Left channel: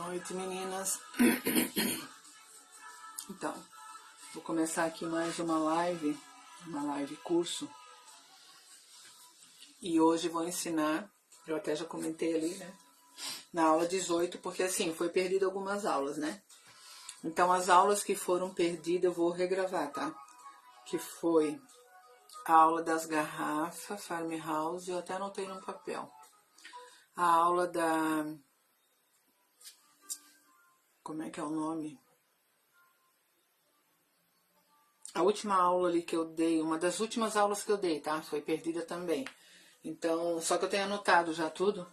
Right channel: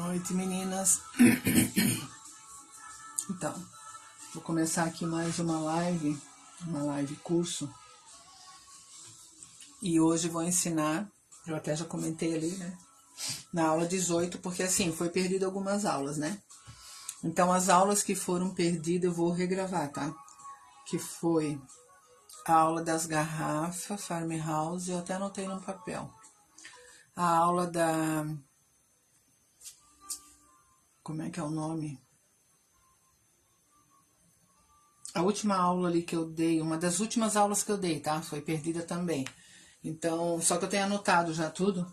noite, meninas. Então, vou começar aqui mais uma live curso. E hoje vou ensinar, eu até já comentei ali, né? Na aula 18, porque assim, foi perdido algumas aulas, né? Então, as aulas que foram perdidas eu vou regravar, tá? Que foi a aula das garrafas, farmhouse, eu até anotei no papel. A aula da... Como é que é o nome? A última aula ali que eu dei, uma das últimas aulas que eu dei, tá? Foi perdida também. Então, só que eu tenho anotado já tudo.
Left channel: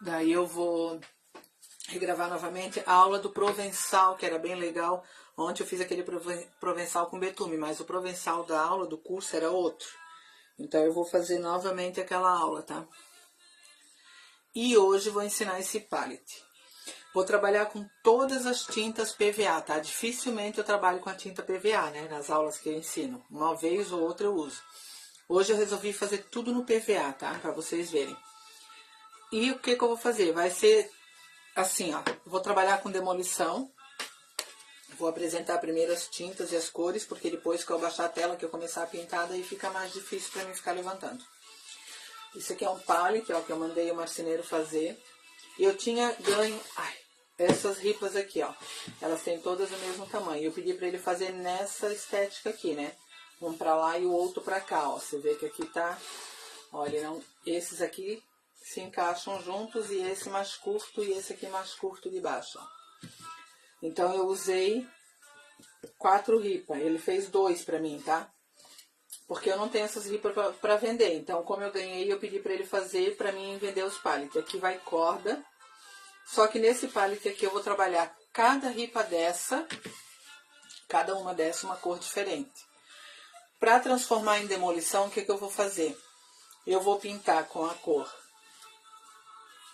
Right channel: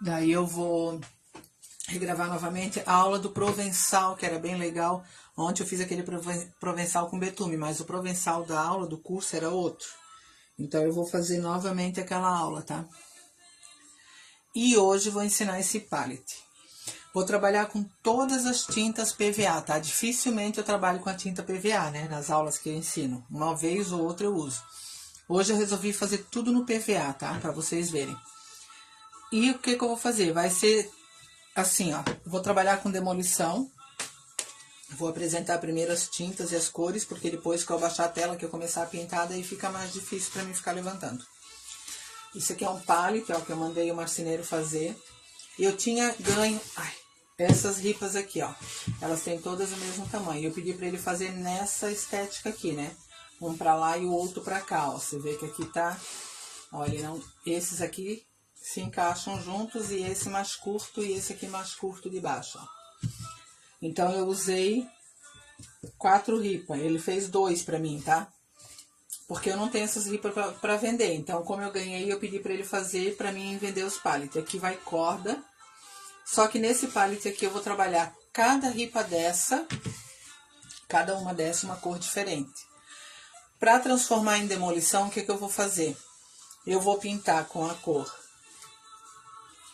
Daí eu vou regravar novamente a aula do Provençal, que era bem legal. Ontem eu fiz aquele Provençal com betume, mas o Provençal da aula, do curso, era outro. Então eu vou fazer novamente aquela aula, tá? E hoje vou ensinar esse palette. Vou trabalhar com todas as tintas PVA, tá? Dificilmente eu trabalho com a tinta PVA, né? Nas aulas que eu ensino. Uma vez ou outra eu uso. Hoje eu resolvi fazer tudo no PVA, tá? Pra vocês verem. E o que que eu vou fazer? Vai ser assim, ó. Vou trabalhar com demolição. Vou apresentar primeiro as tintas e as cores, porque depois que eu baixar a tela, que eu começar a pintar, daí fica mais difícil pra mim ficar levantando. Isso aqui é um palette, ó, que eu mandei o marceneiro fazer. E eu tinha ganho... essas ripas aqui, ó. Elas têm todas o mesmo tamanho. Eu pedi pra ele fazer nessa estética aqui, né? Um pra lá e o outro pra cá, ó. Você vê que aqui tá... Olha, não... esses aqui se encaixam juntos e esse mais curto e esse aqui mais curto de baixo, ó. Então, eu usei 4 ripas. Ele fez 2 pra mim, tá? Porque eu não tenho essas ripas pra vender. Então, como eu ganhei, eu pedi pra ele fazer pra mim vender os pallets. Aqui vai corda. Só que nesse pallet aqui eu vou trabalhar cada ripa dessa, cada uma dessa uma cor diferente. Para transformar em demolição, o que que eu vou fazer? Eu vou pintar com a cor.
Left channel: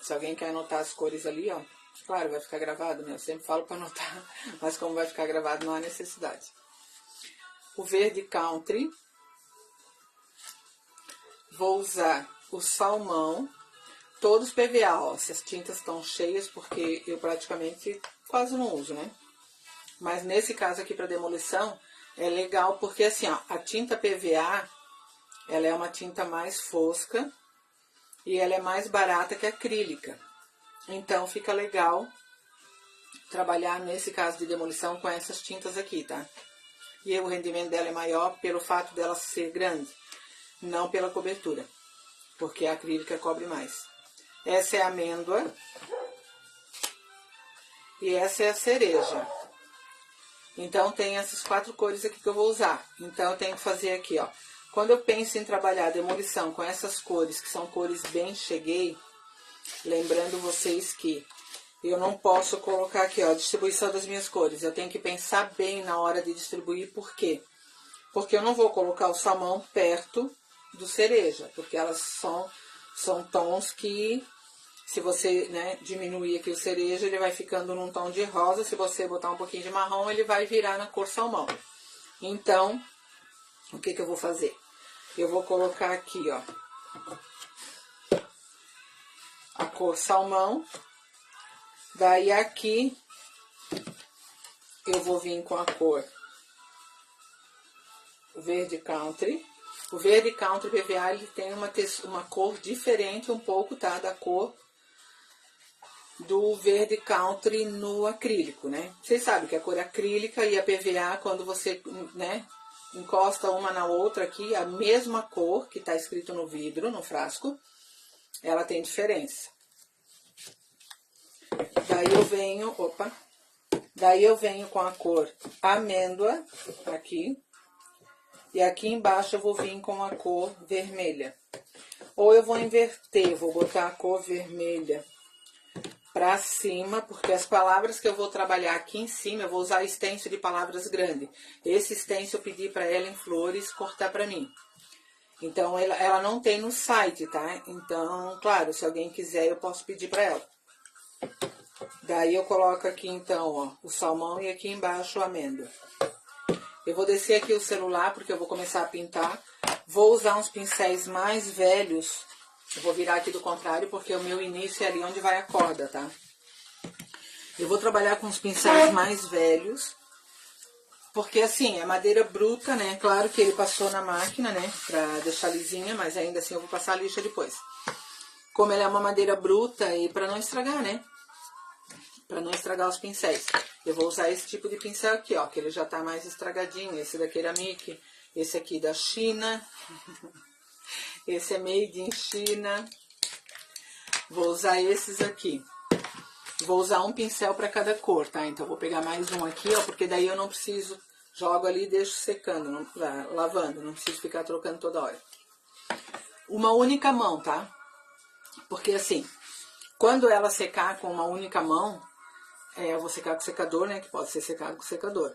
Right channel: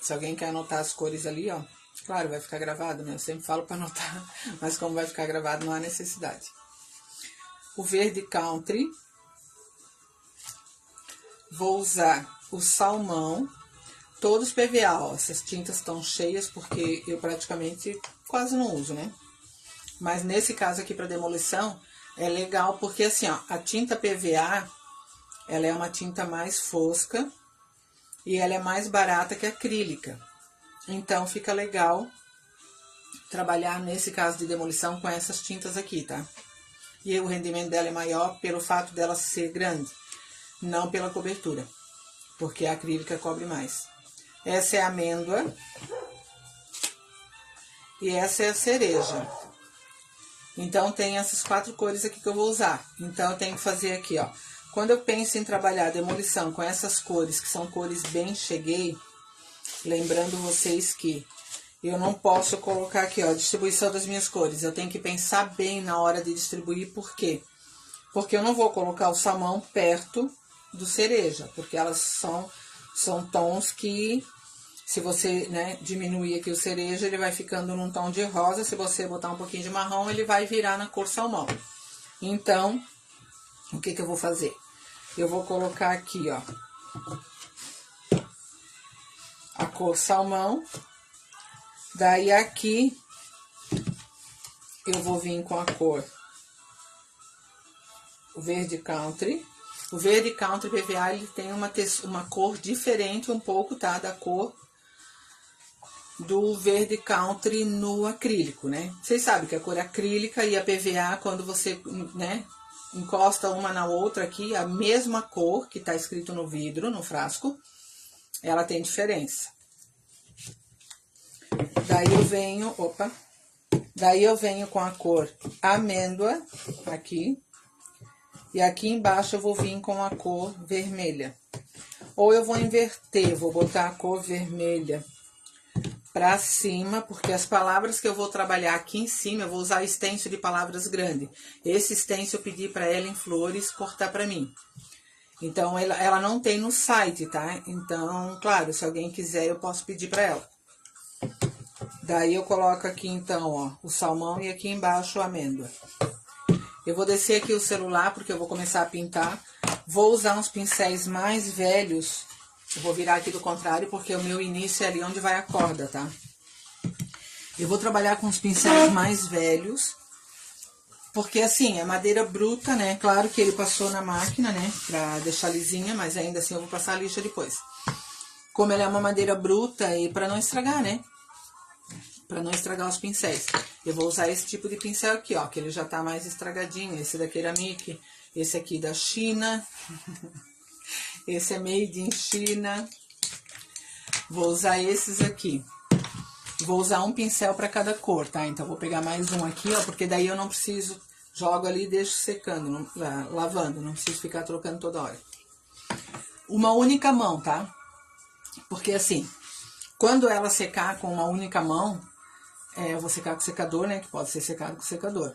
Se alguém quer anotar as cores ali, ó. Claro, vai ficar gravado, né? Eu sempre falo para anotar, mas como vai ficar gravado, não há necessidade. O verde country. Vou usar o salmão. Todos PVA, ó, essas tintas estão cheias porque eu praticamente quase não uso, né? Mas nesse caso aqui para demolição é legal porque assim, ó, a tinta PVA, ela é uma tinta mais fosca e ela é mais barata que a acrílica. Então fica legal trabalhar nesse caso de demolição com essas tintas aqui, tá? E o rendimento dela é maior pelo fato dela ser grande, não pela cobertura, porque a acrílica cobre mais. Essa é a amêndoa. E essa é a cereja. Então, tem essas 4 cores aqui que eu vou usar. Então, eu tenho que fazer aqui, ó. Quando eu penso em trabalhar demolição com essas cores, que são cores bem cheguei, lembrando vocês que eu não posso colocar aqui, ó, a distribuição das minhas cores. Eu tenho que pensar bem na hora de distribuir. Por quê? Porque eu não vou colocar o salmão perto do cereja, porque elas são tons que... Se você, né, diminuir aqui o cereja, ele vai ficando num tom de rosa. Se você botar um pouquinho de marrom, ele vai virar na cor salmão. Então, o que que eu vou fazer? Eu vou colocar aqui, ó, a cor salmão. Daí aqui, eu vou vir com a cor verde country. O verde country PVA, ele tem uma cor diferente um pouco, tá, da cor do verde country no acrílico, né? Vocês sabem que a cor acrílica e a PVA, quando você, né, encosta uma na outra aqui, a mesma cor que tá escrito no vidro, no frasco, ela tem diferença. Daí eu venho com a cor amêndoa aqui, e aqui embaixo eu vou vir com a cor vermelha. Ou eu vou inverter, vou botar a cor vermelha pra cima, porque as palavras que eu vou trabalhar aqui em cima, eu vou usar stencil de palavras grande. Esse stencil eu pedi pra Ellen Flores cortar pra mim. Então, ela não tem no site, tá? Então, claro, se alguém quiser, eu posso pedir pra ela. Daí, eu coloco aqui, então, ó, o salmão e aqui embaixo a amêndoa. Eu vou descer aqui o celular, porque eu vou começar a pintar. Vou usar uns pincéis mais velhos. Eu vou virar aqui do contrário, porque o meu início é ali onde vai a corda, tá? Eu vou trabalhar com os pincéis mais velhos, porque assim, é madeira bruta, né? Claro que ele passou na máquina, né? Pra deixar lisinha, mas ainda assim eu vou passar a lixa depois. Como ela é uma madeira bruta e pra não estragar, né? Pra não estragar os pincéis. Eu vou usar esse tipo de pincel aqui, ó, que ele já tá mais estragadinho. Esse da Ceramic, esse aqui da China. Esse é made in China. Vou usar esses aqui. Vou usar um pincel para cada cor, tá? Então, vou pegar mais um aqui, ó, porque daí eu não preciso... Jogo ali e deixo secando, lavando. Não preciso ficar trocando toda hora. Uma única mão, tá? Porque assim, quando ela secar com uma única mão, eu vou secar com secador, né? Que pode ser secado com secador.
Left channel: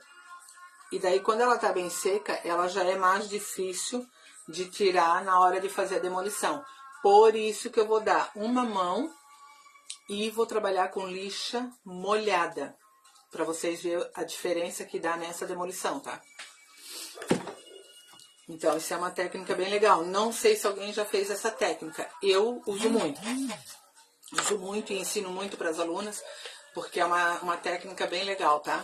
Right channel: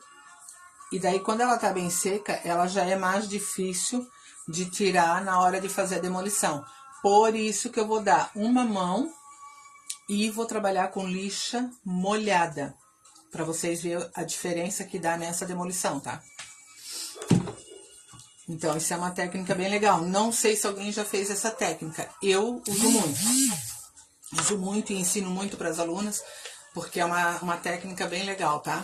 E daí, quando ela tá bem seca, ela já é mais difícil de tirar na hora de fazer a demolição. Por isso que eu vou dar uma mão e vou trabalhar com lixa molhada, para vocês verem a diferença que dá nessa demolição, tá? Então, isso é uma técnica bem legal. Não sei se alguém já fez essa técnica. Eu uso muito. Uso muito e ensino muito para as alunas, porque é uma técnica bem legal, tá?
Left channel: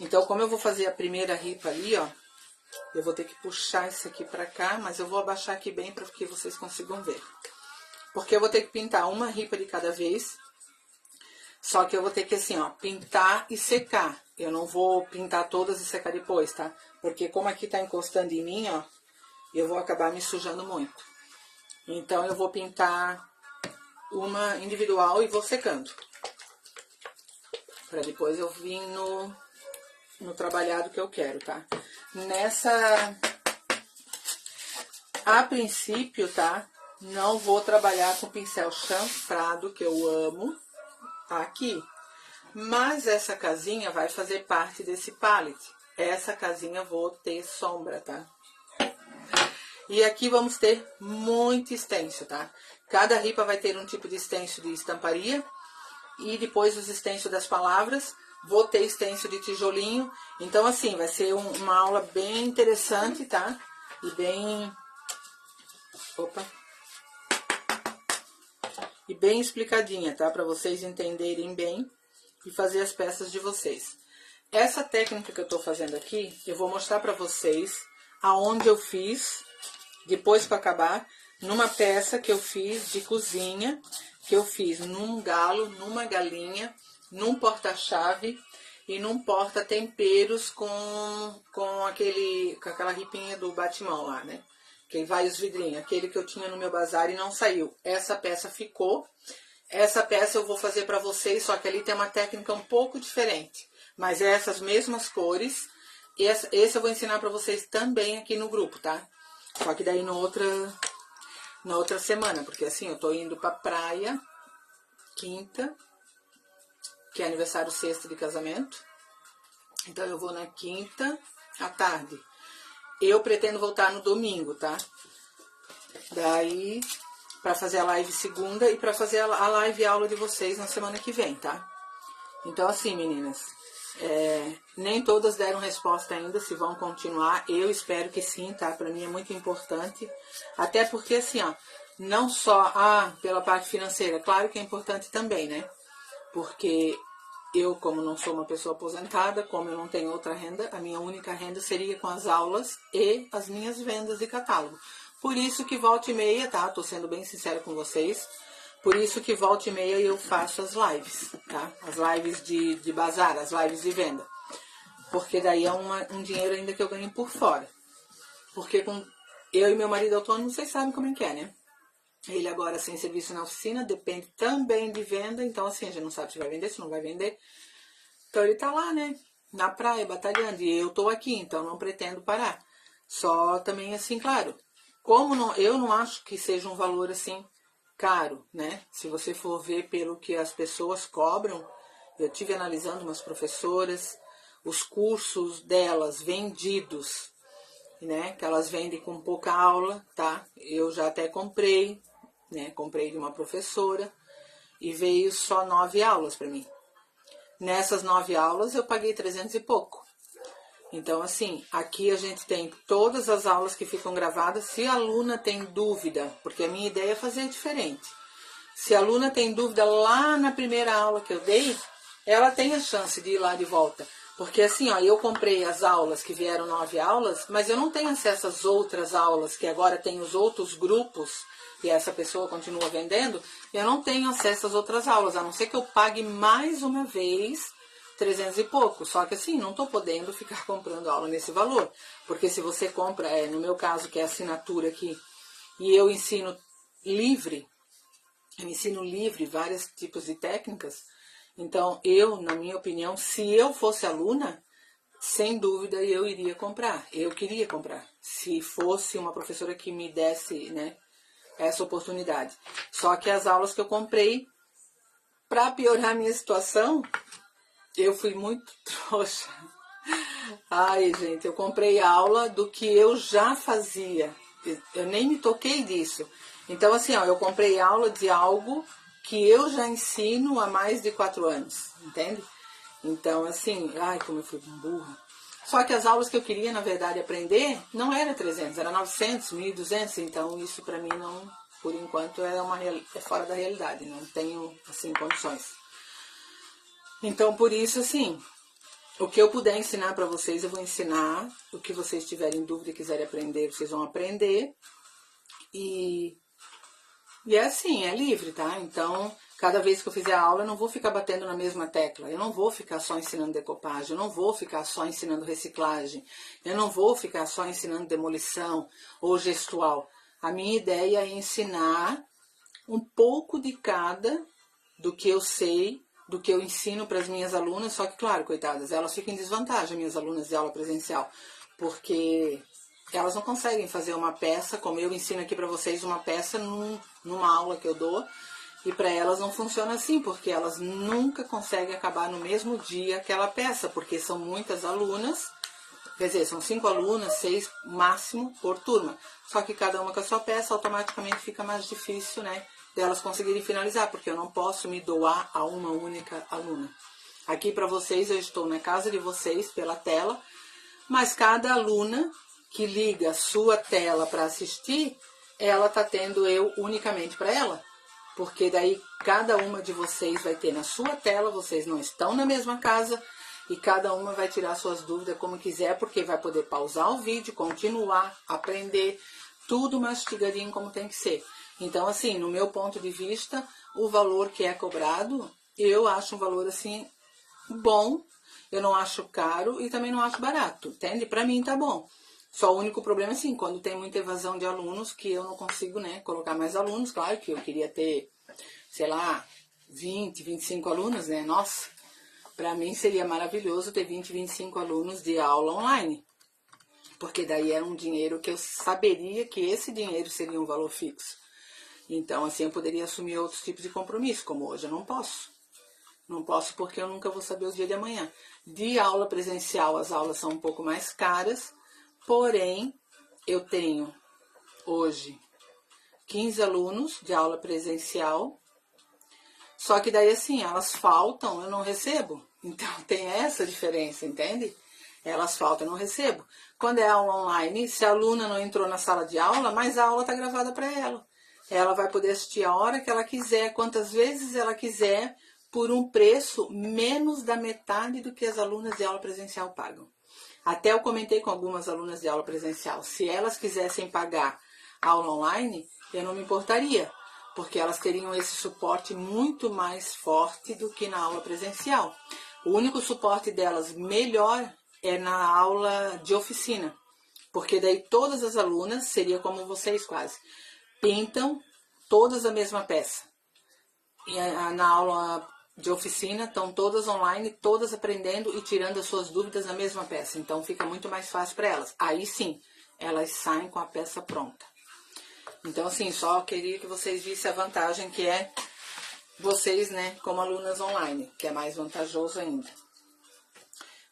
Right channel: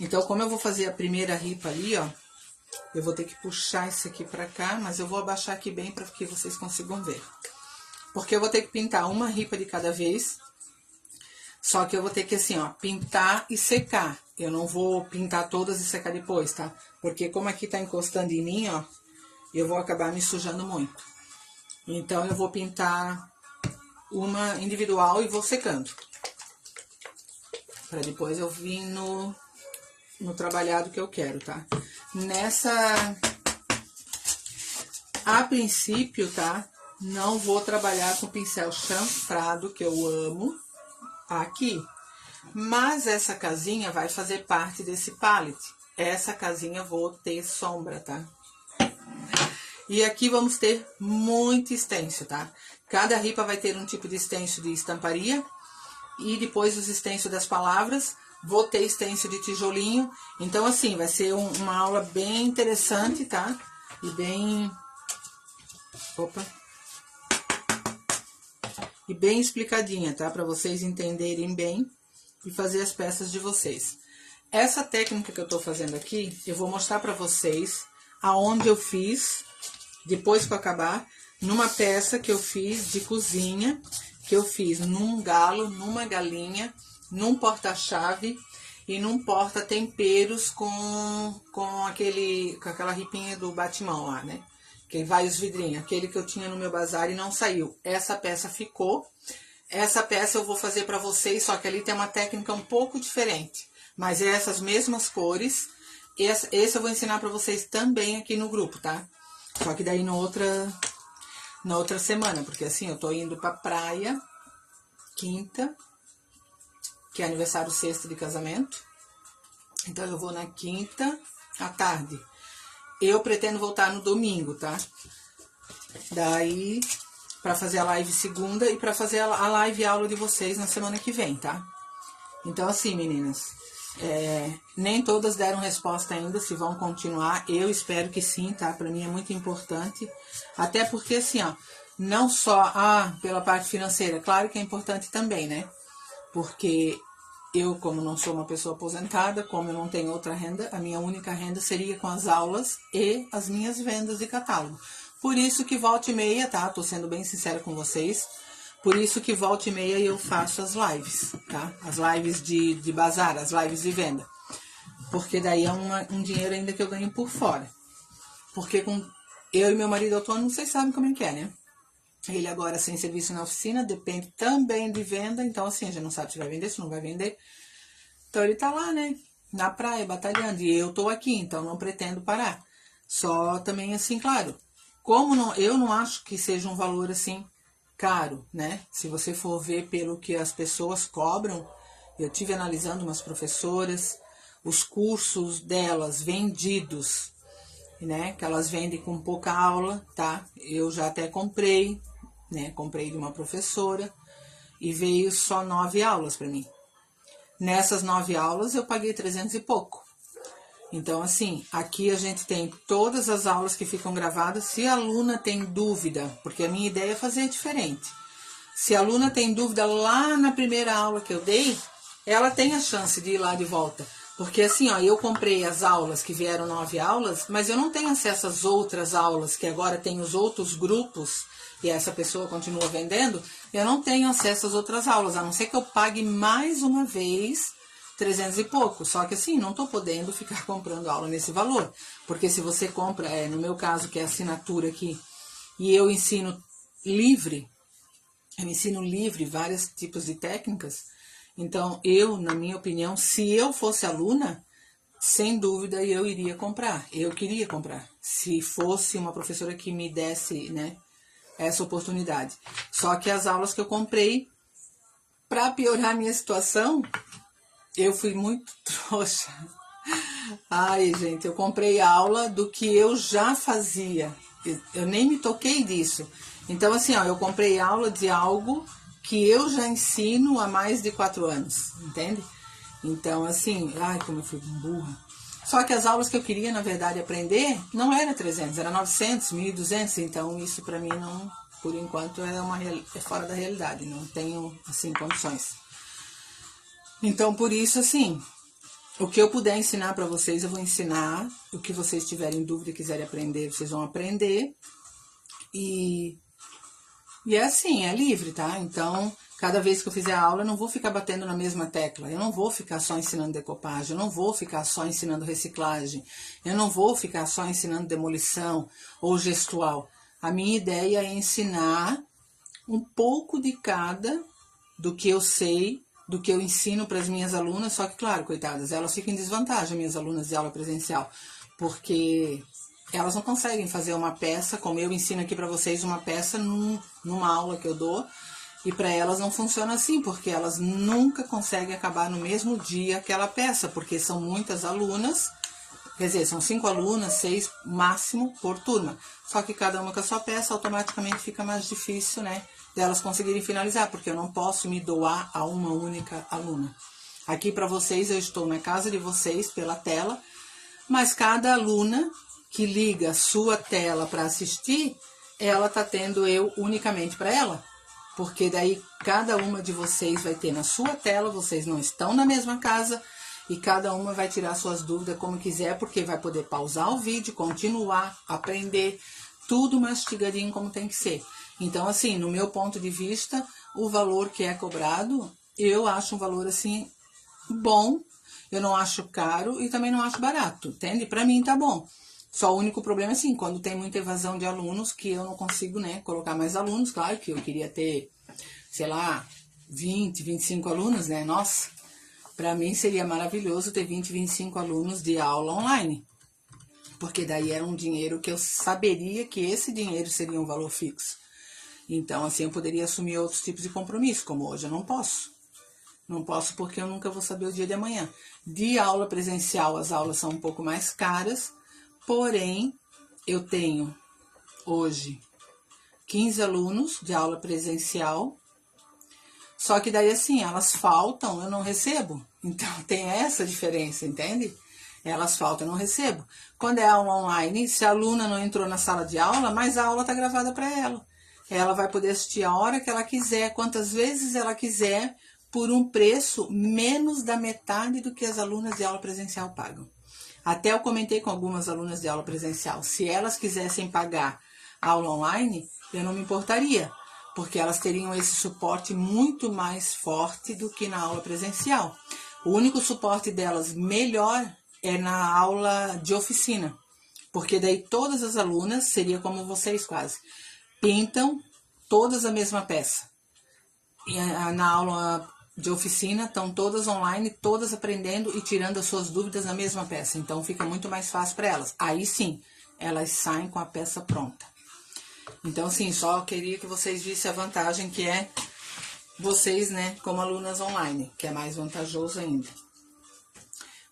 Então, como eu vou fazer a primeira ripa ali, ó, eu vou ter que puxar isso aqui pra cá, mas eu vou abaixar aqui bem para que vocês consigam ver. Porque eu vou ter que pintar uma ripa de cada vez, só que eu vou ter que, assim, ó, pintar e secar. Eu não vou pintar todas e secar depois, tá? Porque como aqui tá encostando em mim, ó, eu vou acabar me sujando muito. Então, eu vou pintar uma individual e vou secando. Pra depois eu vir no trabalhado que eu quero, tá? A princípio, tá? Não vou trabalhar com pincel chanfrado, que eu amo, aqui. Mas essa casinha vai fazer parte desse palette. Essa casinha eu vou ter sombra, tá? E aqui vamos ter muito stencil, tá? Cada ripa vai ter um tipo de stencil de estamparia. E depois os stencil das palavras. Vou ter stencil de tijolinho. Então, assim, vai ser uma aula bem interessante, tá? E bem... Opa! E bem explicadinha, tá? Para vocês entenderem bem e fazer as peças de vocês. Essa técnica que eu tô fazendo aqui, eu vou mostrar para vocês aonde eu fiz, depois que eu acabar, numa peça que eu fiz de cozinha, que eu fiz num galo, numa galinha, num porta-chave e num porta-temperos com aquela ripinha do batimão lá, né? Que vai os vidrinhos, aquele que eu tinha no meu bazar e não saiu. Essa peça ficou. Essa peça eu vou fazer pra vocês, só que ali tem uma técnica um pouco diferente. Mas é essas mesmas cores. Esse eu vou ensinar pra vocês também aqui no grupo, tá? Só que daí na outra semana, porque assim, eu tô indo pra praia, quinta, que é aniversário sexta de casamento. Então, eu vou na quinta à tarde. Eu pretendo voltar no domingo, tá? Daí, pra fazer a live segunda e pra fazer a live aula de vocês na semana que vem, tá? Então, assim, meninas, nem todas deram resposta ainda, se vão continuar. Eu espero que sim, tá? Pra mim é muito importante. Até porque, assim, ó, não só pela parte financeira, claro que é importante também, né? Porque eu, como não sou uma pessoa aposentada, como eu não tenho outra renda, a minha única renda seria com as aulas e as minhas vendas de catálogo. Por isso que volta e meia, tá? Tô sendo bem sincera com vocês. Por isso que volta e meia eu faço as lives, tá? As lives de bazar, as lives de venda. Porque daí é um dinheiro ainda que eu ganho por fora. Porque com eu e meu marido autônomo, vocês sabem como é que é, né? Ele agora sem serviço na oficina, depende também de venda. Então, assim, a gente não sabe se vai vender, se não vai vender. Então, ele tá lá, né? Na praia, batalhando. E eu tô aqui, então não pretendo parar. Só também, assim, claro, eu não acho que seja um valor, assim, caro, né? Se você for ver pelo que as pessoas cobram, eu tive analisando umas professoras, os cursos delas vendidos, né? Que elas vendem com pouca aula, tá? Eu já até comprei, né? Comprei de uma professora e veio só 9 aulas para mim. Nessas 9 aulas eu paguei 300 e pouco. Então, assim, aqui a gente tem todas as aulas que ficam gravadas. Se a aluna tem dúvida, porque a minha ideia é fazer diferente. Se a aluna tem dúvida lá na primeira aula que eu dei, ela tem a chance de ir lá de volta. Porque assim, ó, eu comprei as aulas que vieram 9 aulas, mas eu não tenho acesso às outras aulas, que agora tem os outros grupos, e essa pessoa continua vendendo, eu não tenho acesso às outras aulas, a não ser que eu pague mais uma vez 300 e pouco. Só que assim, não estou podendo ficar comprando aula nesse valor. Porque se você compra, no meu caso, que é assinatura aqui, e eu ensino livre vários tipos de técnicas. Então, eu, na minha opinião, se eu fosse aluna, sem dúvida eu iria comprar. Eu queria comprar. Se fosse uma professora que me desse, né, essa oportunidade. Só que as aulas que eu comprei, para piorar a minha situação, eu fui muito trouxa. Ai, gente, eu comprei aula do que eu já fazia. Eu nem me toquei disso. Então, assim, ó, eu comprei aula de algo que eu já ensino há mais de 4 anos, entende? Então, assim, ai, como eu fui burra. Só que as aulas que eu queria, na verdade, aprender, não era 300, era 900, 1.200. Então, isso pra mim, não, por enquanto, é fora da realidade. Não tenho, assim, condições. Então, por isso, assim, o que eu puder ensinar pra vocês, eu vou ensinar. O que vocês tiverem dúvida e quiserem aprender, vocês vão aprender. E é assim, é livre, tá? Então, cada vez que eu fizer a aula, eu não vou ficar batendo na mesma tecla. Eu não vou ficar só ensinando decopagem, eu não vou ficar só ensinando reciclagem, eu não vou ficar só ensinando demolição ou gestual. A minha ideia é ensinar um pouco de cada do que eu sei, do que eu ensino para as minhas alunas, só que, claro, coitadas, elas ficam em desvantagem, minhas alunas de aula presencial, porque elas não conseguem fazer uma peça, como eu ensino aqui para vocês, uma peça numa aula que eu dou, e para elas não funciona assim, porque elas nunca conseguem acabar no mesmo dia aquela peça, porque são muitas alunas, quer dizer, são 5 alunas, 6 máximo por turma. Só que cada uma com a sua peça, automaticamente fica mais difícil, né, delas conseguirem finalizar, porque eu não posso me doar a uma única aluna. Aqui para vocês, eu estou na casa de vocês, pela tela, mas cada aluna que liga a sua tela para assistir, ela tá tendo eu unicamente para ela. Porque daí cada uma de vocês vai ter na sua tela, vocês não estão na mesma casa, e cada uma vai tirar suas dúvidas como quiser, porque vai poder pausar o vídeo, continuar, aprender, tudo mastigadinho como tem que ser. Então, assim, no meu ponto de vista, o valor que é cobrado, eu acho um valor, assim, bom, eu não acho caro e também não acho barato, entende? Pra mim tá bom. Só o único problema é assim, quando tem muita evasão de alunos, que eu não consigo, né, colocar mais alunos. Claro que eu queria ter, sei lá, 20, 25 alunos, né? Nossa, pra mim seria maravilhoso ter 20, 25 alunos de aula online. Porque daí é um dinheiro que eu saberia que esse dinheiro seria um valor fixo. Então, assim, eu poderia assumir outros tipos de compromisso, como hoje eu não posso. Não posso porque eu nunca vou saber o dia de amanhã. De aula presencial, as aulas são um pouco mais caras, porém, eu tenho hoje 15 alunos de aula presencial, só que daí assim, elas faltam, eu não recebo. Então tem essa diferença, entende? Elas faltam, eu não recebo. Quando é aula online, se a aluna não entrou na sala de aula, mas a aula está gravada para ela. Ela vai poder assistir a hora que ela quiser, quantas vezes ela quiser, por um preço menos da metade do que as alunas de aula presencial pagam. Até eu comentei com algumas alunas de aula presencial, se elas quisessem pagar aula online, eu não me importaria, porque elas teriam esse suporte muito mais forte do que na aula presencial. O único suporte delas melhor é na aula de oficina, porque daí todas as alunas, seria como vocês quase, pintam todas a mesma peça. E na aula de oficina estão todas online, todas aprendendo e tirando as suas dúvidas na mesma peça. Então fica muito mais fácil para elas. Aí sim, elas saem com a peça pronta. Então, assim, só queria que vocês vissem a vantagem que é vocês, né, como alunas online, que é mais vantajoso ainda.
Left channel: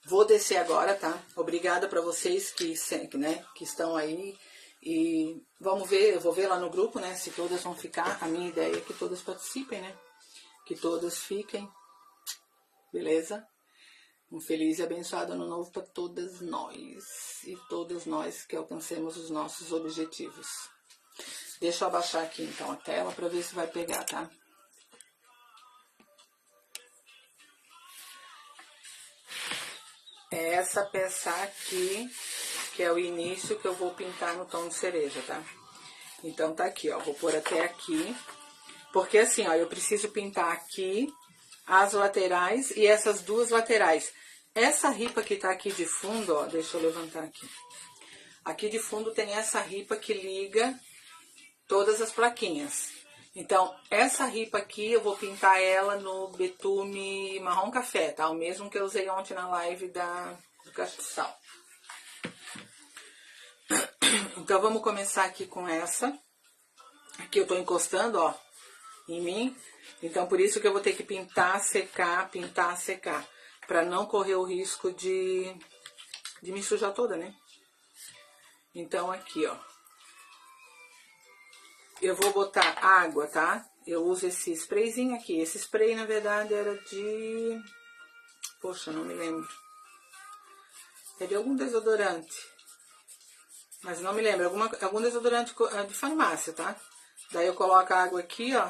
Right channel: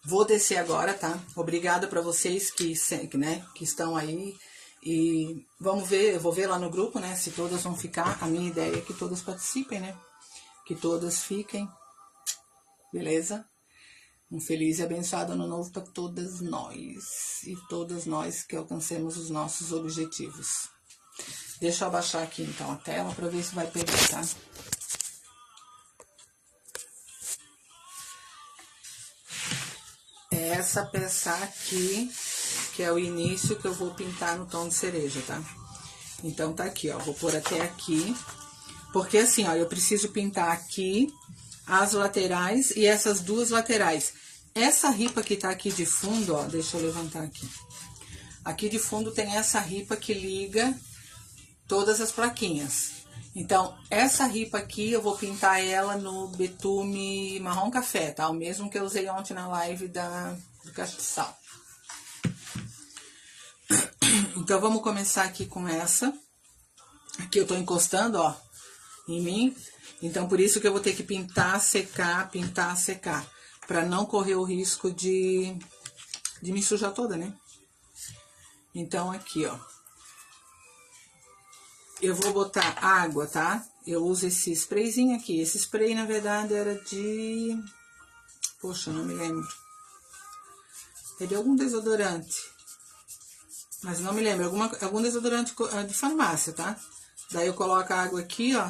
Vou descer agora, tá? Obrigada para vocês que estão aí. E vamos ver, eu vou ver lá no grupo, né, se todas vão ficar. A minha ideia é que todas participem, né? Que todas fiquem. Beleza? Um feliz e abençoado ano novo para todas nós. E todas nós que alcancemos os nossos objetivos. Deixa eu abaixar aqui então a tela pra ver se vai pegar, tá? É essa peça aqui, que é o início que eu vou pintar no tom de cereja, tá? Então tá aqui, ó, vou pôr até aqui, porque assim, ó, eu preciso pintar aqui as laterais e essas duas laterais. Essa ripa que tá aqui de fundo, ó, deixa eu levantar aqui. Aqui de fundo tem essa ripa que liga todas as plaquinhas. Então, essa ripa aqui eu vou pintar ela no betume marrom café, tá? O mesmo que eu usei ontem na live do castiçal. Então, vamos começar aqui com essa. Aqui eu tô encostando, ó, em mim. Então, por isso que eu vou ter que pintar, secar, pra não correr o risco de me sujar toda, né? Então, aqui, ó. Eu vou botar água, tá? Eu uso esse sprayzinho aqui. Esse spray, na verdade, era de... Poxa, não me lembro. É de algum desodorante. Mas não me lembro. Algum desodorante de farmácia, tá? Daí eu coloco a água aqui, ó.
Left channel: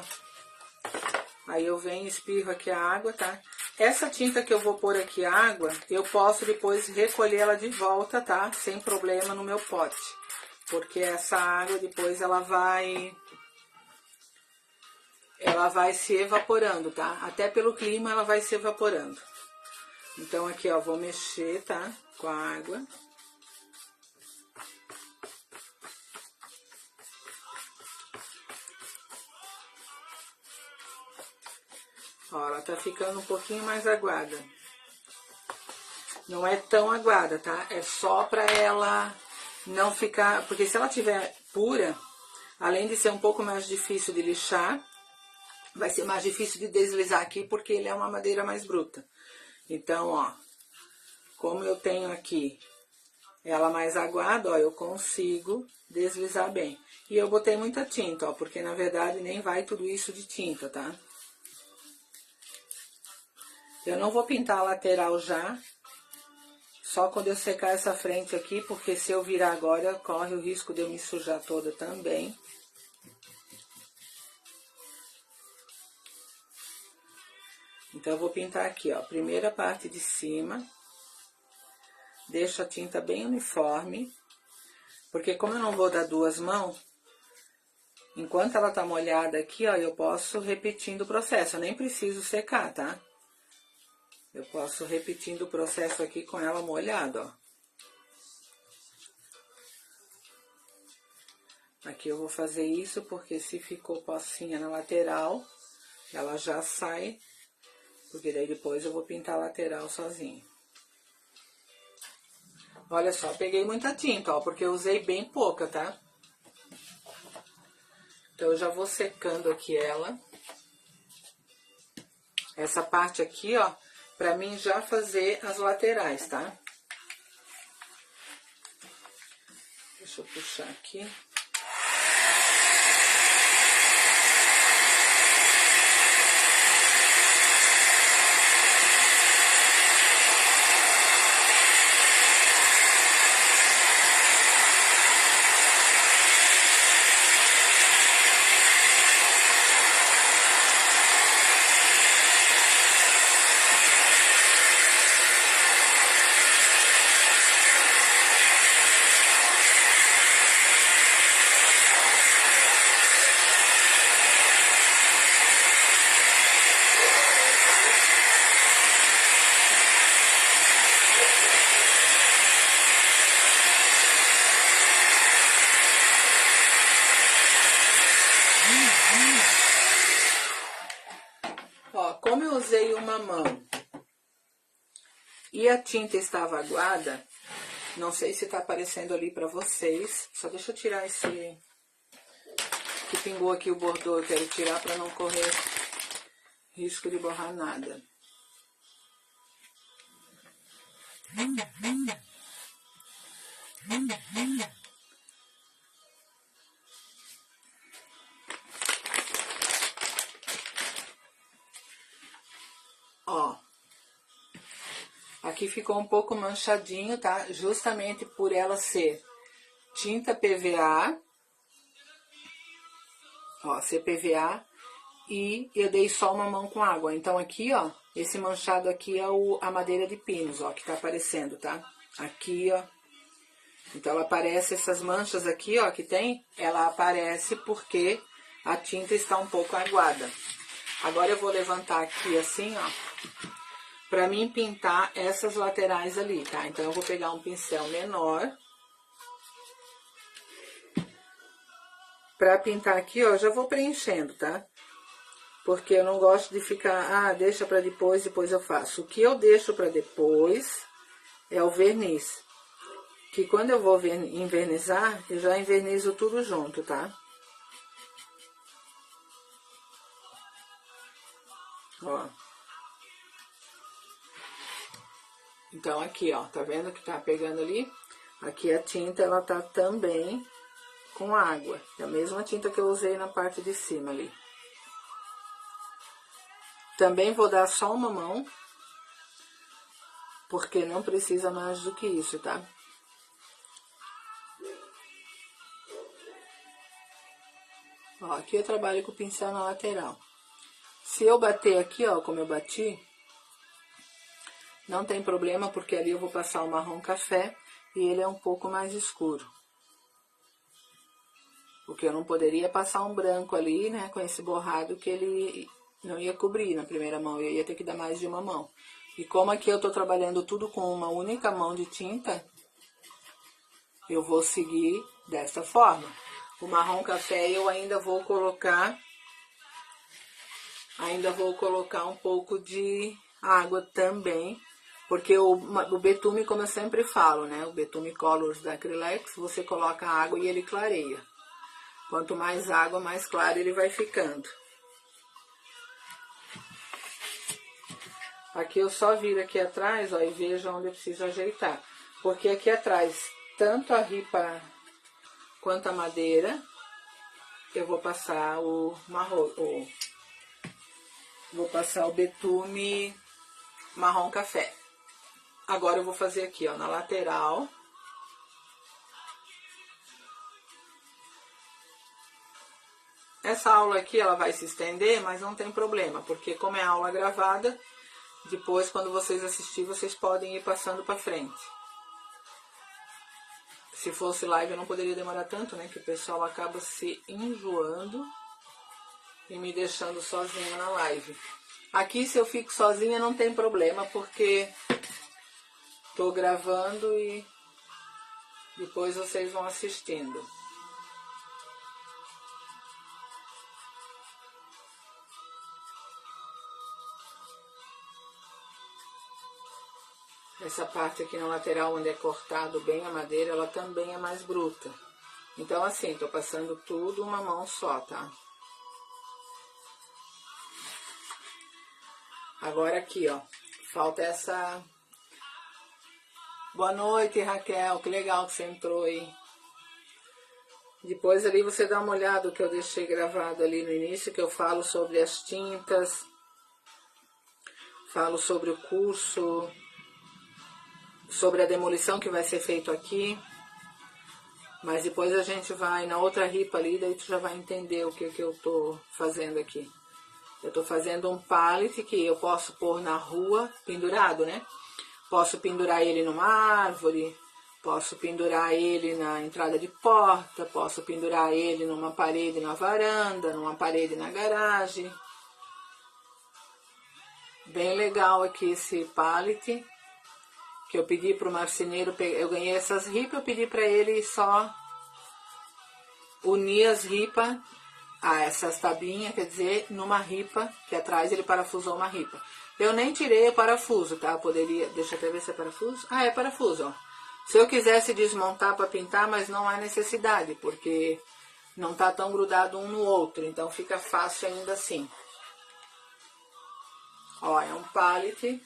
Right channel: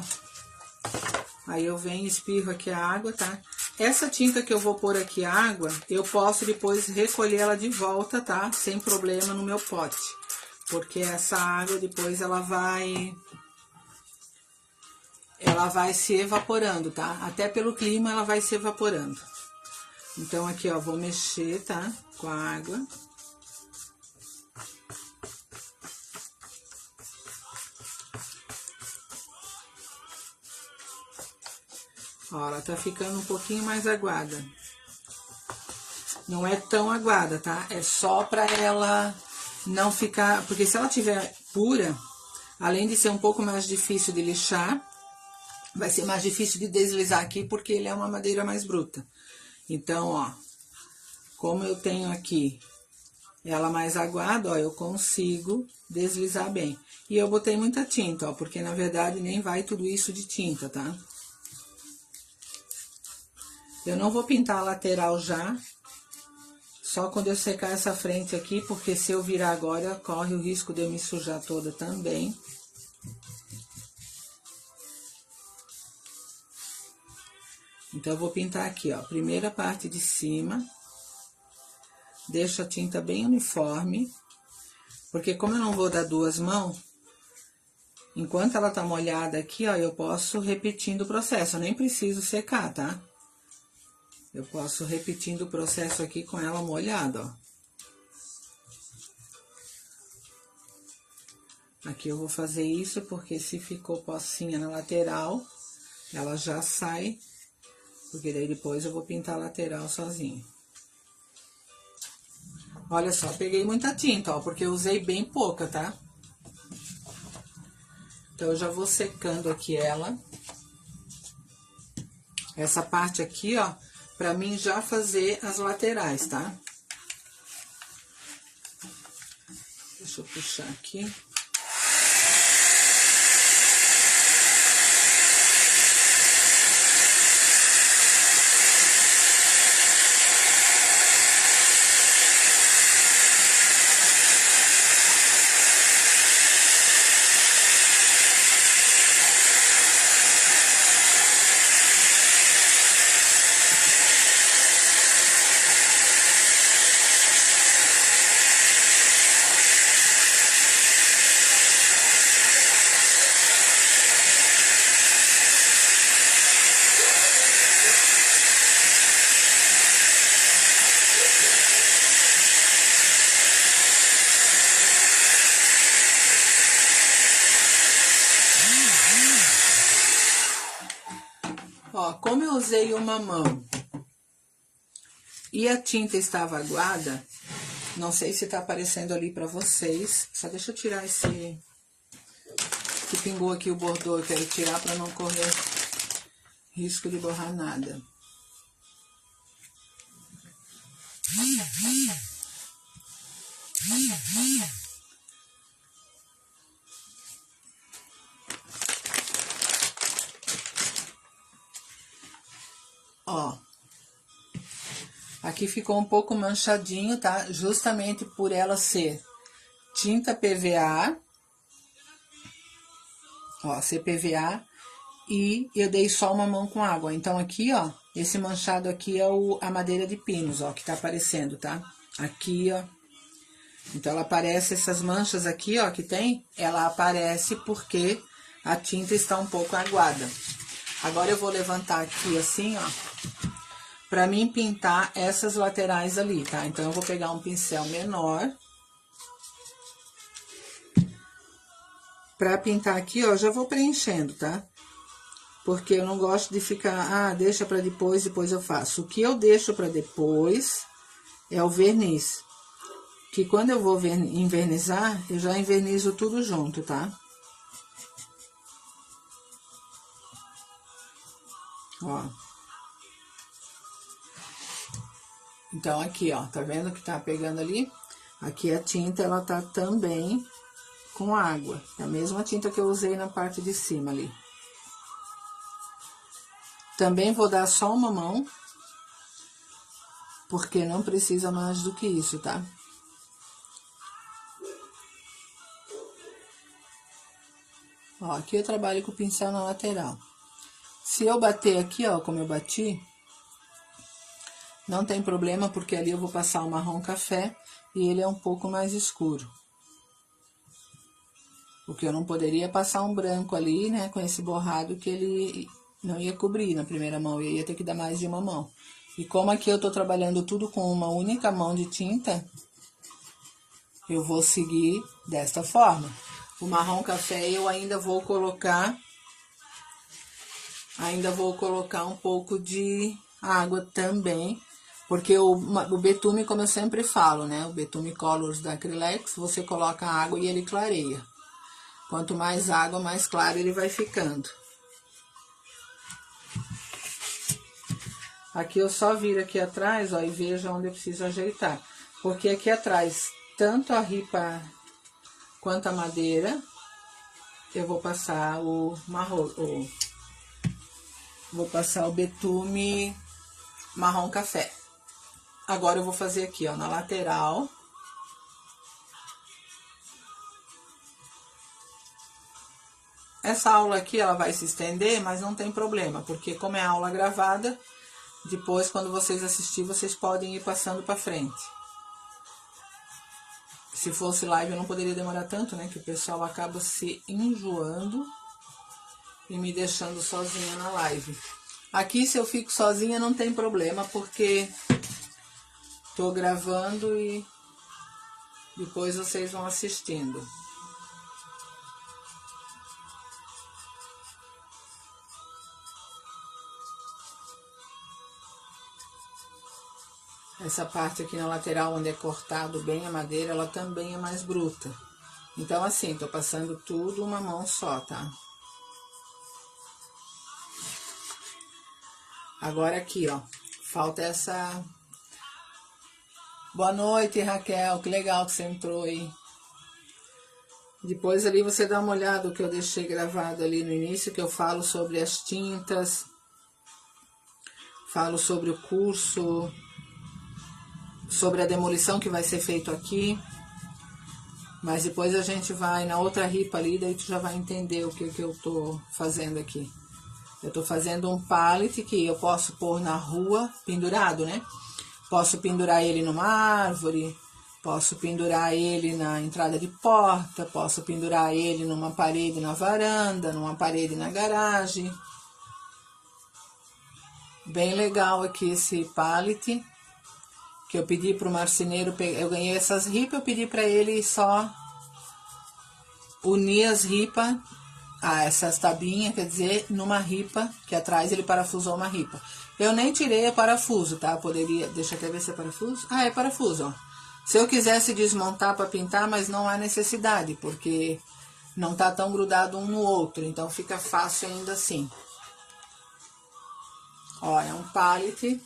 Aí eu venho e espirro aqui a água, tá? Essa tinta que eu vou pôr aqui, a água, eu posso depois recolher ela de volta, tá? Sem problema no meu pote. Porque essa água depois ela vai se evaporando, tá? Até pelo clima ela vai se evaporando. Então aqui, ó, vou mexer, tá? Com a água. Ó, ela tá ficando um pouquinho mais aguada. Não é tão aguada, tá? É só pra ela não ficar... Porque se ela tiver pura, além de ser um pouco mais difícil de lixar, vai ser mais difícil de deslizar aqui, porque ele é uma madeira mais bruta. Então, ó, como eu tenho aqui ela mais aguada, ó, eu consigo deslizar bem. E eu botei muita tinta, ó, porque na verdade nem vai tudo isso de tinta, tá? Eu não vou pintar a lateral já, só quando eu secar essa frente aqui, porque se eu virar agora, corre o risco de eu me sujar toda também. Então, eu vou pintar aqui, ó, primeira parte de cima. Deixo a tinta bem uniforme, porque como eu não vou dar duas mãos, enquanto ela tá molhada aqui, ó, eu posso repetindo o processo. Eu nem preciso secar, tá? Eu posso repetindo o processo aqui com ela molhada, ó. Aqui eu vou fazer isso porque se ficou pocinha na lateral, ela já sai, porque daí depois eu vou pintar a lateral sozinho. Olha só, peguei muita tinta, ó, porque eu usei bem pouca, tá? Então, eu já vou secando aqui ela. Essa parte aqui, ó, pra mim já fazer as laterais, tá? Deixa eu puxar aqui. Ó, como eu usei uma mão e a tinta estava aguada, não sei se tá aparecendo ali pra vocês. Só deixa eu tirar esse que pingou aqui o bordô, eu quero tirar pra não correr risco de borrar nada. Ó, aqui ficou um pouco manchadinho, tá? Justamente por ela ser tinta PVA. Ó, CPVA, e eu dei só uma mão com água. Então, aqui, ó, esse manchado aqui é a madeira de pinos, ó, que tá aparecendo, tá? Aqui, ó. Então, ela aparece, essas manchas aqui, ó, que tem, ela aparece porque a tinta está um pouco aguada. Agora, eu vou levantar aqui assim, ó, pra mim pintar essas laterais ali, tá? Então, eu vou pegar um pincel menor. Pra pintar aqui, ó, já vou preenchendo, tá? Porque eu não gosto de ficar, deixa pra depois eu faço. O que eu deixo pra depois é o verniz. Que quando eu vou envernizar, eu já envernizo tudo junto, tá? Ó. Então, aqui, ó, tá vendo que tá pegando ali? Aqui a tinta, ela tá também com água. É a mesma tinta que eu usei na parte de cima ali. Também vou dar só uma mão, porque não precisa mais do que isso, tá? Ó, aqui eu trabalho com o pincel na lateral. Se eu bater aqui, ó, como eu bati, não tem problema, porque ali eu vou passar o marrom café e ele é um pouco mais escuro. Porque eu não poderia passar um branco ali, né, com esse borrado que ele não ia cobrir na primeira mão, eu ia ter que dar mais de uma mão. E como aqui eu tô trabalhando tudo com uma única mão de tinta, eu vou seguir desta forma. O marrom café eu ainda vou colocar um pouco de água também, porque o betume, como eu sempre falo, né, o betume Colors da Acrylex, você coloca água e ele clareia. Quanto mais água, mais claro ele vai ficando. Aqui eu só viro aqui atrás, ó, e vejo onde eu preciso ajeitar. Porque aqui atrás, tanto a ripa quanto a madeira, eu vou passar o marrom, vou passar o betume marrom café. Agora eu vou fazer aqui, ó, na lateral. Essa aula aqui, ela vai se estender, mas não tem problema, porque como é aula gravada, depois, quando vocês assistirem, vocês podem ir passando pra frente. Se fosse live, eu não poderia demorar tanto, né? Que o pessoal acaba se enjoando e me deixando sozinha na live. Aqui, se eu fico sozinha, não tem problema, porque tô gravando e depois vocês vão assistindo. Essa parte aqui na lateral, onde é cortado bem a madeira, ela também é mais bruta. Então, assim, tô passando tudo uma mão só, tá? Agora aqui, ó, falta essa... Boa noite, Raquel, que legal que você entrou aí. Depois ali você dá uma olhada no que eu deixei gravado ali no início, que eu falo sobre as tintas, falo sobre o curso, sobre a demolição que vai ser feito aqui. Mas depois a gente vai na outra ripa ali, daí tu já vai entender o que eu tô fazendo aqui. Eu tô fazendo um pallet que eu posso pôr na rua, pendurado, né? Posso pendurar ele numa árvore, posso pendurar ele na entrada de porta, posso pendurar ele numa parede na varanda, numa parede na garagem. Bem legal aqui esse pallet, que eu pedi pro marceneiro, eu ganhei essas ripas, eu pedi para ele só unir as ripas, essas tabinhas, quer dizer, numa ripa, que atrás ele parafusou uma ripa. Eu nem tirei a parafuso, tá? Poderia, deixa eu até ver se é parafuso. É parafuso, ó. Se eu quisesse desmontar para pintar, mas não há necessidade, porque não tá tão grudado um no outro, então fica fácil ainda assim. Ó, é um pallet,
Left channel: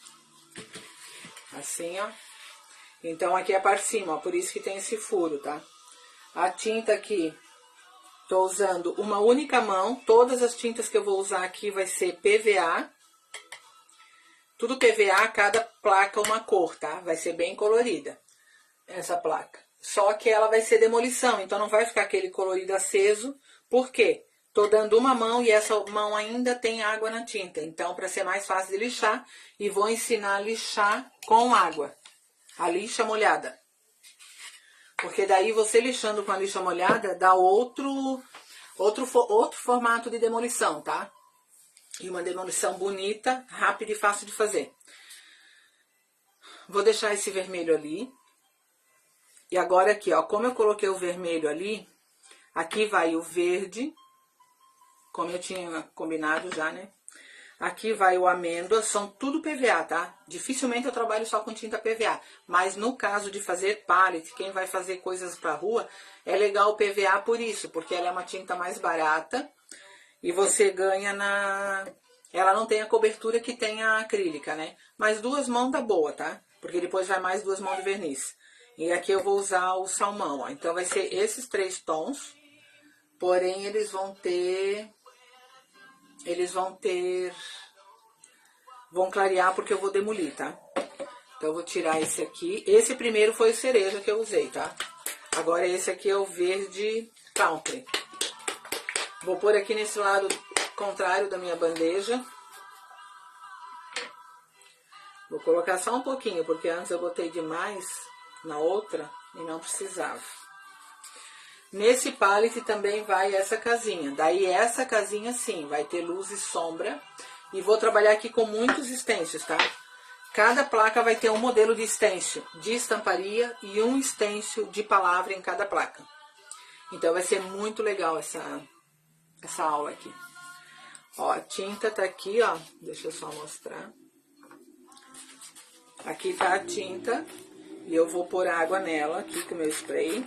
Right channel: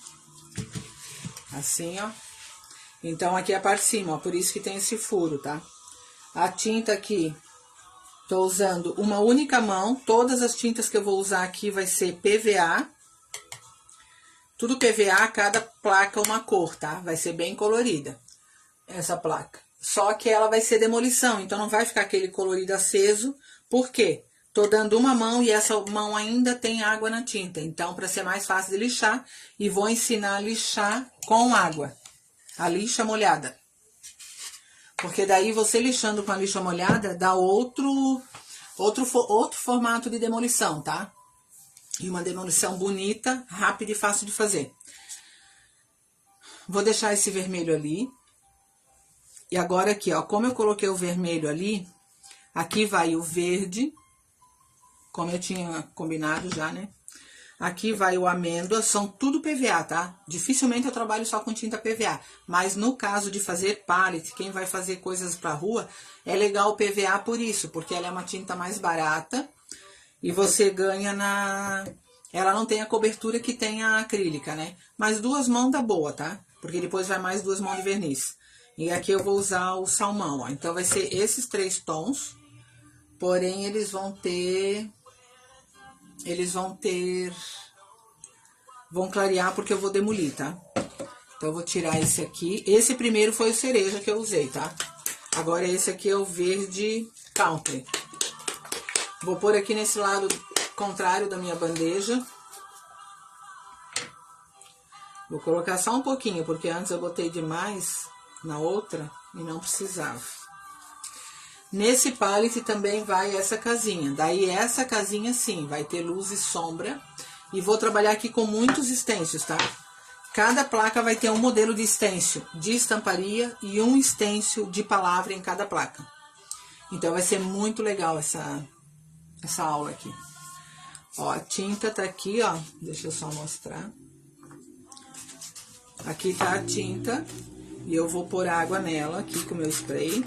assim, ó. Então, aqui é a parte de cima, ó, por isso que tem esse furo, tá? A tinta aqui, tô usando uma única mão, todas as tintas que eu vou usar aqui vai ser PVA. Tudo PVA, cada placa uma cor, tá? Vai ser bem colorida, essa placa. Só que ela vai ser demolição, então não vai ficar aquele colorido aceso. Por quê? tô dando uma mão e essa mão ainda tem água na tinta. Então, para ser mais fácil de lixar, e vou ensinar a lixar com água. A lixa molhada. Porque daí você lixando com a lixa molhada dá outro formato de demolição, tá? E uma demolição bonita, rápida e fácil de fazer. Vou deixar esse vermelho ali. E agora aqui, ó, como eu coloquei o vermelho ali, aqui vai o verde, como eu tinha combinado já, né? Aqui vai o amêndoa, são tudo PVA, tá? Dificilmente eu trabalho só com tinta PVA, mas no caso de fazer pallet, quem vai fazer coisas pra rua, é legal o PVA por isso, porque ela é uma tinta mais barata e você ganha na... Ela não tem a cobertura que tem a acrílica, né? Mas 2 mãos dá boa, tá? Porque depois vai mais 2 mãos de verniz. E aqui eu vou usar o salmão, ó. Então vai ser esses 3 tons, porém eles vão clarear porque eu vou demolir, tá? Então eu vou tirar esse aqui. Esse primeiro foi o cereja que eu usei, tá? Agora esse aqui é o verde country. Vou pôr aqui nesse lado contrário da minha bandeja. Vou colocar só um pouquinho, porque antes eu botei demais na outra e não precisava. Nesse pallet também vai essa casinha. Daí essa casinha sim, vai ter luz e sombra. E vou trabalhar aqui com muitos stencils, tá? Cada placa vai ter um modelo de stencil de estamparia e um stencil de palavra em cada placa. Então vai ser muito legal essa aula aqui. Ó, a tinta tá aqui, ó. Deixa eu só mostrar. Aqui tá a tinta. E eu vou pôr água nela aqui com o meu spray.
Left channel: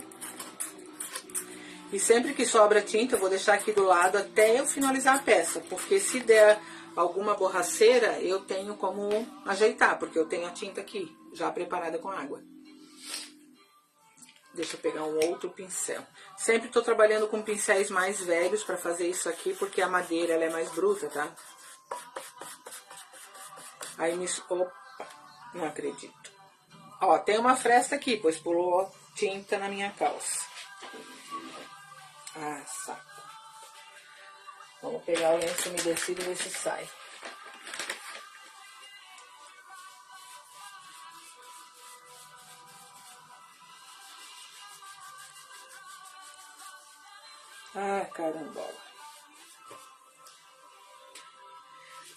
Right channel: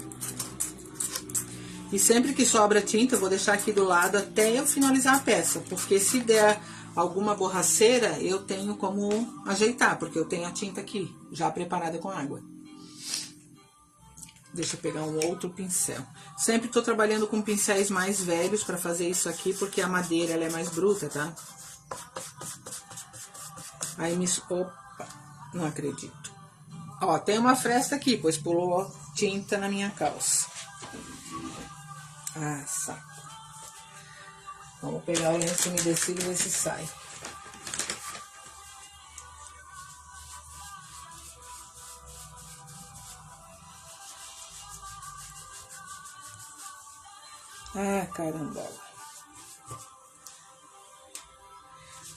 E sempre que sobra tinta, eu vou deixar aqui do lado até eu finalizar a peça. Porque se der alguma borraceira, eu tenho como ajeitar, porque eu tenho a tinta aqui, já preparada com água. Deixa eu pegar um outro pincel. Sempre tô trabalhando com pincéis mais velhos pra fazer isso aqui, porque a madeira ela é mais bruta, tá? Aí Opa, não acredito. Ó, tem uma fresta aqui, pois pulou tinta na minha calça. Ah, saco. Vamos pegar o lenço umedecido e ver se sai. Ah, caramba.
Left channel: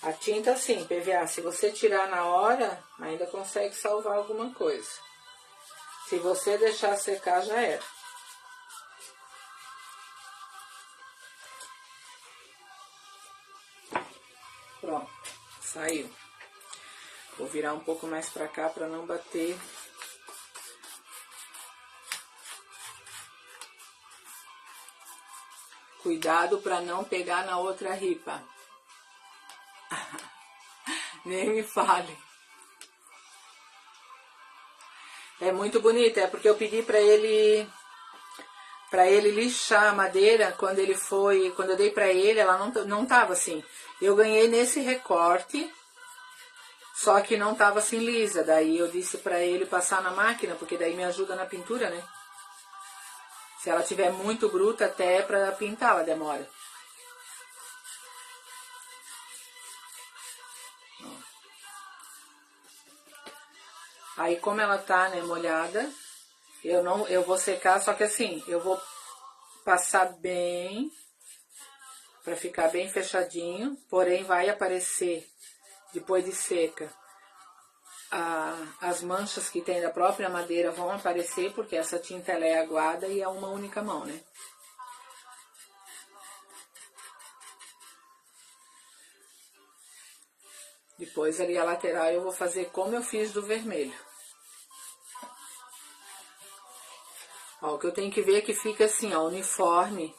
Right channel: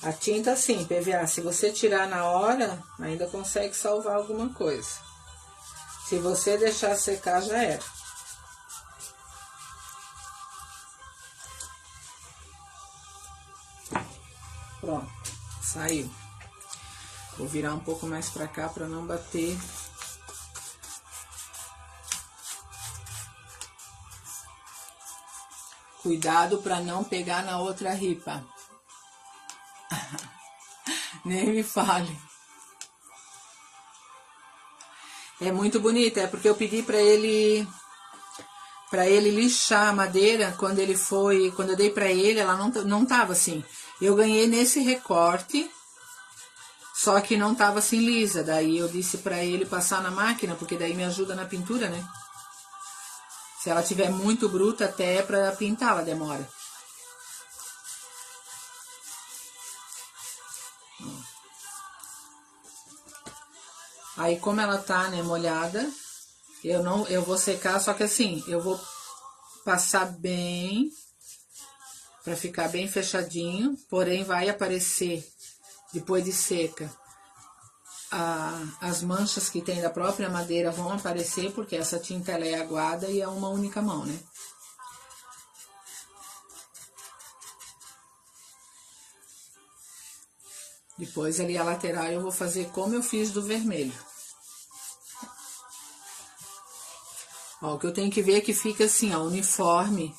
A tinta sim, PVA, se você tirar na hora, ainda consegue salvar alguma coisa. Se você deixar secar, já era. Pronto, saiu. Vou virar um pouco mais pra cá pra não bater. Cuidado pra não pegar na outra ripa. Nem me fale. É muito bonita, é porque eu pedi pra ele lixar a madeira quando eu dei pra ele, ela não tava assim. Eu ganhei nesse recorte, só que não tava assim lisa. Daí eu disse pra ele passar na máquina, porque daí me ajuda na pintura, né? Se ela tiver muito bruta, até pra pintar ela demora. Aí como ela tá, né, molhada, eu vou secar, só que assim, eu vou passar bem, pra ficar bem fechadinho, porém vai aparecer, depois de seca, as manchas que tem da própria madeira vão aparecer, porque essa tinta ela é aguada e é uma única mão, né? Depois ali a lateral eu vou fazer como eu fiz do vermelho. Ó, o que eu tenho que ver é que fica assim, ó, uniforme,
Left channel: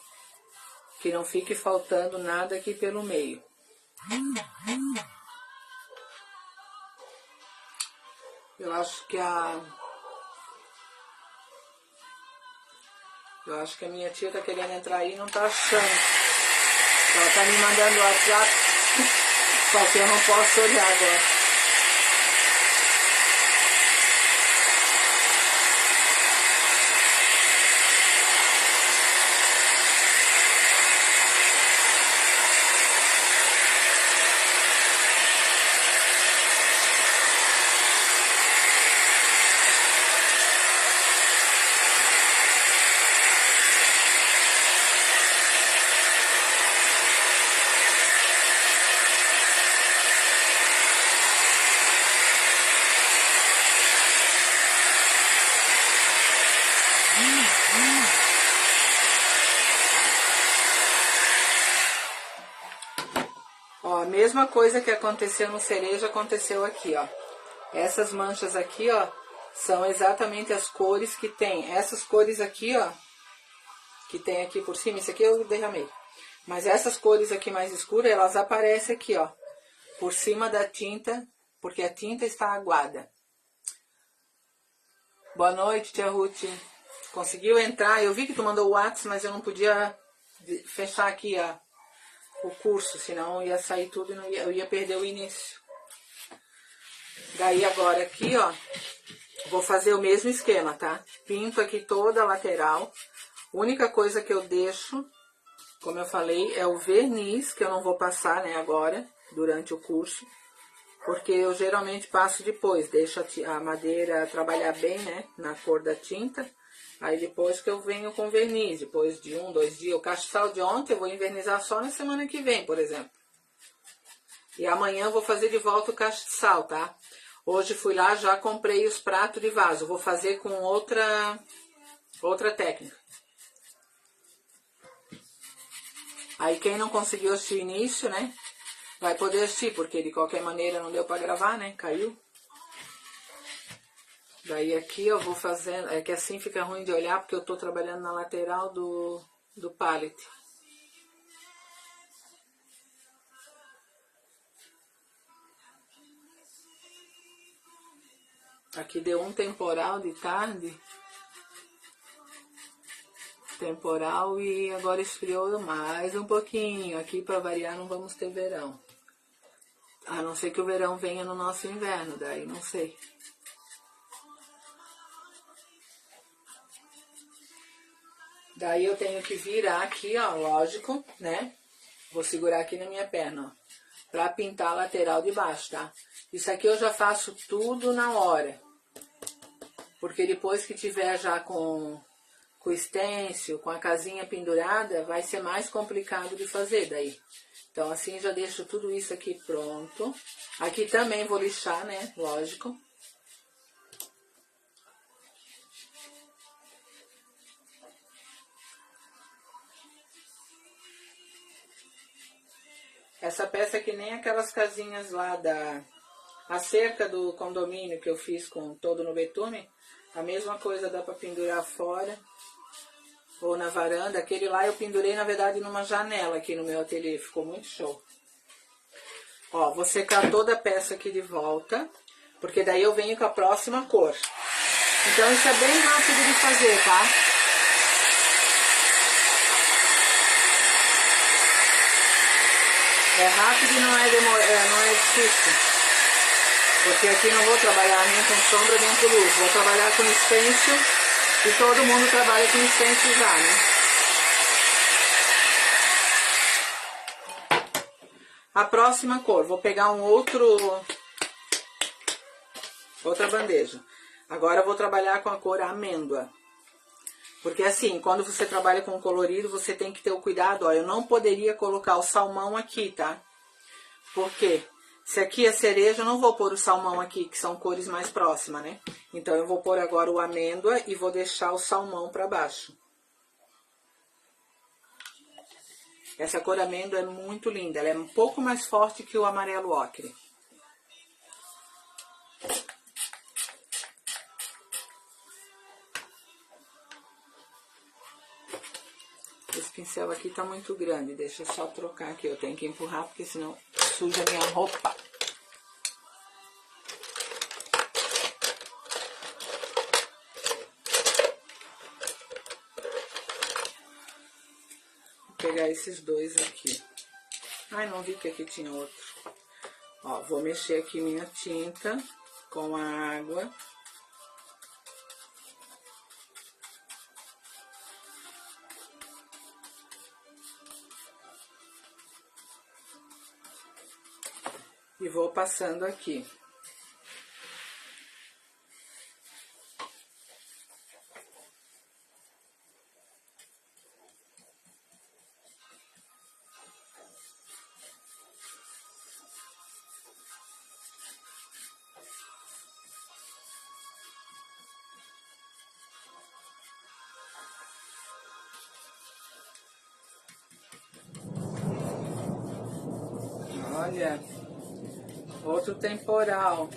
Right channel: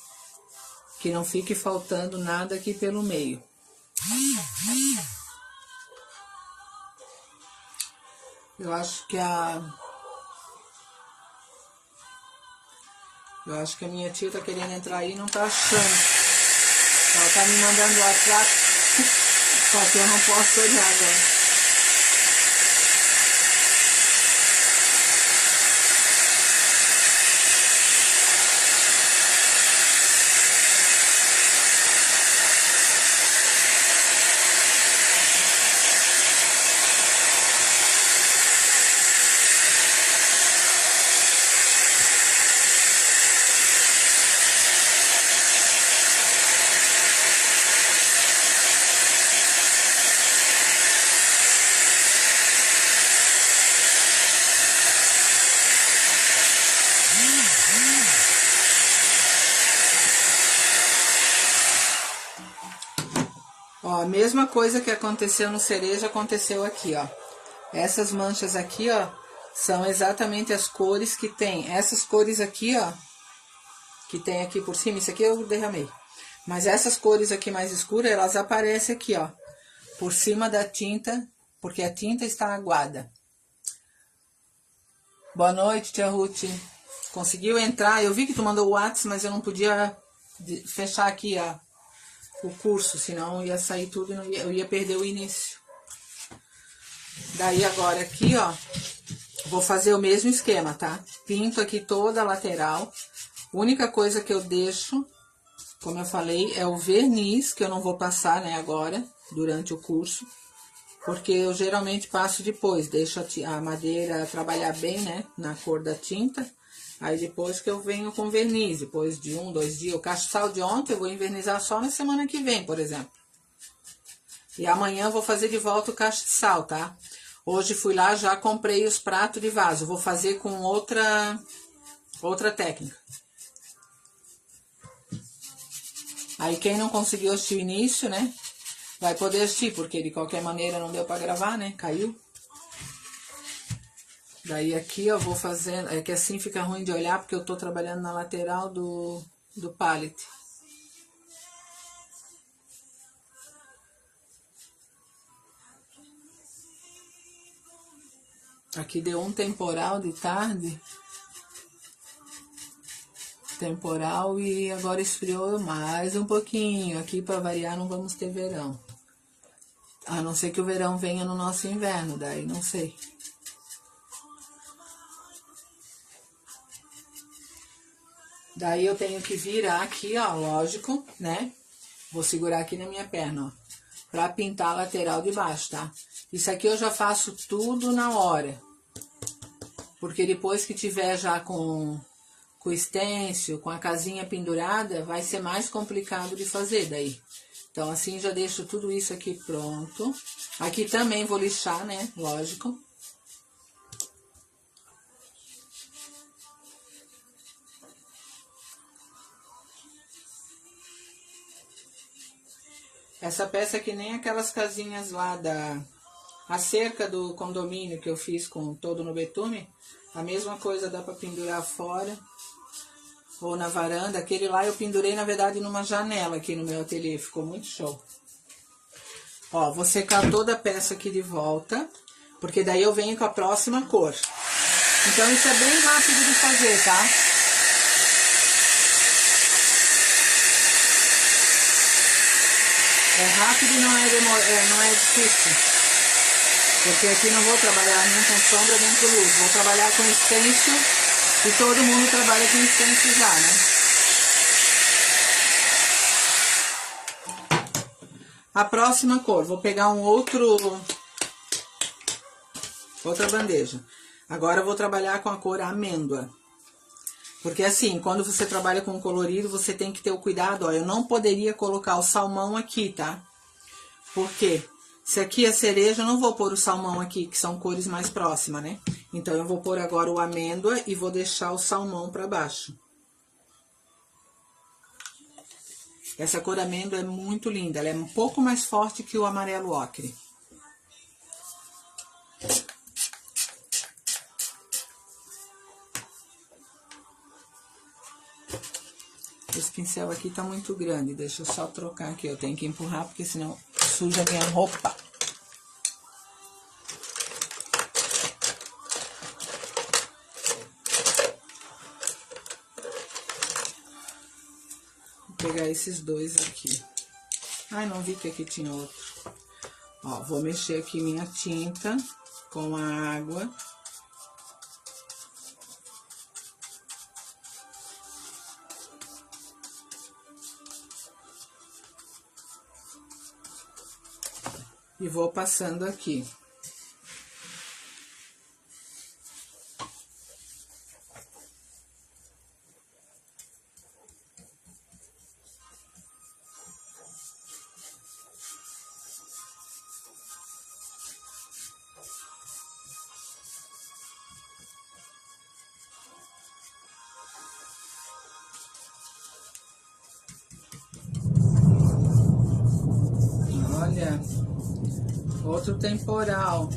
que não fique faltando nada aqui pelo meio. Eu acho que a minha tia tá querendo entrar aí e não tá achando. Ela tá me mandando WhatsApp, só que eu não posso olhar agora. mesma coisa que aconteceu no cereja, aconteceu aqui, ó. Essas manchas aqui, ó, são exatamente as cores que tem. Essas cores aqui, ó, que tem aqui por cima, isso aqui eu derramei. Mas essas cores aqui mais escuras, elas aparecem aqui, ó, por cima da tinta, porque a tinta está aguada. Boa noite, tia Ruth. Conseguiu entrar? Eu vi que tu mandou o WhatsApp, mas eu não podia fechar aqui o curso, senão ia sair tudo e eu ia perder o início. Daí agora aqui, ó, vou fazer o mesmo esquema, tá? Pinto aqui toda a lateral. Única coisa que eu deixo, como eu falei, é o verniz, que eu não vou passar, né, agora, durante o curso. Porque eu geralmente passo depois, deixo a madeira trabalhar bem, né, na cor da tinta. Aí depois que eu venho com verniz, depois de 1, 2 dias. O castiçal de ontem eu vou envernizar só na semana que vem, por exemplo. E amanhã eu vou fazer de volta o castiçal, tá? Hoje fui lá, já comprei os pratos de vaso. Vou fazer com outra técnica. Aí quem não conseguiu assistir o início, né, vai poder assistir, porque de qualquer maneira não deu pra gravar, né, caiu. Daí aqui eu vou fazendo, é que assim fica ruim de olhar, porque eu tô trabalhando na lateral do pallet. Aqui deu um temporal de tarde. Temporal e agora esfriou mais um pouquinho. Aqui para variar não vamos ter verão. A não ser que o verão venha no nosso inverno, daí não sei. Daí eu tenho que virar aqui, ó, lógico, né? Vou segurar aqui na minha perna, ó, pra pintar a lateral de baixo, tá? Isso aqui eu já faço tudo na hora. Porque depois que tiver já com o stencil, com a casinha pendurada, vai ser mais complicado de fazer daí. Então, assim, já deixo tudo isso aqui pronto. Aqui também vou lixar, né? Lógico. Essa peça aqui nem aquelas casinhas lá a cerca do condomínio que eu fiz com todo no betume. A mesma coisa dá pra pendurar fora. Ou na varanda. Aquele lá eu pendurei, na verdade, numa janela aqui no meu ateliê. Ficou muito show. Ó, vou secar toda a peça aqui de volta. Porque daí eu venho com a próxima cor. Então isso é bem rápido de fazer, tá? É rápido e não é difícil. Porque aqui não vou trabalhar nem com sombra nem com luz. Vou trabalhar com stencil. E todo mundo trabalha com stencil já, né? A próxima cor, vou pegar outra bandeja. Agora eu vou trabalhar com a cor amêndoa. Porque assim, quando você trabalha com colorido, você tem que ter o cuidado, ó, eu não poderia colocar o salmão aqui, tá? Porque se aqui é cereja, eu não vou pôr o salmão aqui, que são cores mais próximas, né? Então, eu vou pôr agora o amêndoa e vou deixar o salmão pra baixo. Essa cor amêndoa é muito linda, ela é um pouco mais forte que o amarelo ocre. Esse pincel aqui tá muito grande, deixa eu só trocar aqui, eu tenho que empurrar, porque senão suja a minha roupa. Vou pegar esses dois aqui. Ai, não vi que aqui tinha outro. Ó, vou mexer aqui minha tinta com a água. E vou passando aqui. Olha, outro temporal.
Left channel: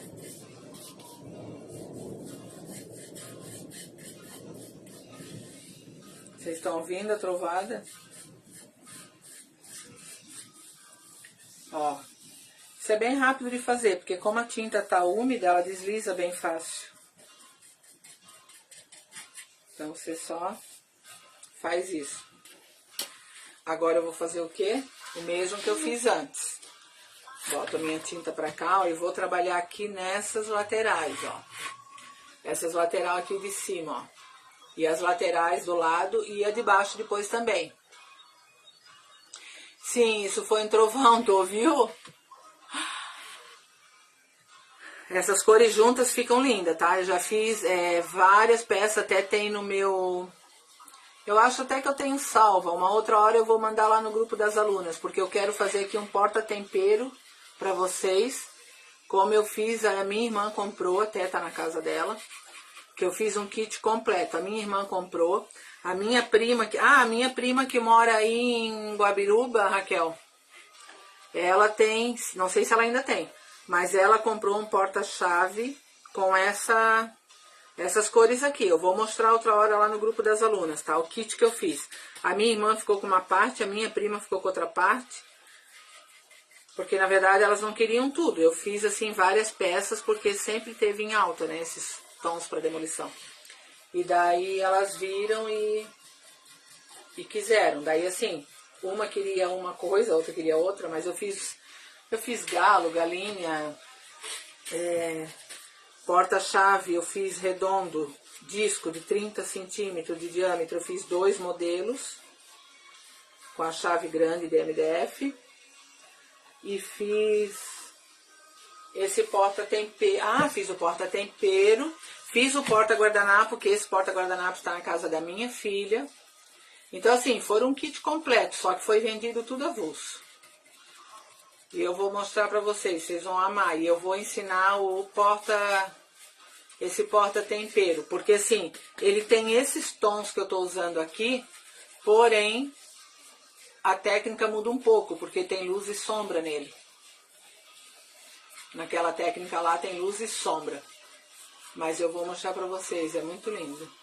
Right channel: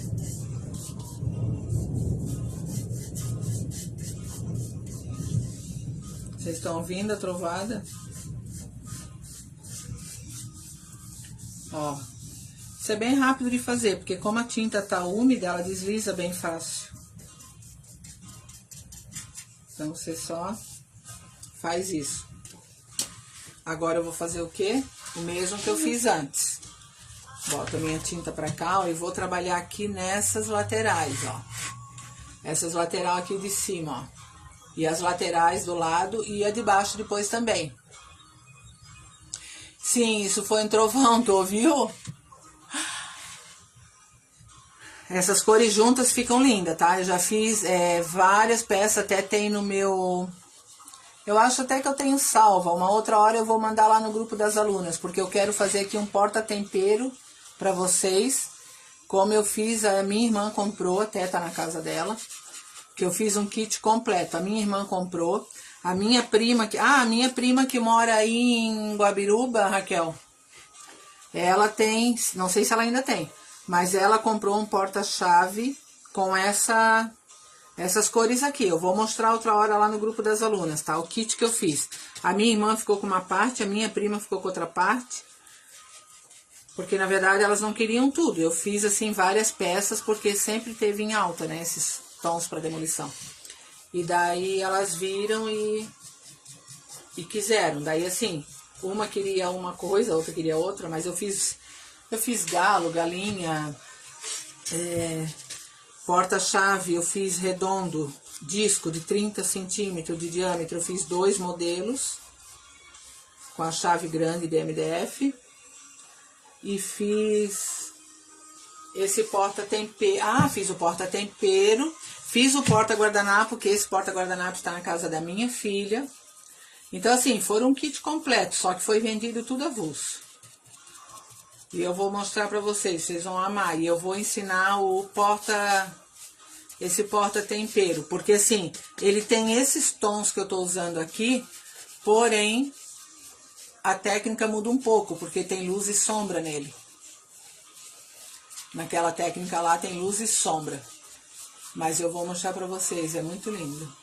Vocês estão ouvindo a trovada? Ó, isso é bem rápido de fazer, porque como a tinta tá úmida, ela desliza bem fácil. Então, você só faz isso. Agora eu vou fazer o quê? O mesmo que eu fiz antes. Boto a minha tinta pra cá, ó, e vou trabalhar aqui nessas laterais, ó. Essas laterais aqui de cima, ó. E as laterais do lado e a de baixo depois também. Sim, isso foi um trovão, tu ouviu? Essas cores juntas ficam lindas, tá? Eu já fiz várias peças, até tem no meu... Eu acho até que eu tenho salva. Uma outra hora eu vou mandar lá no grupo das alunas, porque eu quero fazer aqui um porta-tempero pra vocês. Como eu fiz, a minha irmã comprou, até tá na casa dela. Que eu fiz um kit completo. A minha irmã comprou. A minha prima que mora aí em Guabiruba, Raquel. Ela tem, não sei se ela ainda tem, mas ela comprou um porta-chave com essas cores aqui. Eu vou mostrar outra hora lá no grupo das alunas, tá? O kit que eu fiz. A minha irmã ficou com uma parte, a minha prima ficou com outra parte. Porque, na verdade, elas não queriam tudo. Eu fiz, assim, várias peças, porque sempre teve em alta, né? Esses tons para demolição. E daí elas viram e quiseram. Daí, assim, uma queria uma coisa, a outra queria outra, mas eu fiz galo, galinha, porta-chave, eu fiz redondo, disco de 30 centímetros de diâmetro. Eu fiz 2 modelos com a chave grande de MDF. E fiz esse porta-tempero. Fiz o porta-tempero. Fiz o porta-guardanapo, que esse porta-guardanapo está na casa da minha filha. Então, assim, foi um kit completo, só que foi vendido tudo avulso. E eu vou mostrar pra vocês, vocês vão amar. E eu vou ensinar esse porta-tempero. Porque, assim, ele tem esses tons que eu tô usando aqui, porém, a técnica muda um pouco, porque tem luz e sombra nele. Naquela técnica lá tem luz e sombra. Mas eu vou mostrar pra vocês, é muito lindo.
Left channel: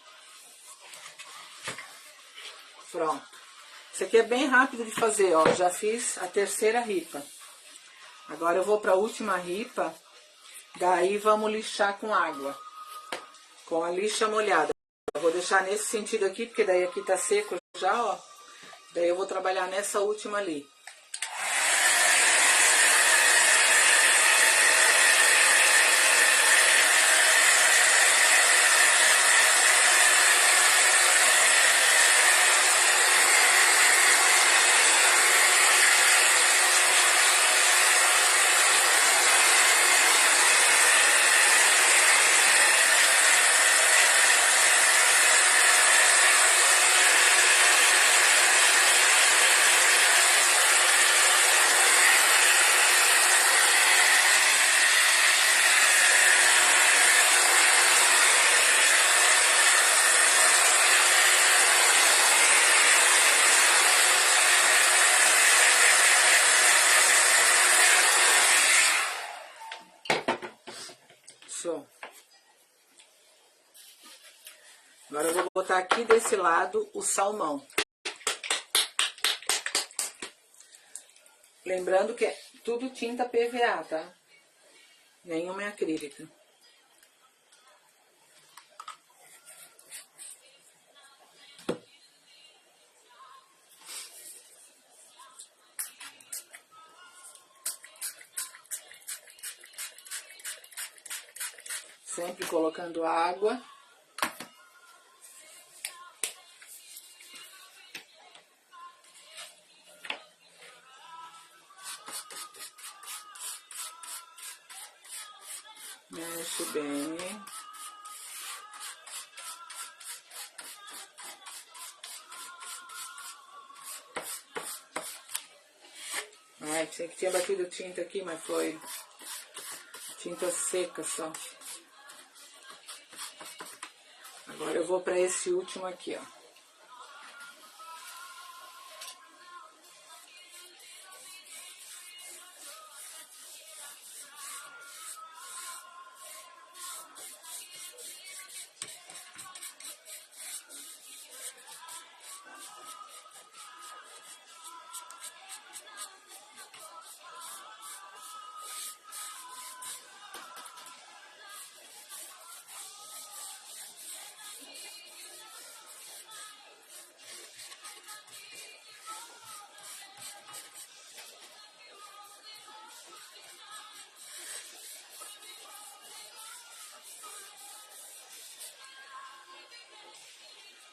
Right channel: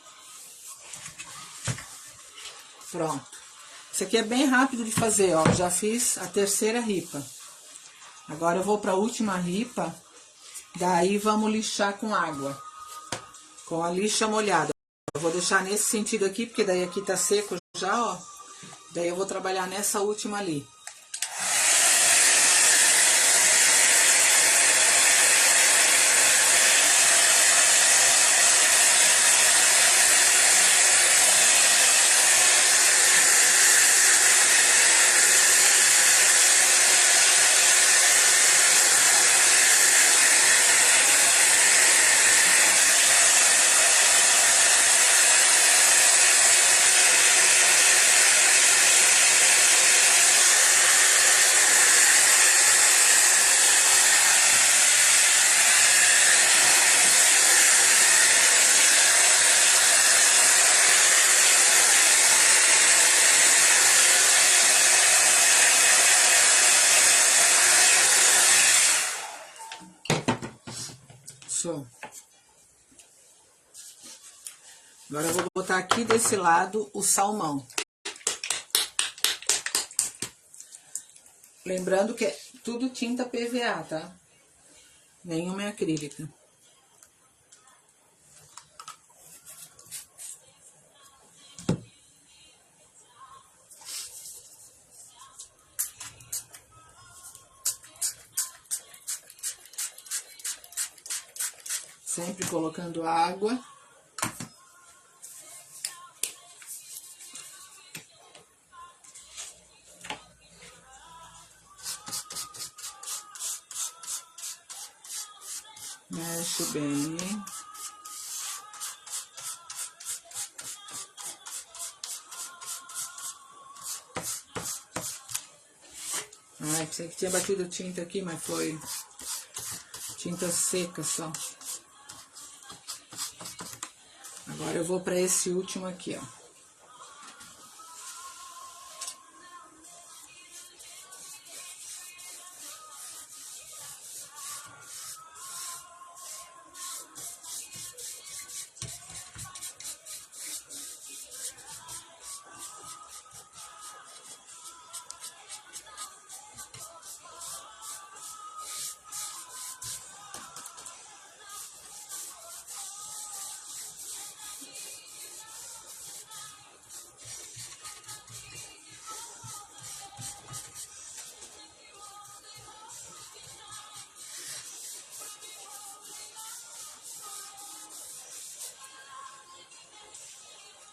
Pronto. Isso aqui é bem rápido de fazer, ó. Já fiz a terceira ripa. Agora eu vou pra última ripa. Daí vamos lixar com água. Com a lixa molhada. Eu vou deixar nesse sentido aqui, porque daí aqui tá seco já, ó. Daí eu vou trabalhar nessa última ali. Show. Agora eu vou botar aqui desse lado o salmão. Lembrando que é tudo tinta PVA, tá? Nenhuma é acrílica. Sempre colocando água. Mexe bem. Ai, pensei que tinha batido tinta aqui, mas foi tinta seca só. Agora eu vou para esse último aqui, ó.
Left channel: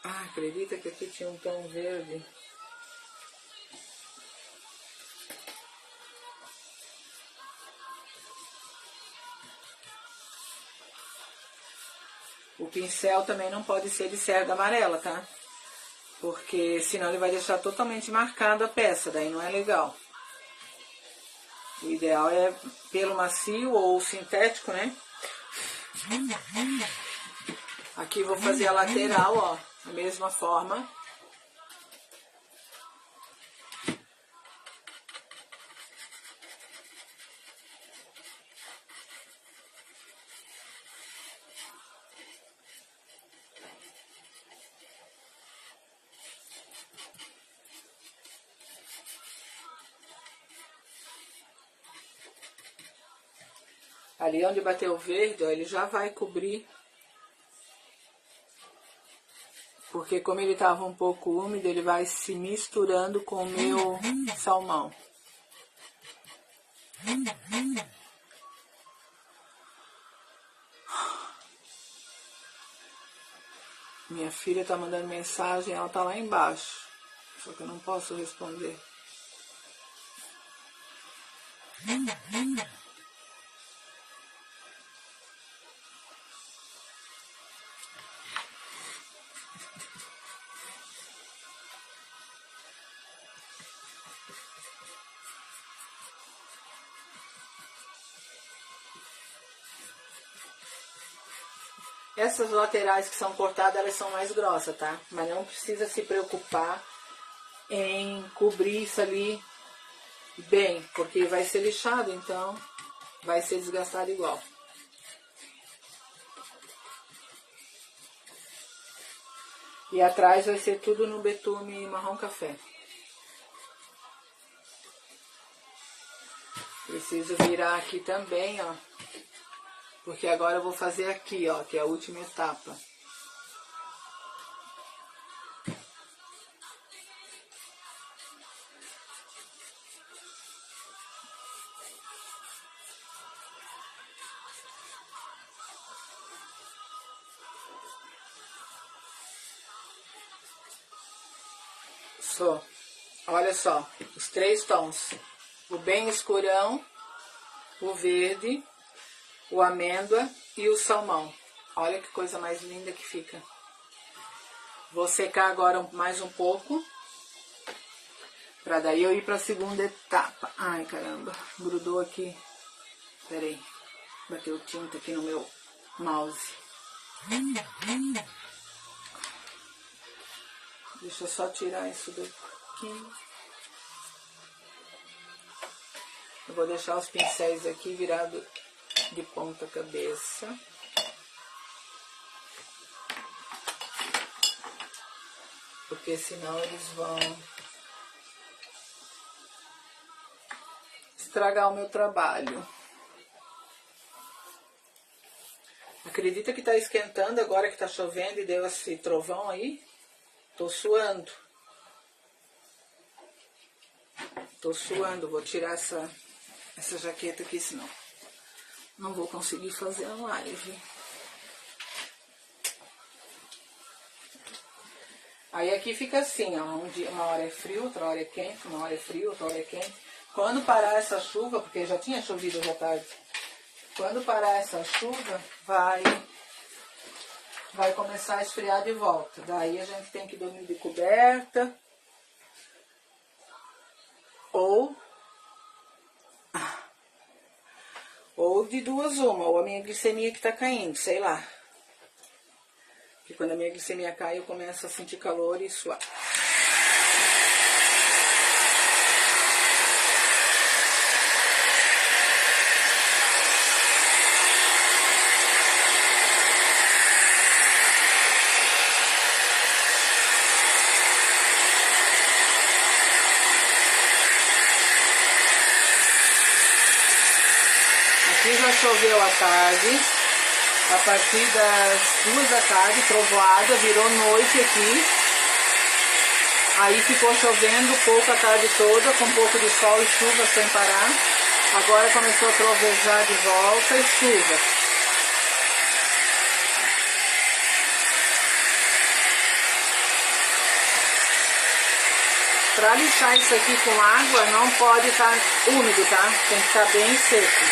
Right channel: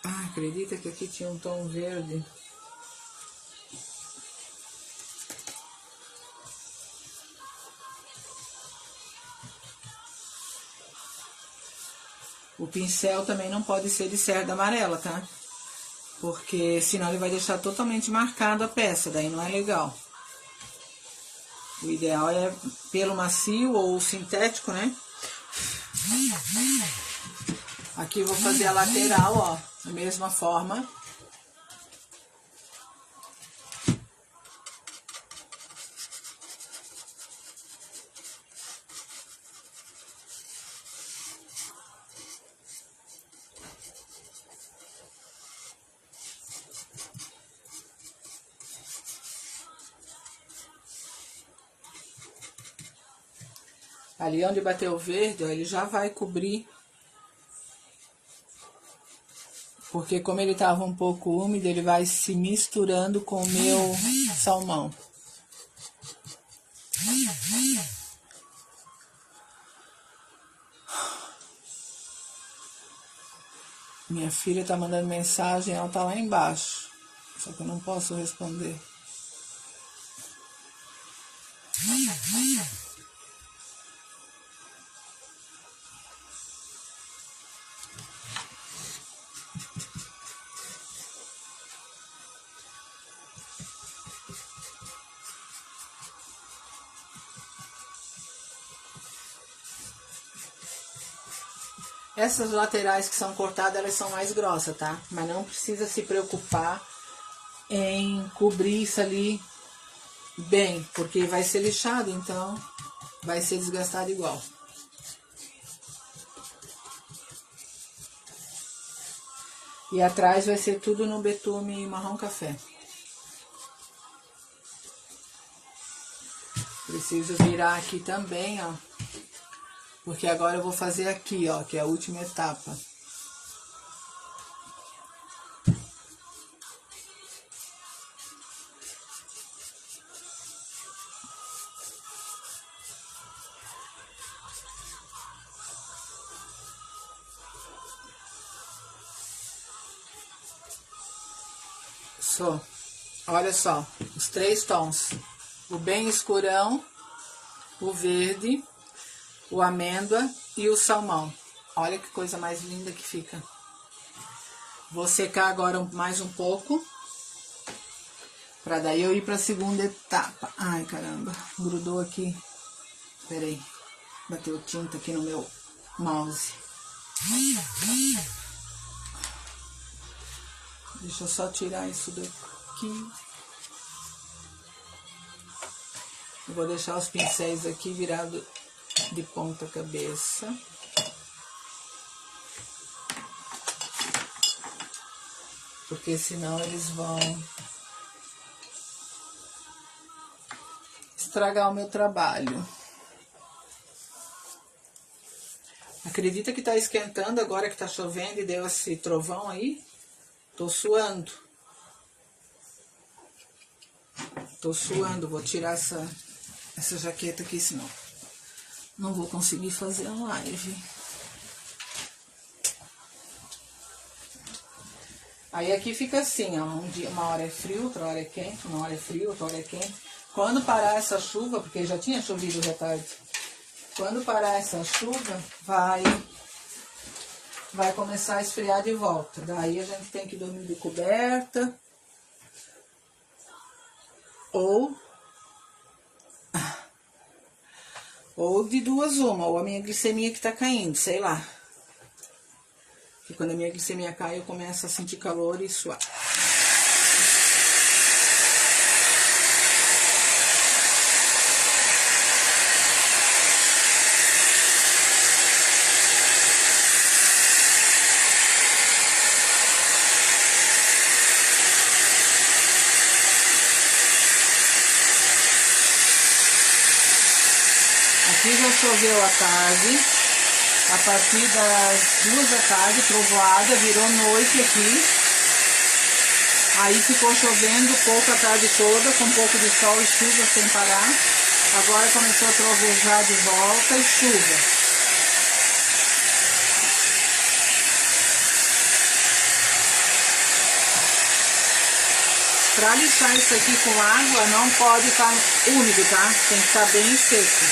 Ah, acredita que aqui tinha um tom verde? O pincel também não pode ser de cerda amarela, tá? Porque senão ele vai deixar totalmente marcado a peça, daí não é legal. O ideal é pelo macio ou sintético, né? Aqui eu vou fazer a lateral, ó, da mesma forma. Ali onde bater o verde, ó, ele já vai cobrir. Porque como ele estava um pouco úmido, ele vai se misturando com o meu salmão. Minha filha tá mandando mensagem, ela tá lá embaixo. Só que eu não posso responder. Essas laterais que são cortadas, elas são mais grossas, tá? Mas não precisa se preocupar em cobrir isso ali bem, porque vai ser lixado, então vai ser desgastado igual. E atrás vai ser tudo no betume marrom café. Preciso virar aqui também, ó. Porque agora eu vou fazer aqui, ó, que é a última etapa. Só, olha só, os 3 tons. O bem escurão, o verde, o amêndoa e o salmão. Olha que coisa mais linda que fica. Vou secar agora mais um pouco, pra daí eu ir pra segunda etapa. Ai, caramba, grudou aqui. Pera aí, bateu tinta aqui no meu mouse. Deixa eu só tirar isso daqui. Eu vou deixar os pincéis aqui virados de ponta cabeça. Porque senão eles vão estragar o meu trabalho. Acredita que tá esquentando agora que tá chovendo e deu esse trovão aí? Tô suando. Tô suando, vou tirar essa jaqueta aqui, senão não vou conseguir fazer a live. Aí aqui fica assim, ó, uma hora é frio, outra hora é quente, uma hora é frio, outra hora é quente. Quando parar essa chuva, porque já tinha chovido hoje à tarde, quando parar essa chuva, vai começar a esfriar de volta. Daí a gente tem que dormir de coberta. Ou de duas uma, ou a minha glicemia que tá caindo, sei lá. Porque quando a minha glicemia cai, eu começo a sentir calor e suar. Aqui já choveu à tarde, a partir das 2 da tarde, trovoada, virou noite aqui. Aí ficou chovendo pouco a tarde toda, com um pouco de sol e chuva sem parar. Agora começou a trovejar de volta e chuva. Pra lixar isso aqui com água, não pode estar úmido, tá? Tem que estar bem seco.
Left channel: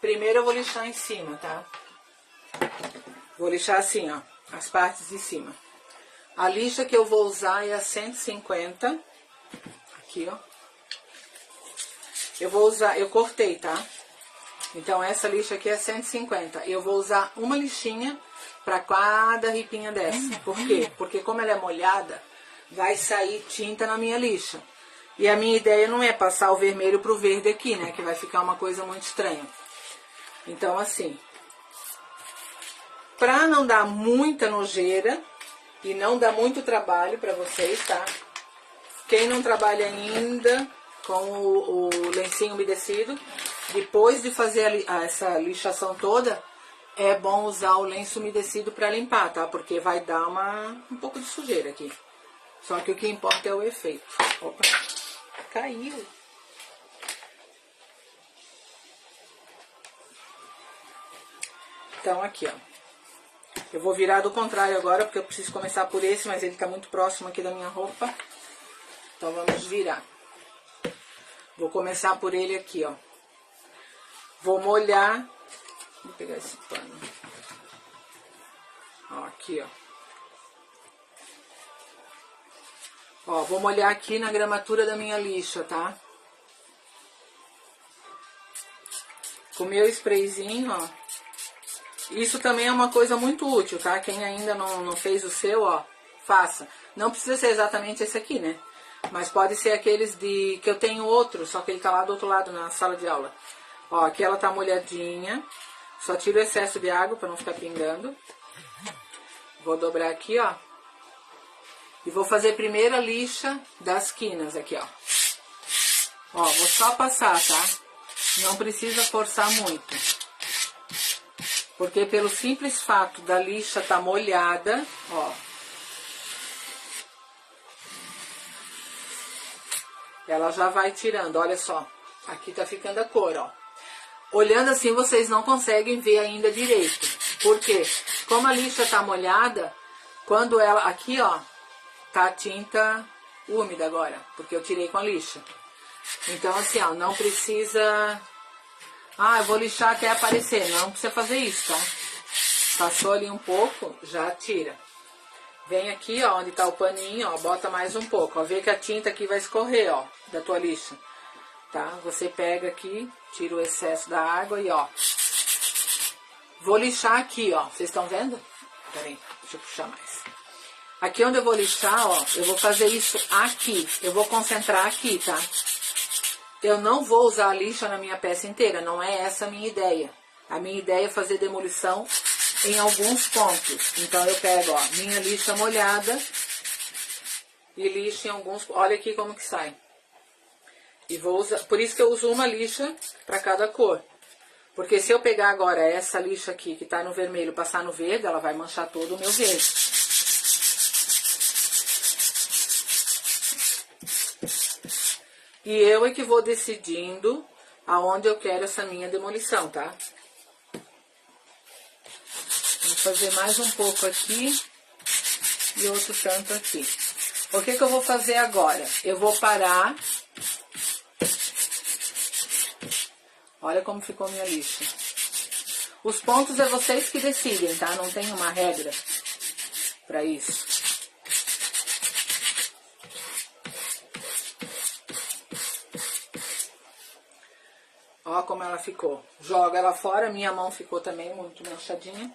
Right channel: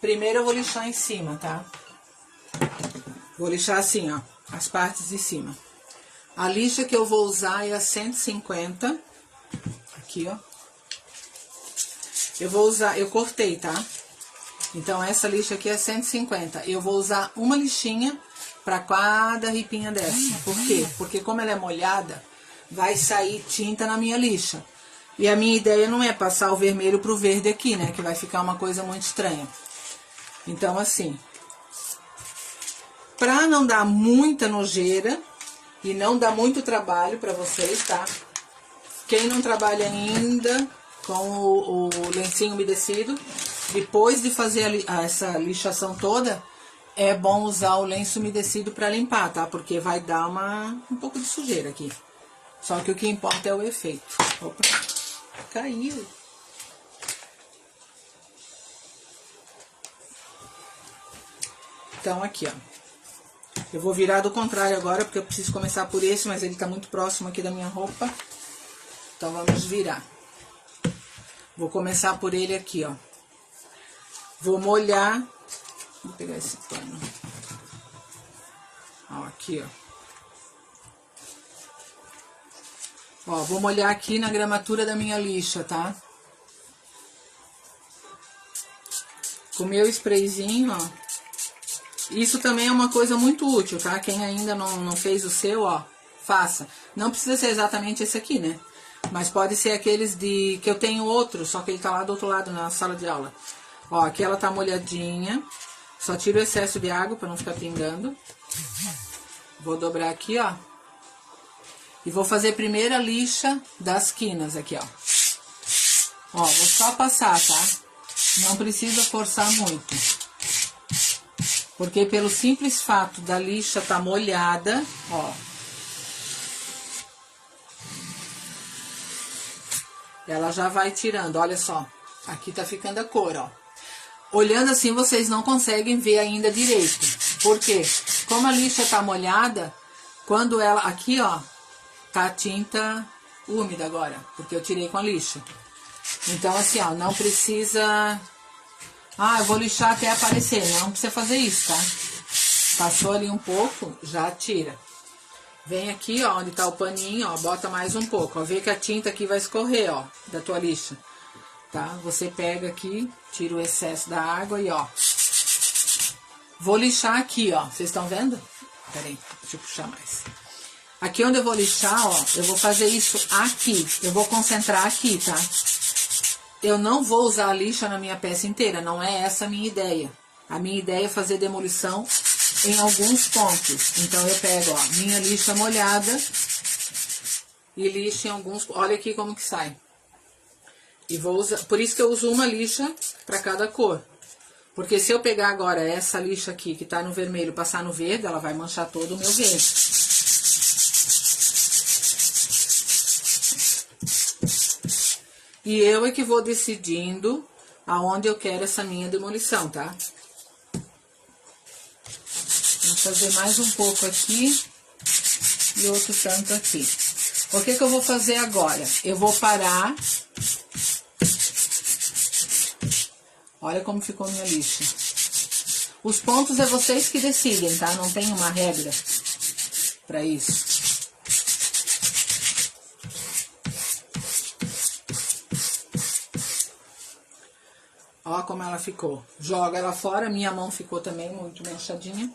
Primeiro eu vou lixar em cima, tá? Vou lixar assim, ó, as partes de cima. A lixa que eu vou usar é a 150. Aqui, ó. Eu vou usar, eu cortei, tá? Então, essa lixa aqui é 150. Eu vou usar uma lixinha pra cada ripinha dessa. Por quê? Porque como ela é molhada, vai sair tinta na minha lixa. E a minha ideia não é passar o vermelho pro verde aqui, né? Que vai ficar uma coisa muito estranha. Então, assim, pra não dar muita nojeira e não dar muito trabalho pra vocês, tá? Quem não trabalha ainda com o lencinho umedecido, depois de fazer essa lixação toda, é bom usar o lenço umedecido pra limpar, tá? Porque vai dar um pouco de sujeira aqui. Só que o que importa é o efeito. Opa, caiu. Então, aqui, ó. Eu vou virar do contrário agora, porque eu preciso começar por esse, mas ele tá muito próximo aqui da minha roupa. Então, vamos virar. Vou começar por ele aqui, ó. Vou molhar. Vou pegar esse pano. Ó, aqui, ó. Ó, vou molhar aqui na gramatura da minha lixa, tá? Com o meu sprayzinho, ó. Isso também é uma coisa muito útil, tá? Quem ainda não fez o seu, ó, faça. Não precisa ser exatamente esse aqui, né? Mas pode ser aqueles que eu tenho outro, só que ele tá lá do outro lado na sala de aula. Ó, aqui ela tá molhadinha. Só tiro o excesso de água pra não ficar pingando. Vou dobrar aqui, ó. E vou fazer primeiro a lixa das quinas aqui, ó. Ó, vou só passar, tá? Não precisa forçar muito. Porque pelo simples fato da lixa tá molhada, ó. Ela já vai tirando, olha só. Aqui tá ficando a cor, ó. Olhando assim, vocês não conseguem ver ainda direito. Por quê? Como a lixa tá molhada, quando ela... Aqui, ó, tá a tinta úmida agora, porque eu tirei com a lixa. Então, assim, ó, não precisa... Ah, eu vou lixar até aparecer. Não precisa fazer isso, tá? Passou ali um pouco, já tira. Vem aqui, ó, onde tá o paninho, ó, bota mais um pouco. Ó, vê que a tinta aqui vai escorrer, ó, da tua lixa. Tá? Você pega aqui, tira o excesso da água e, ó. Vou lixar aqui, ó. Vocês estão vendo? Pera aí, deixa eu puxar mais. Aqui onde eu vou lixar, ó, eu vou fazer isso aqui. Eu vou concentrar aqui, tá? Eu não vou usar a lixa na minha peça inteira, não é essa a minha ideia. A minha ideia é fazer demolição em alguns pontos. Então, eu pego, ó, minha lixa molhada e lixo em alguns... Olha aqui como que sai. E vou usar... Por isso que eu uso uma lixa para cada cor. Porque se eu pegar agora essa lixa aqui, que tá no vermelho, passar no verde, ela vai manchar todo o meu verde. E eu é que vou decidindo aonde eu quero essa minha demolição, tá? Vou fazer mais um pouco aqui e outro tanto aqui. O que eu vou fazer agora? Eu vou parar. Olha como ficou minha lixa. Os pontos é vocês que decidem, tá? Não tem uma regra pra isso. Ó como ela ficou. Joga ela fora, minha mão ficou também muito manchadinha.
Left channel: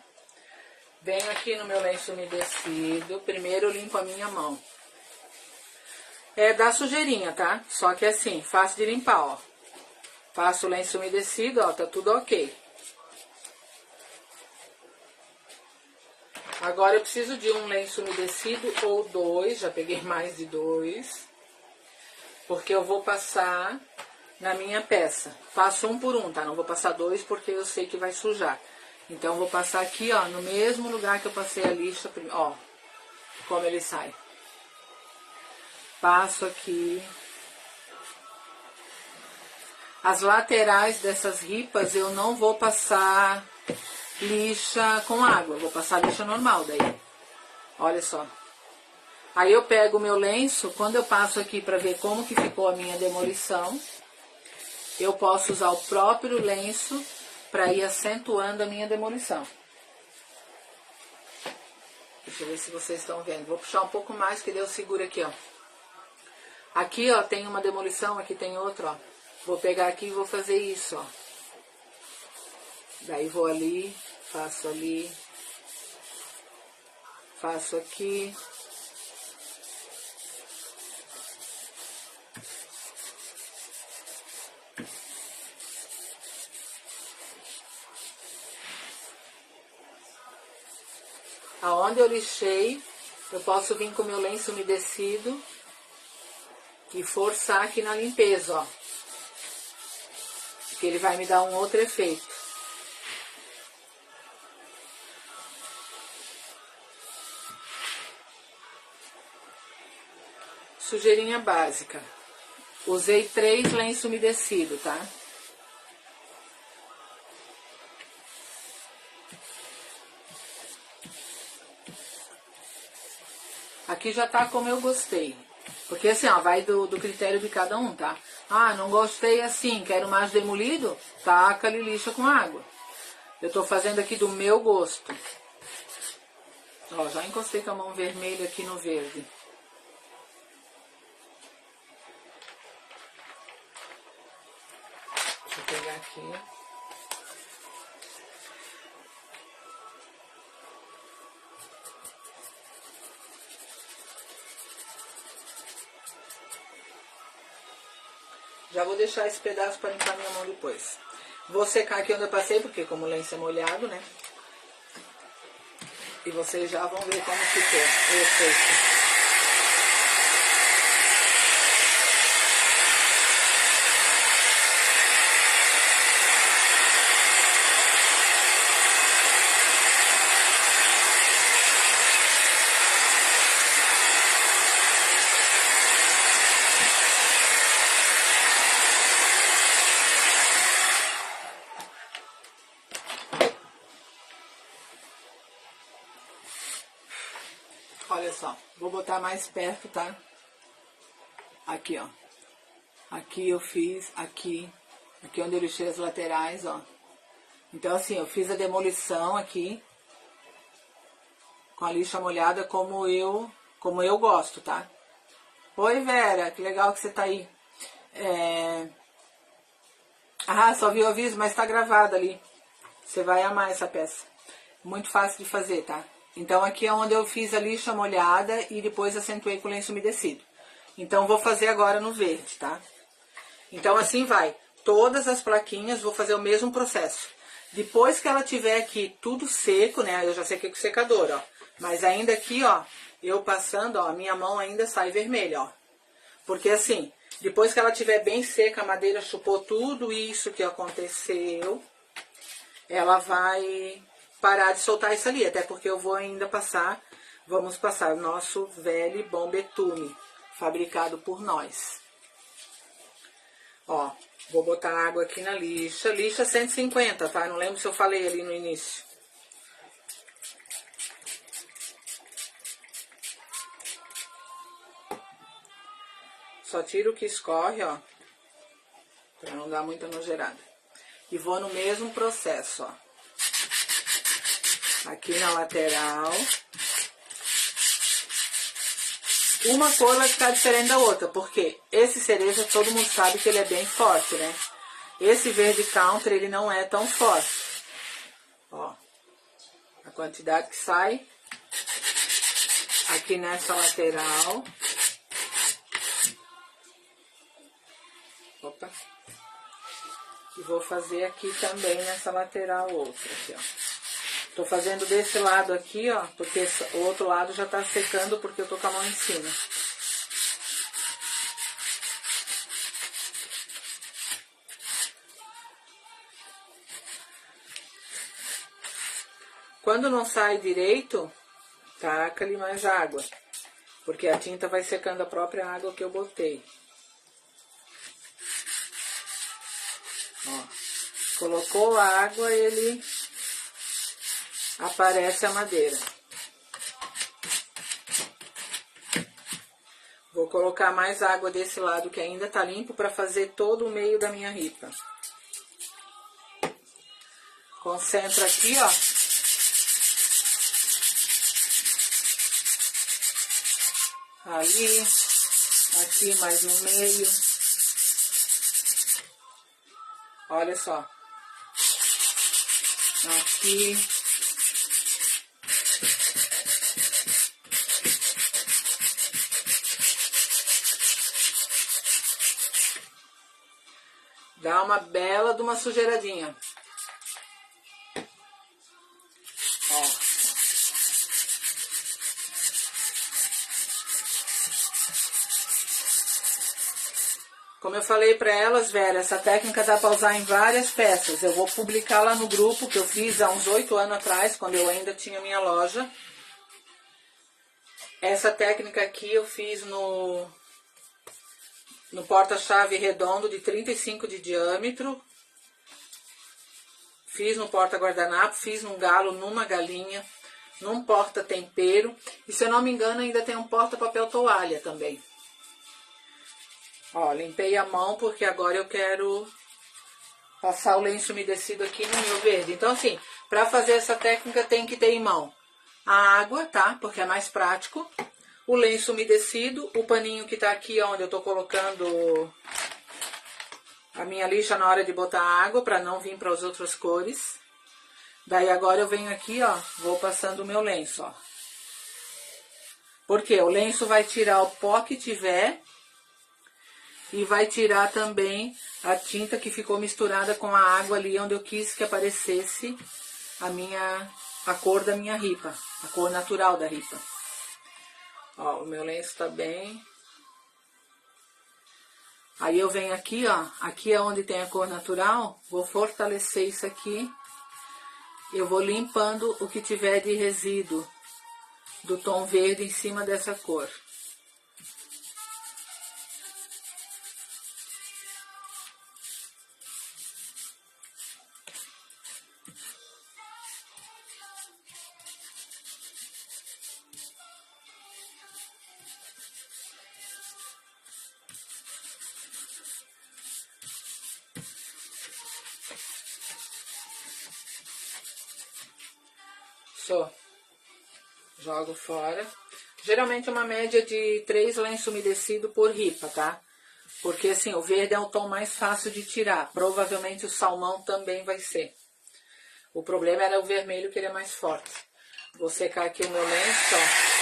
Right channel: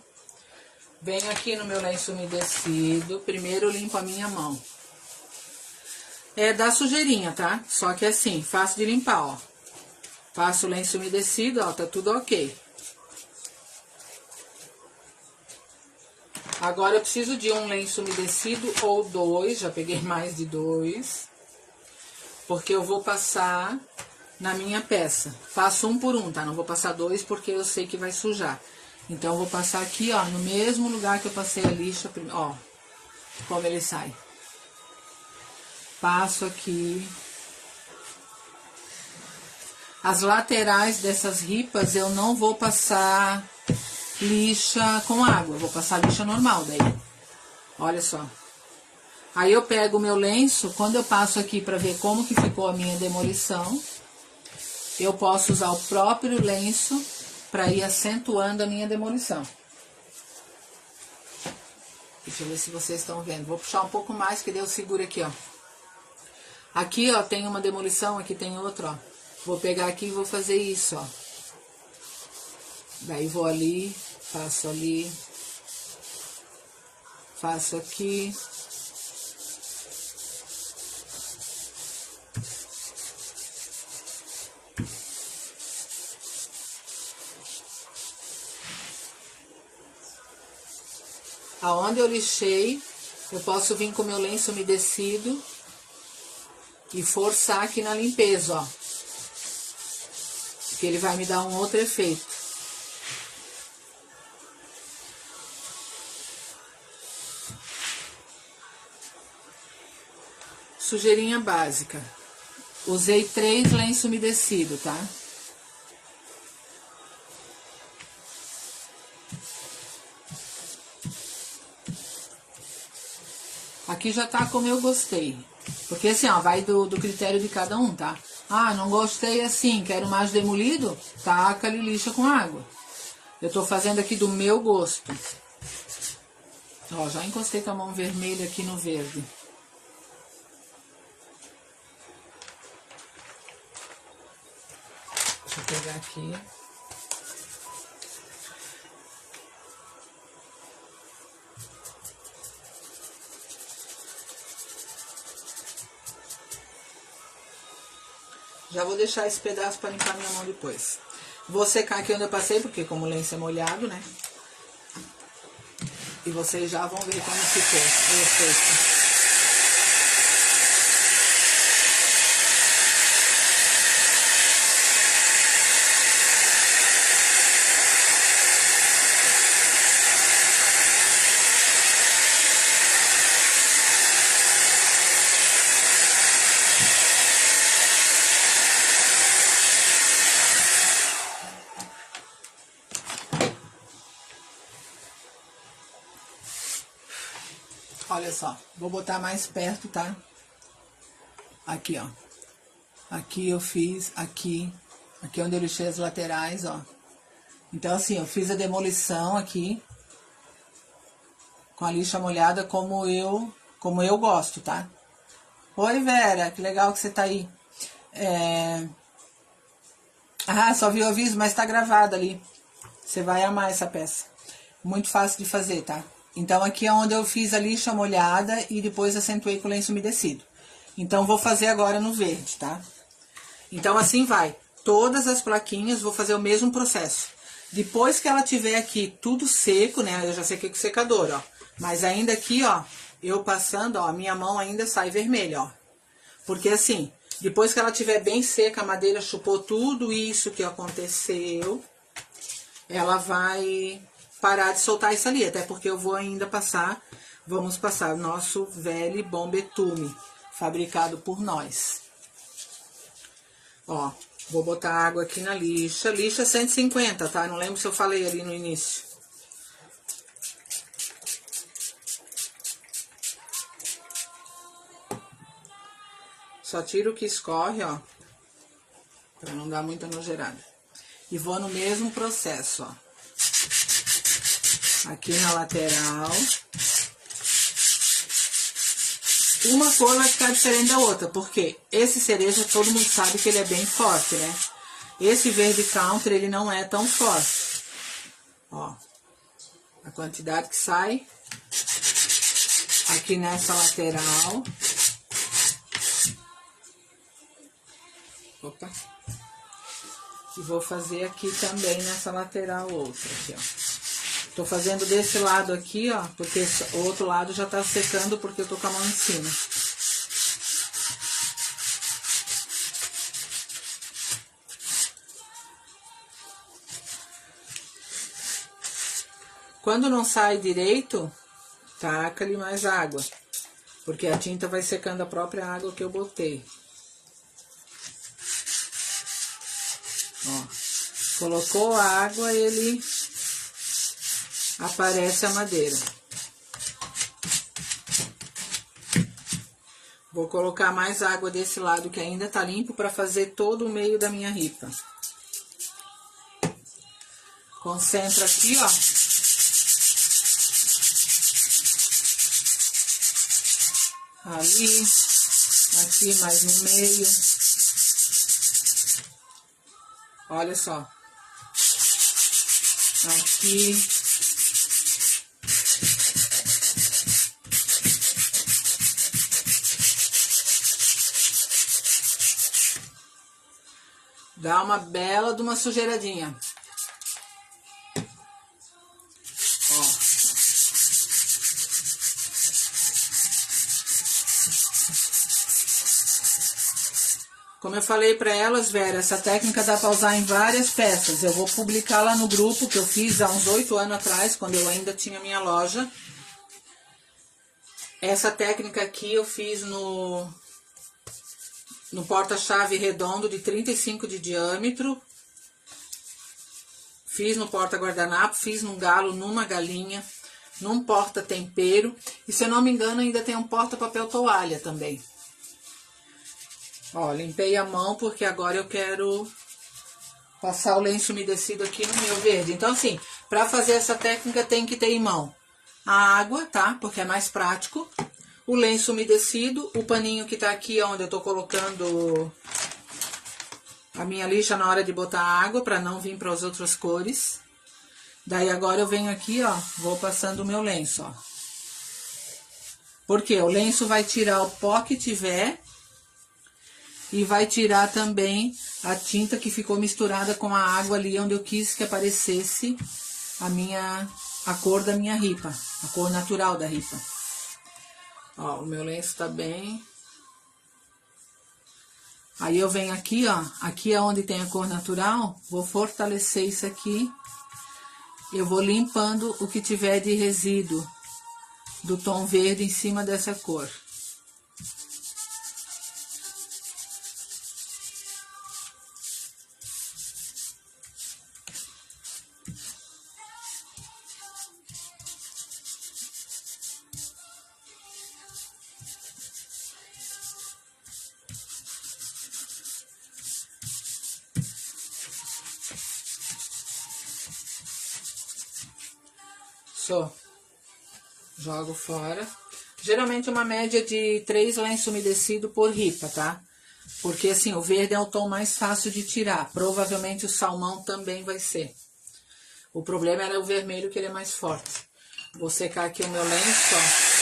Venho aqui no meu lenço umedecido, primeiro eu limpo a minha mão. É da sujeirinha, tá? Só que assim, fácil de limpar, ó. Passo o lenço umedecido, ó, tá tudo ok. Agora eu preciso de um lenço umedecido ou dois, já peguei mais de dois. Porque eu vou passar na minha peça. Passo um por um, tá? Não vou passar dois porque eu sei que vai sujar. Então, eu vou passar aqui, ó, no mesmo lugar que eu passei a lixa, ó, como ele sai. Passo aqui. As laterais dessas ripas eu não vou passar lixa com água, eu vou passar lixa normal daí. Olha só. Aí eu pego o meu lenço, quando eu passo aqui para ver como que ficou a minha demolição, eu posso usar o próprio lenço para ir acentuando a minha demolição. Deixa eu ver se vocês estão vendo. Vou puxar um pouco mais, que daí eu seguro aqui, ó. Aqui, ó, tem uma demolição, aqui tem outra, ó. Vou pegar aqui e vou fazer isso, ó. Daí vou ali, faço aqui. Aonde eu lixei, eu posso vir com o meu lenço umedecido e forçar aqui na limpeza, ó. Que ele vai me dar um outro efeito. Sujeirinha básica. Usei 3 lenços umedecidos, tá? Aqui já tá como eu gostei. Porque assim, ó, vai do critério de cada um, tá? Ah, não gostei assim, quero mais demolido? Taca-lhe lixa com água. Eu tô fazendo aqui do meu gosto. Ó, já encostei com a mão vermelha aqui no verde. Deixa eu pegar aqui. Já vou deixar esse pedaço para limpar minha mão depois. Vou secar aqui onde eu passei, porque como o lenço é molhado, né? E vocês já vão ver como ficou o efeito. Olha só, vou botar mais perto, tá? Aqui, ó. Aqui eu fiz, aqui onde eu lixei as laterais, ó. Então, assim, eu fiz a demolição aqui, com a lixa molhada, como eu gosto, tá? Oi, Vera, que legal que você tá aí. Ah, só viu o aviso, mas tá gravado ali. Você vai amar essa peça. Muito fácil de fazer, tá? Então, aqui é onde eu fiz a lixa molhada e depois acentuei com o lenço umedecido. Então, vou fazer agora no verde, tá? Então, assim vai. Todas as plaquinhas, vou fazer o mesmo processo. Depois que ela tiver aqui tudo seco, né? Eu já sequei com o secador, ó. Mas ainda aqui, ó, eu passando, ó, a minha mão ainda sai vermelha, ó. Porque assim, depois que ela tiver bem seca, a madeira chupou tudo isso que aconteceu, ela vai parar de soltar isso ali. Até porque eu vou ainda passar, vamos passar nosso velho bom betume, fabricado por nós. Ó, vou botar água aqui na lixa. Lixa 150, tá? Não lembro se eu falei ali no início. Só tiro o que escorre, ó. Pra não dar muita nojeirada. E vou no mesmo processo, ó. Aqui na lateral. Uma cor vai ficar diferente da outra, porque esse cereja todo mundo sabe que ele é bem forte, né? Esse verde counter, ele não é tão forte. Ó, a quantidade que sai aqui nessa lateral. Opa. E vou fazer aqui também nessa lateral outra, aqui, ó. Tô fazendo desse lado aqui, ó, porque o outro lado já tá secando porque eu tô com a mão em cima. Quando não sai direito, taca-lhe mais água, porque a tinta vai secando a própria água que eu botei. Ó, colocou a água, ele aparece a madeira. Vou colocar mais água desse lado que ainda tá limpo para fazer todo o meio da minha ripa. Concentra aqui, ó. Ali, aqui mais no meio. Olha só. Aqui. Dá uma bela de uma sujeiradinha. Ó. Como eu falei para elas, Vera, essa técnica dá para usar em várias peças. Eu vou publicar lá no grupo que eu fiz há uns 8 anos atrás, quando eu ainda tinha minha loja. Essa técnica aqui eu fiz no porta-chave redondo de 35 de diâmetro. Fiz no porta-guardanapo, fiz num galo, numa galinha, num porta-tempero. E se eu não me engano, ainda tem um porta-papel toalha também. Ó, limpei a mão porque agora eu quero passar o lenço umedecido aqui no meu verde. Então, assim, pra fazer essa técnica tem que ter em mão a água, tá? Porque é mais prático. O lenço umedecido, o paninho que tá aqui onde eu tô colocando a minha lixa na hora de botar água, pra não vir para as outras cores. Daí agora eu venho aqui, ó, vou passando o meu lenço, ó. Porque o lenço vai tirar o pó que tiver e vai tirar também a tinta que ficou misturada com a água ali onde eu quis que aparecesse a cor da minha ripa, a cor natural da ripa. Ó, o meu lenço tá bem. Aí eu venho aqui, ó, aqui é onde tem a cor natural, vou fortalecer isso aqui. Eu vou limpando o que tiver de resíduo do tom verde em cima dessa cor. Jogo fora. Geralmente uma média de 3 lenços umedecidos por ripa, tá? Porque assim, o verde é o tom mais fácil de tirar. Provavelmente o salmão também vai ser. O problema era o vermelho, que ele é mais forte. Vou secar aqui o meu lenço, ó.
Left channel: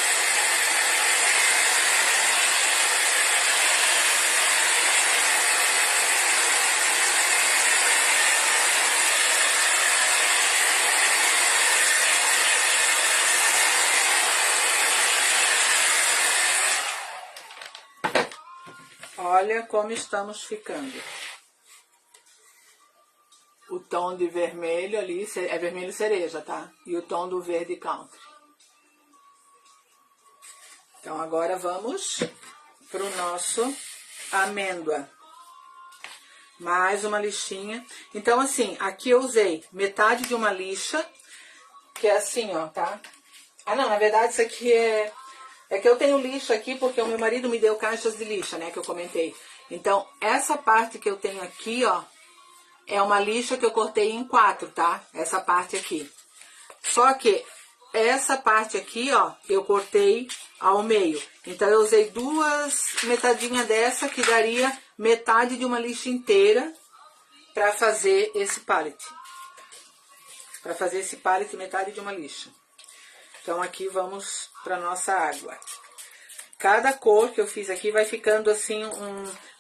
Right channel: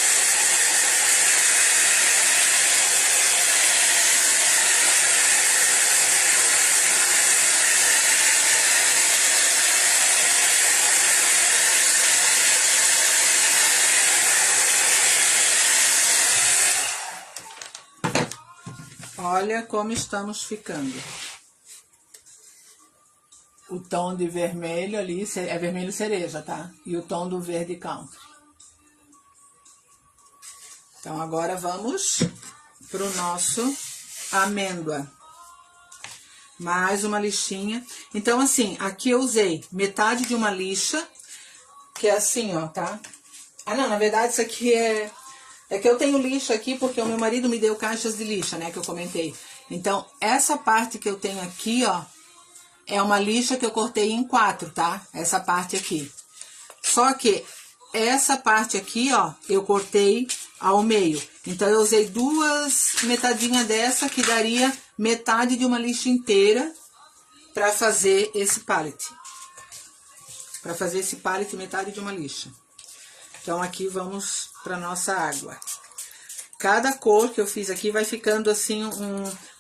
Olha como estamos ficando. O tom de vermelho ali, é vermelho cereja, tá? E o tom do verde country. Então, agora vamos pro nosso amêndoa. Mais uma lixinha. Então, assim, aqui eu usei metade de uma lixa, que é assim, ó, tá? Ah, não, na verdade isso aqui é... É que eu tenho lixa aqui porque o meu marido me deu caixas de lixa, né, que eu comentei. Então, essa parte que eu tenho aqui, ó, é uma lixa que eu cortei em 4, tá? Essa parte aqui. Só que essa parte aqui, ó, eu cortei ao meio. Então, eu usei 2 metadinhas dessa, que daria metade de uma lixa inteira pra fazer esse pallet. Pra fazer esse pallet, metade de uma lixa. Então, aqui vamos para nossa água. Cada cor que eu fiz aqui vai ficando assim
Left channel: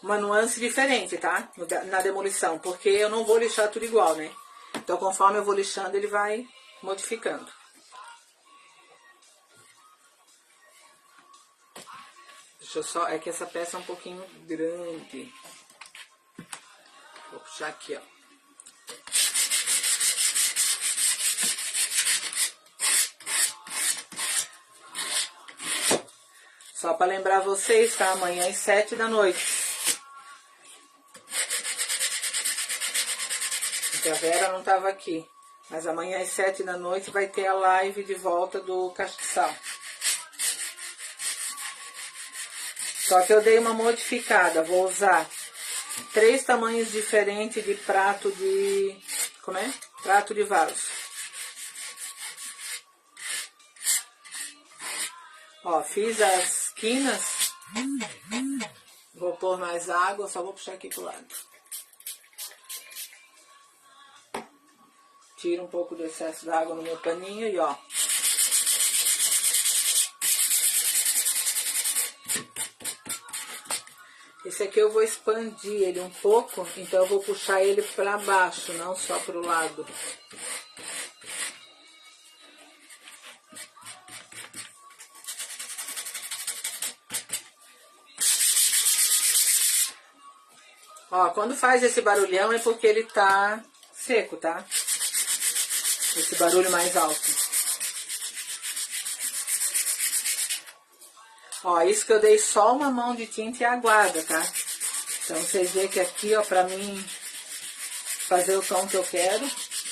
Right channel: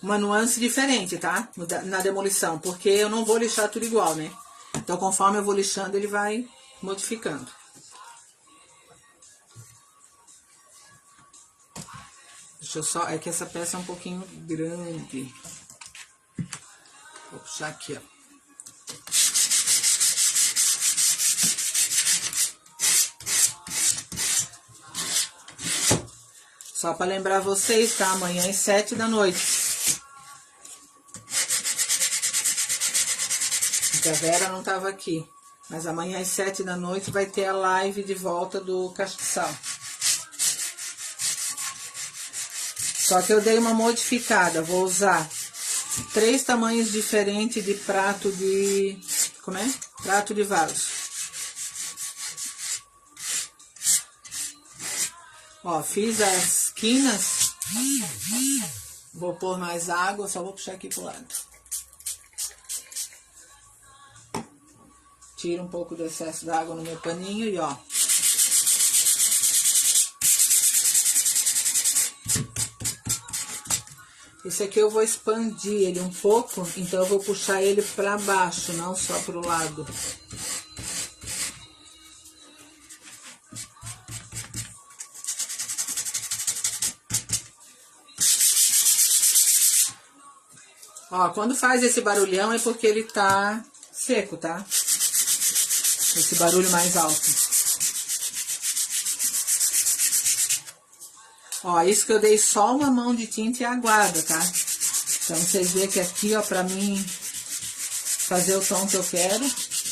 uma nuance diferente, tá? Na demolição, porque eu não vou lixar tudo igual, né? Então, conforme eu vou lixando, ele vai modificando. Deixa eu só... É que essa peça é um pouquinho grande. Vou puxar aqui, ó. Só para lembrar vocês, tá? Amanhã às 7 da noite. Porque a Vera não tava aqui. Mas amanhã às 7 da noite vai ter a live de volta do castiçal. Só que eu dei uma modificada. Vou usar 3 tamanhos diferentes de prato de... Como é? Prato de vaso. Ó, fiz as quinas. Vou pôr mais água, só vou puxar aqui pro lado. Tiro um pouco do excesso d'água no meu paninho e ó. Esse aqui eu vou expandir ele um pouco, então eu vou puxar ele para baixo, não só pro lado. Ó, quando faz esse barulhão é porque ele tá seco, tá? Esse barulho mais alto. Ó, isso que eu dei só uma mão de tinta e aguada, tá? Então, vocês veem que aqui, ó, pra mim fazer o tom que eu quero,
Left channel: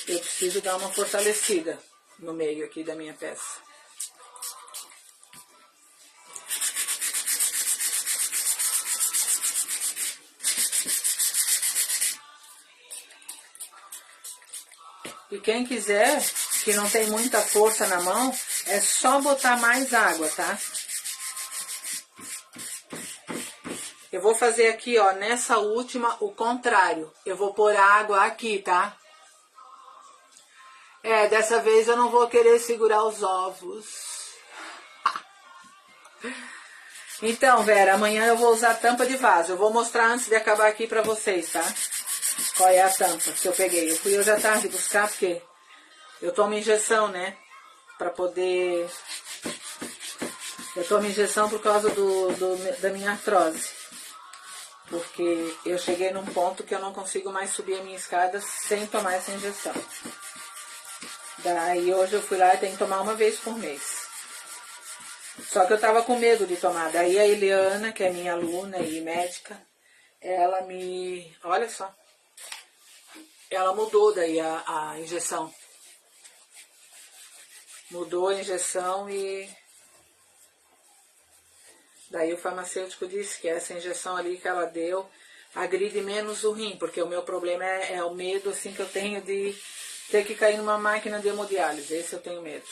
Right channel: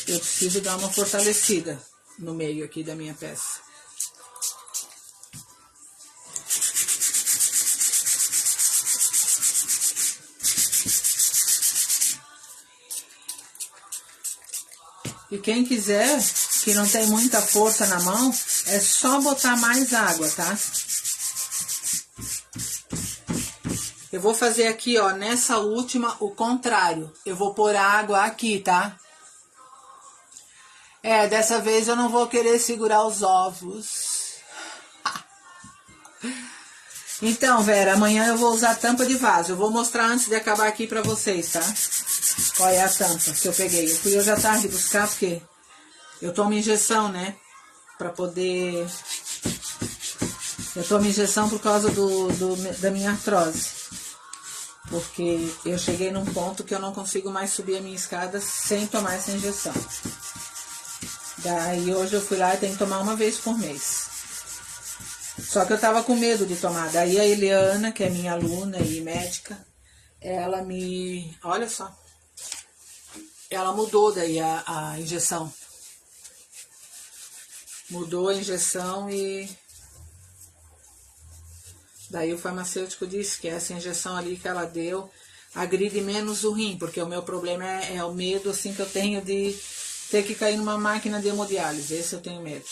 eu preciso dar uma fortalecida no meio aqui da minha peça. E quem quiser, que não tem muita força na mão, é só botar mais água, tá? Eu vou fazer aqui, ó, nessa última, o contrário. Eu vou pôr água aqui, tá? É, dessa vez eu não vou querer segurar os ovos. Então, Vera, amanhã eu vou usar tampa de vaso. Eu vou mostrar antes de acabar aqui pra vocês, tá? Qual é a tampa que eu peguei. Eu fui hoje à tarde buscar, porque eu tomo injeção, né? Pra poder... Eu tomo injeção por causa da minha artrose. Porque eu cheguei num ponto que eu não consigo mais subir a minha escada sem tomar essa injeção. Daí hoje eu fui lá e tenho que tomar uma vez por mês. Só que eu tava com medo de tomar. Daí a Eliana, que é minha aluna e médica, ela me... Olha só. Ela mudou daí a injeção. Mudou a injeção e... Daí o farmacêutico disse que essa injeção ali que ela deu agride menos o rim, porque o meu problema é o medo assim que eu tenho de ter que cair numa máquina de hemodiálise. Esse eu tenho medo,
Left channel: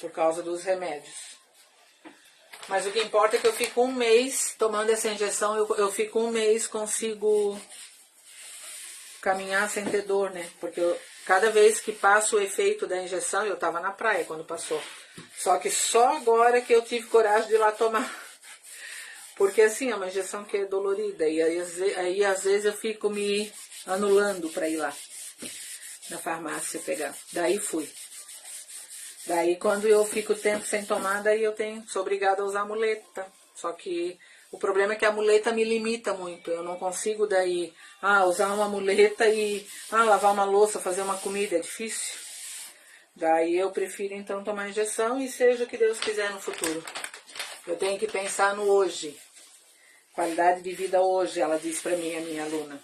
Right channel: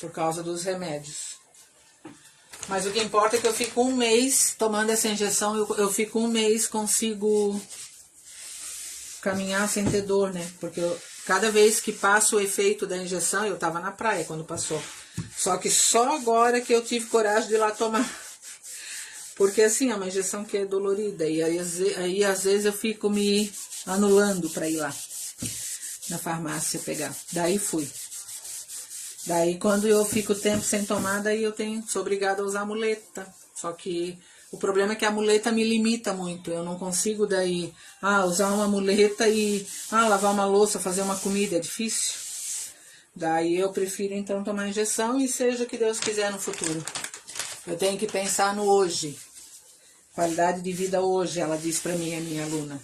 por causa dos remédios. Mas o que importa é que eu fico um mês tomando essa injeção, eu fico um mês, consigo caminhar sem ter dor, né? Porque cada vez que passa o efeito da injeção, eu tava na praia quando passou. Só que só agora que eu tive coragem de ir lá tomar. Porque assim, é uma injeção que é dolorida. E aí às vezes eu fico me anulando para ir lá na farmácia pegar. Daí fui. Daí quando eu fico tempo sem tomar, daí eu sou obrigada a usar muleta. Só que o problema é que a muleta me limita muito. Eu não consigo daí usar uma muleta e lavar uma louça, fazer uma comida. É difícil. Daí eu prefiro então tomar injeção e seja o que Deus quiser no futuro. Eu tenho que pensar no hoje. Qualidade de vida hoje, ela disse pra mim, a minha aluna.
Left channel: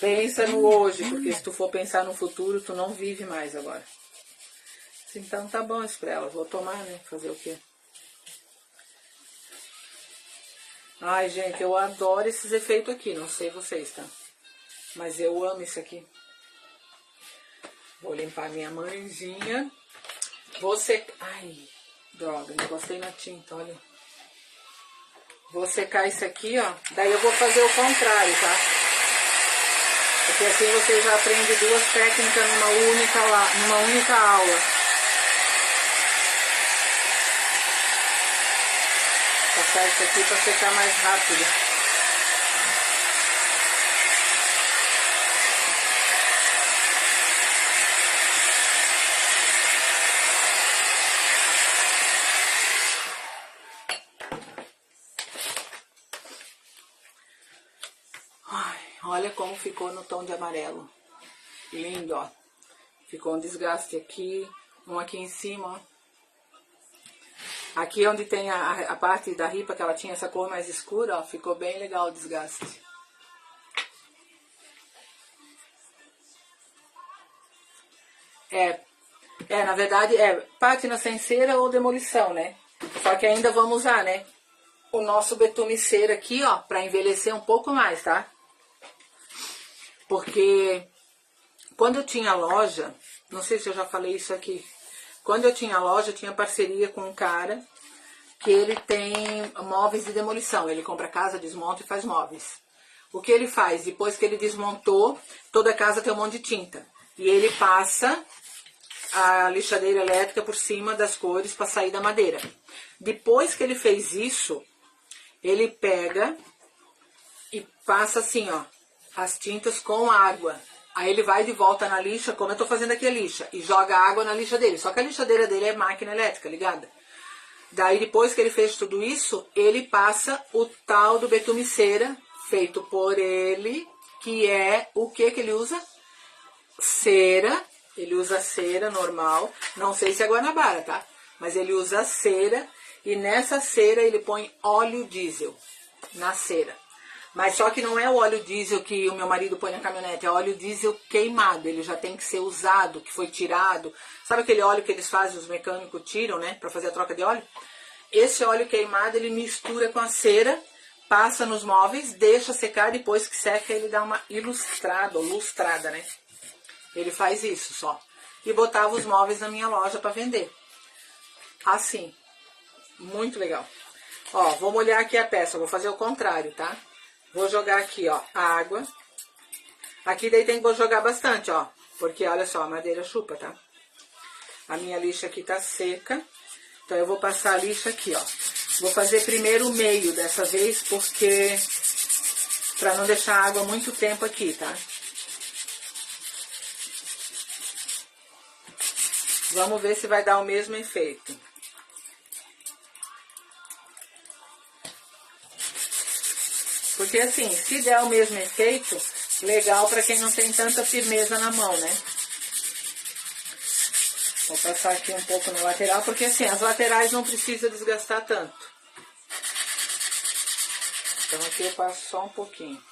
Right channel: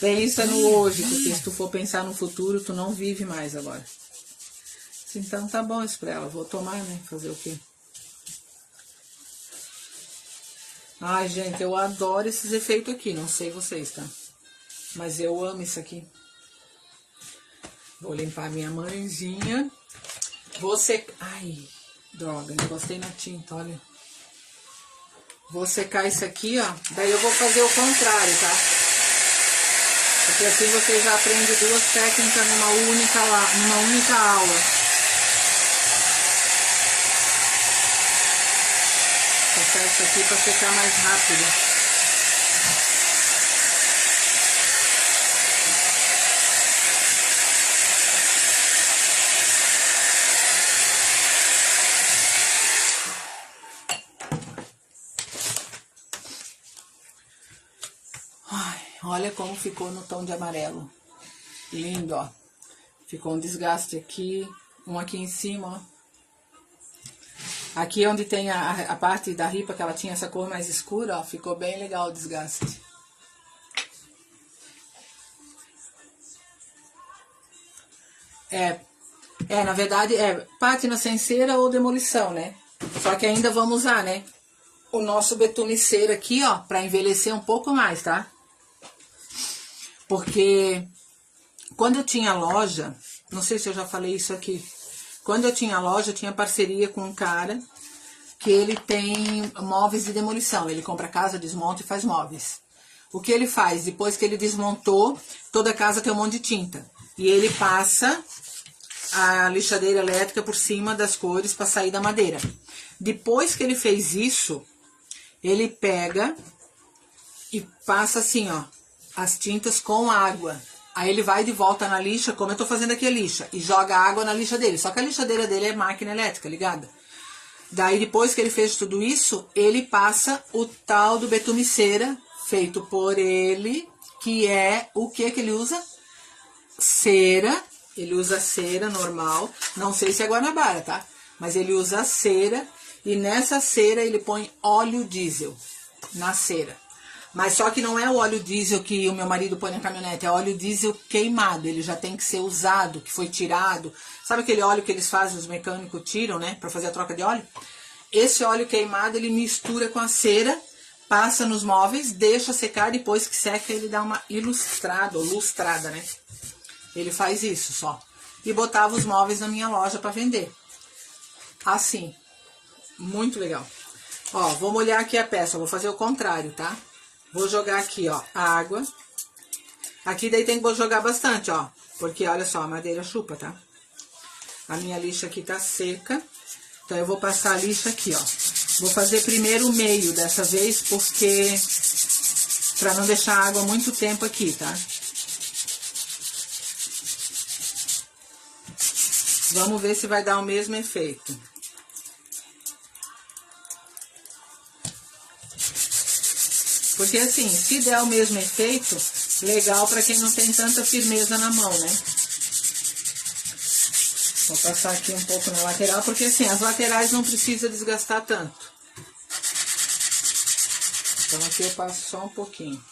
Pensa no hoje, porque se tu for pensar no futuro, tu não vive mais agora. Então tá bom isso pra ela, vou tomar, né? Fazer o quê? Ai, gente, eu adoro esses efeitos aqui, não sei vocês, tá? Mas eu amo isso aqui. Vou limpar minha manjinha. Ai, droga, encostei na tinta, olha. Vou secar isso aqui, ó. Daí eu vou fazer o contrário, tá? Porque assim você já aprende 2 técnicas numa única aula. Passar isso aqui para secar mais rápido. Olha como ficou no tom de amarelo. Lindo, ó. Ficou um desgaste aqui, um aqui em cima, ó. Aqui onde tem a parte da ripa, que ela tinha essa cor mais escura, ó, ficou bem legal o desgaste. Na verdade, pátina sem cera ou demolição, né? Só que ainda vamos usar, né? O nosso betume cera aqui, ó, pra envelhecer um pouco mais, tá? Porque quando eu tinha loja, não sei se eu já falei isso aqui, quando eu tinha loja, eu tinha parceria com um cara que ele tem móveis de demolição. Ele compra casa, desmonta e faz móveis. O que ele faz? Depois que ele desmontou, toda casa tem um monte de tinta. E ele passa a lixadeira elétrica por cima das cores para sair da madeira. Depois que ele fez isso, ele pega e passa assim, ó, as tintas com água. Aí ele vai de volta na lixa, como eu tô fazendo aqui a lixa, e joga água na lixa dele. Só que a lixadeira dele é máquina elétrica, ligada? Daí, depois que ele fez tudo isso, ele passa o tal do betume cera, feito por ele, que é o que ele usa? Cera. Ele usa cera normal, não sei se é Guanabara, tá? Mas ele usa cera e nessa cera ele põe óleo diesel na cera. Mas só que não é o óleo diesel que o meu marido põe na caminhonete, é óleo diesel queimado, ele já tem que ser usado, que foi tirado. Sabe aquele óleo que eles fazem, os mecânicos tiram, né, pra fazer a troca de óleo? Esse óleo queimado ele mistura com a cera, passa nos móveis, deixa secar, depois que seca ele dá uma ilustrada, ou lustrada, né? Ele faz isso só. E botava os móveis na minha loja para vender. Assim. Muito legal. Ó, vou molhar aqui a peça. Vou fazer o contrário, tá? Vou jogar aqui, ó, água. Aqui daí tem que jogar bastante, ó. Porque, olha só, a madeira chupa, tá? A minha lixa aqui tá seca. Então, eu vou passar a lixa aqui, ó. Vou fazer primeiro o meio dessa vez, porque... pra não deixar a água muito tempo aqui, tá? Vamos ver se vai dar o mesmo efeito. Porque assim, se der o mesmo efeito, legal para quem não tem tanta firmeza na mão, né? Vou passar aqui um pouco na lateral, porque assim, as laterais não precisa desgastar tanto. Então aqui eu passo só um pouquinho.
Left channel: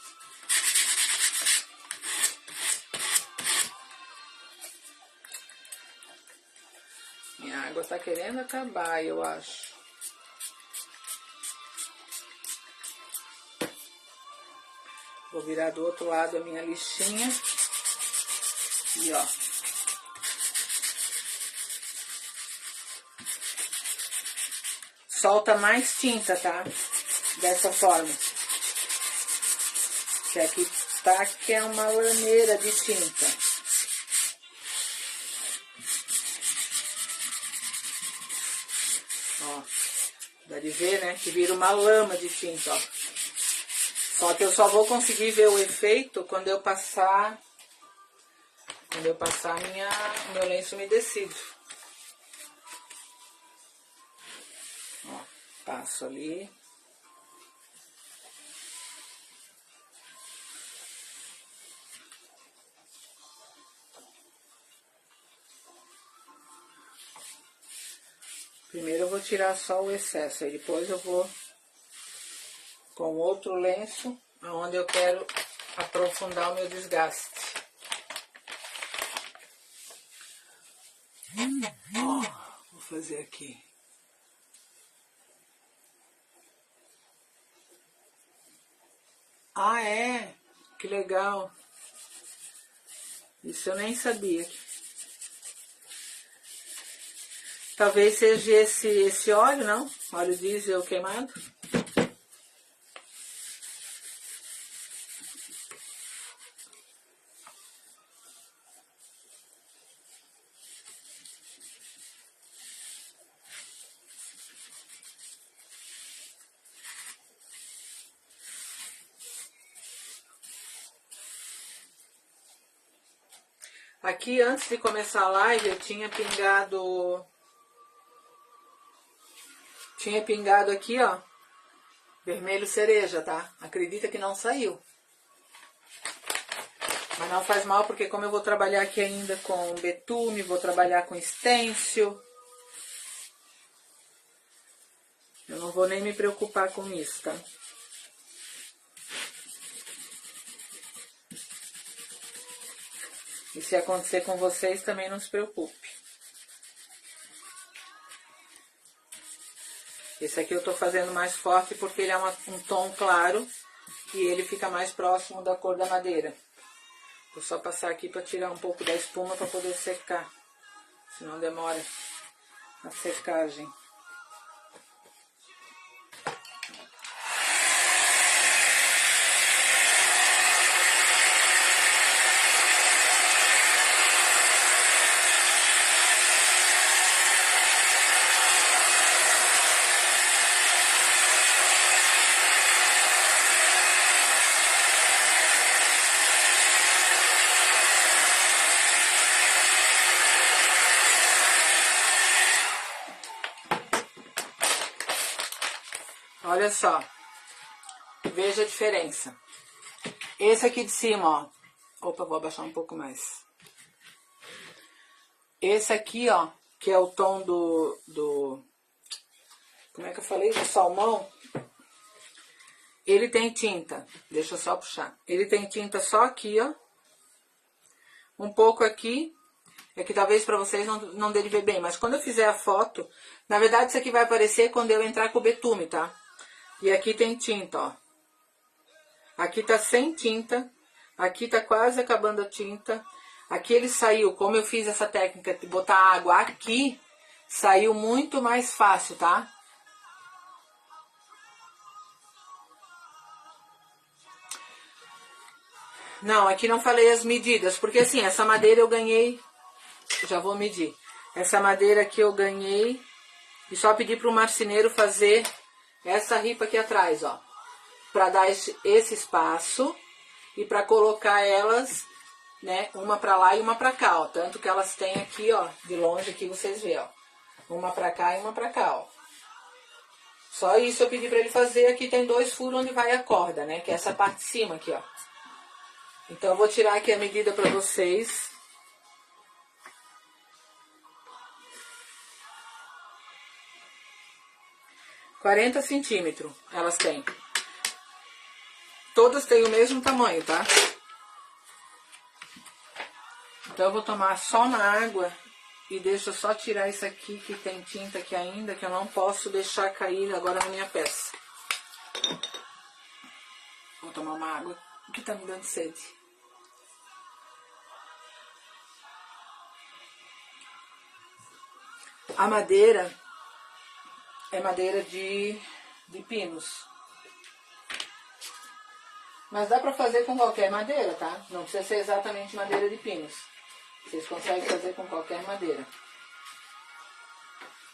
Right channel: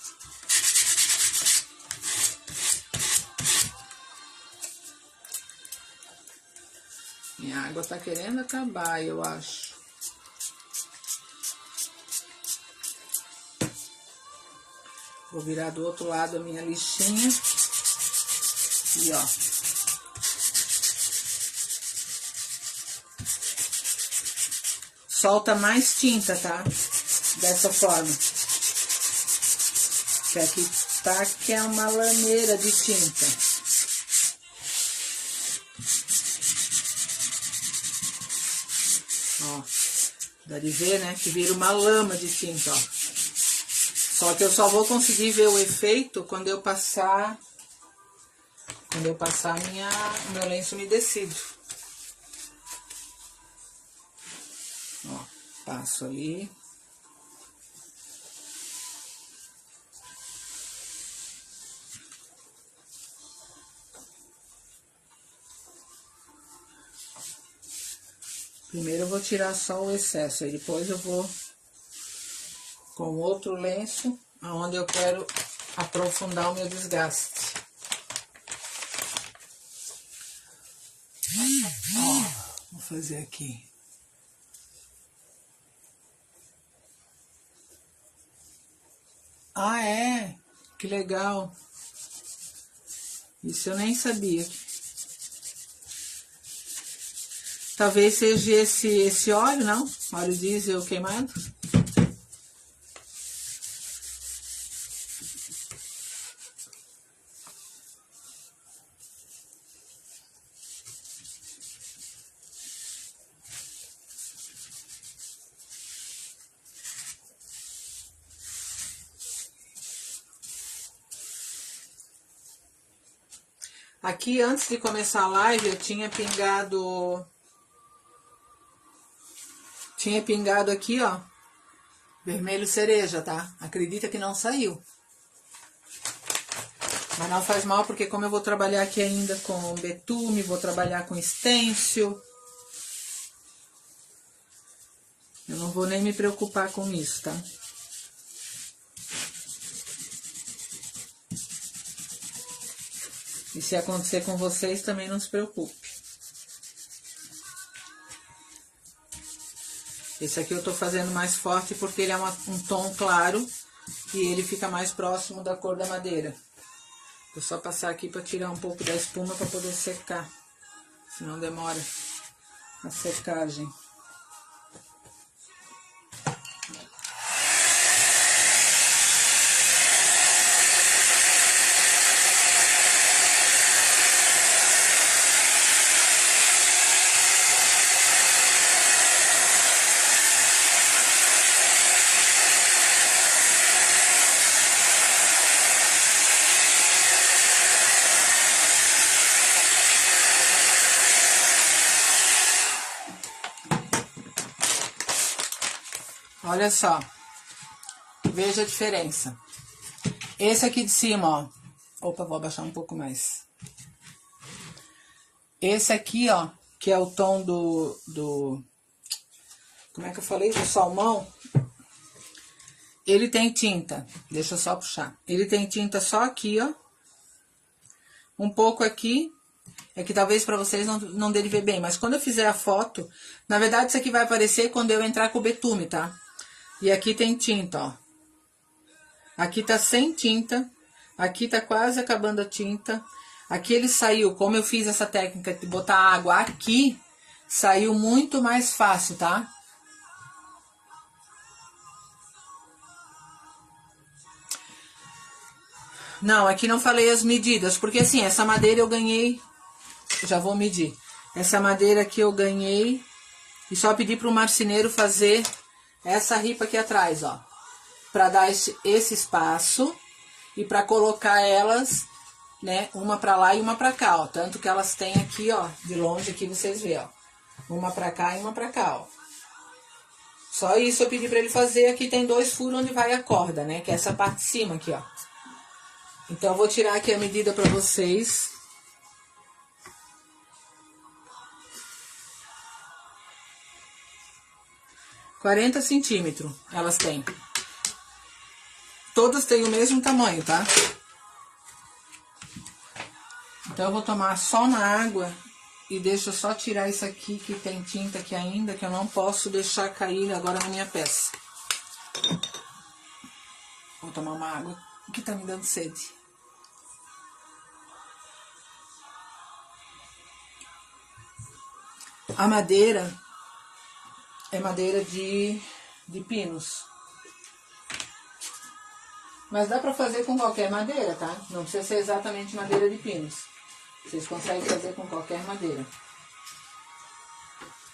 Minha água tá querendo acabar, eu acho. Vou virar do outro lado a minha lixinha. E ó. Solta mais tinta, tá? Dessa forma. Que aqui tá que é uma lameira de tinta. Ó, dá de ver, né? Que vira uma lama de tinta, ó. Só que eu só vou conseguir ver o efeito quando eu passar... o meu lenço umedecido. Ó, passo ali. Primeiro eu vou tirar só o excesso, aí depois eu vou com outro lenço, aonde eu quero aprofundar o meu desgaste. Ó, vou fazer aqui. Ah, é? Que legal. Isso eu nem sabia. Talvez seja esse óleo, não? Óleo diesel queimado. Aqui, antes de começar a live, eu tinha pingado... aqui, ó, vermelho cereja, tá? Acredita que não saiu. Mas não faz mal, porque como eu vou trabalhar aqui ainda com betume, vou trabalhar com stencil. vou nem me preocupar com isso, tá? E se acontecer com vocês, também não se preocupe. Esse aqui eu tô fazendo mais forte porque ele é um tom claro e ele fica mais próximo da cor da madeira. Vou só passar aqui para tirar um pouco da espuma para poder secar, senão demora a secagem. Olha só, veja a diferença. Esse aqui de cima, ó. Opa, vou abaixar um pouco mais. Esse aqui, ó, que é o tom como é que eu falei? Do salmão. Ele tem tinta. Deixa eu só puxar. Ele tem tinta só aqui, ó. Um pouco aqui. É que talvez pra vocês não dê de ver bem. Mas quando eu fizer a foto, na verdade isso aqui vai aparecer quando eu entrar com o betume, tá? E aqui tem tinta, ó. Aqui tá sem tinta. Aqui tá quase acabando a tinta. Aqui ele saiu, como eu fiz essa técnica de botar água aqui, saiu muito mais fácil, tá? Não, aqui não falei as medidas, porque assim, essa madeira eu ganhei, já vou medir. Essa madeira aqui eu ganhei e só pedi pro marceneiro fazer essa ripa aqui atrás, ó. Pra dar esse espaço e pra colocar elas, né, uma pra lá e uma pra cá, ó. Tanto que elas têm aqui, ó, de longe aqui vocês veem, ó. Uma pra cá e uma pra cá, ó. Só isso eu pedi pra ele fazer. Aqui tem 2 furos onde vai a corda, né, que é essa parte de cima aqui, ó. Então eu vou tirar aqui a medida pra vocês. (40 centímetros) elas têm. Todas têm o mesmo tamanho, tá? Então eu vou tomar só uma água e deixa eu só tirar isso aqui que tem tinta aqui ainda, que eu não posso deixar cair agora na minha peça. Vou tomar uma água que tá me dando sede. A madeira é madeira de pinos. Mas dá pra fazer com qualquer madeira, tá? Não precisa ser exatamente madeira de pinos. Vocês conseguem fazer com qualquer madeira.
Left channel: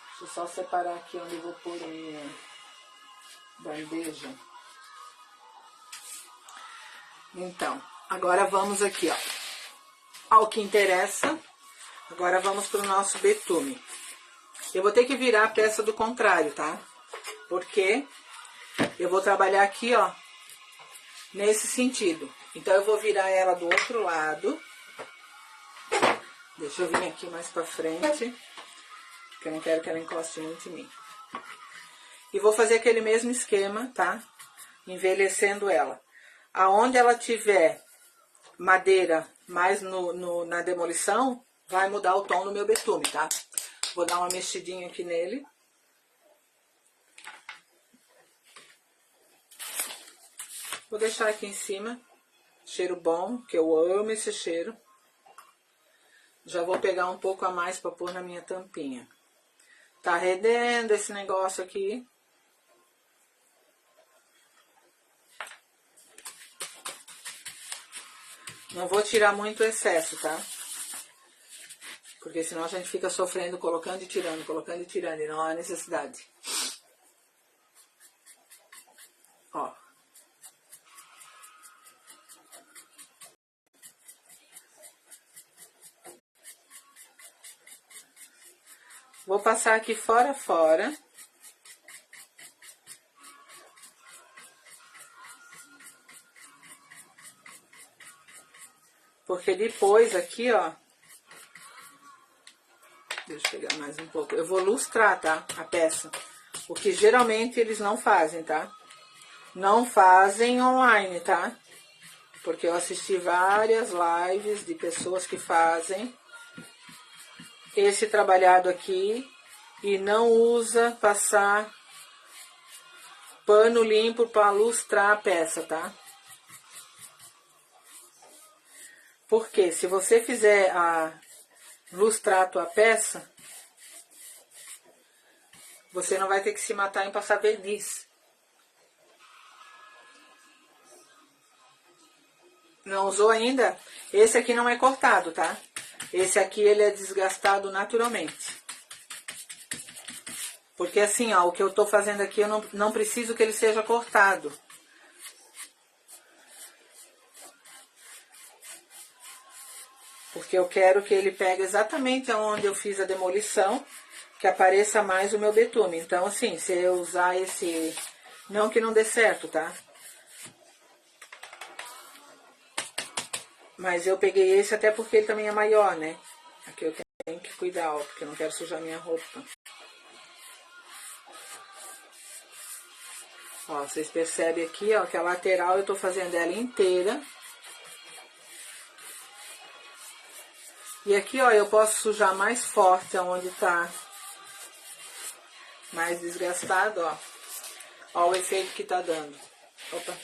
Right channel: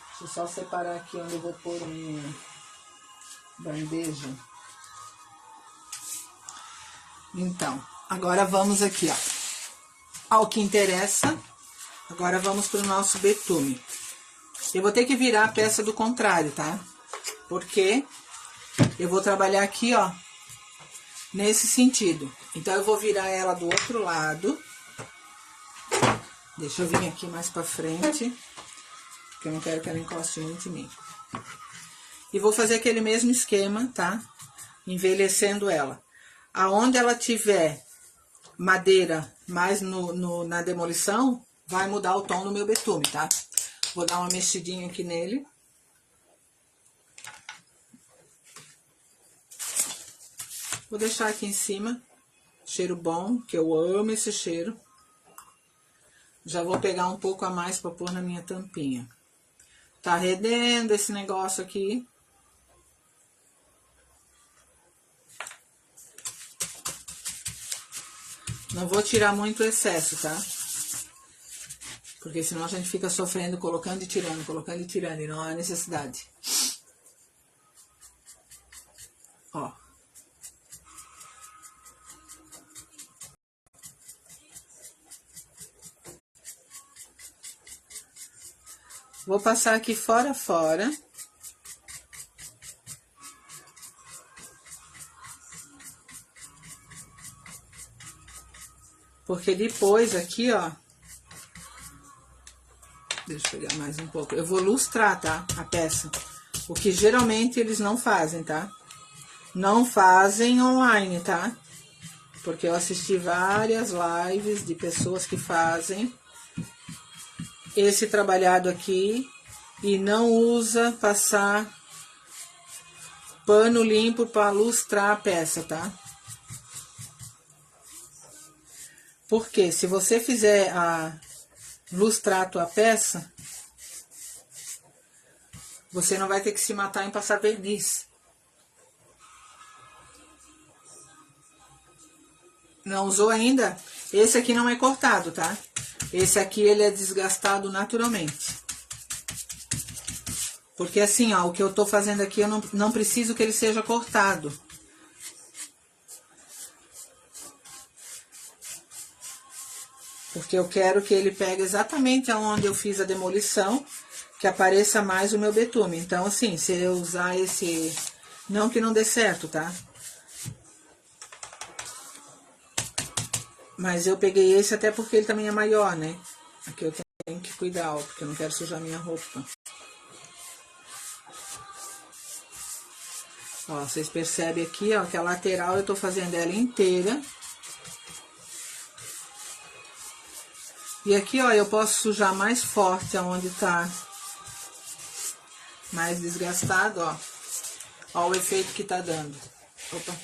Deixa eu só separar aqui onde eu vou pôr a minha bandeja. Então, agora vamos aqui, ó. Ao que interessa. Agora vamos pro nosso betume. Eu vou ter que virar a peça do contrário, tá? Porque eu vou trabalhar aqui, ó, nesse sentido. Então, eu vou virar ela do outro lado. Deixa eu vir aqui mais pra frente, porque eu não quero que ela encoste muito em mim. E vou fazer aquele mesmo esquema, tá? Envelhecendo ela. Aonde ela tiver madeira mais na demolição, vai mudar o tom do meu betume, tá? Vou dar uma mexidinha aqui nele. Vou deixar aqui em cima. Cheiro bom, que eu amo esse cheiro. Já vou pegar um pouco a mais para pôr na minha tampinha. Tá arredendo esse negócio aqui. Não vou tirar muito o excesso, tá? Porque senão a gente fica sofrendo, colocando e tirando, e não há necessidade. Ó. Vou passar aqui fora. Porque depois aqui, ó. Deixa eu pegar mais um pouco. Eu vou lustrar, tá? A peça. O que geralmente eles não fazem, tá? Não fazem online, tá? Porque eu assisti várias lives de pessoas que fazem esse trabalhado aqui e não usa passar pano limpo para lustrar a peça, tá? Porque se você fizer lustrar a tua peça, você não vai ter que se matar em passar verniz. Não usou ainda? Esse aqui não é cortado, tá? Esse aqui ele é desgastado naturalmente. Porque assim, ó, o que eu tô fazendo aqui, eu não preciso que ele seja cortado. Porque eu quero que ele pegue exatamente onde eu fiz a demolição, que apareça mais o meu betume. Então, assim, se eu usar esse... Não que não dê certo, tá? Mas eu peguei esse até porque ele também é maior, né? Aqui eu tenho que cuidar, ó, porque eu não quero sujar minha roupa. Ó, vocês percebem aqui, ó, que a lateral eu tô fazendo ela inteira. E aqui, ó, eu posso sujar mais forte aonde tá mais desgastado, ó. Ó o efeito que tá dando. Opa.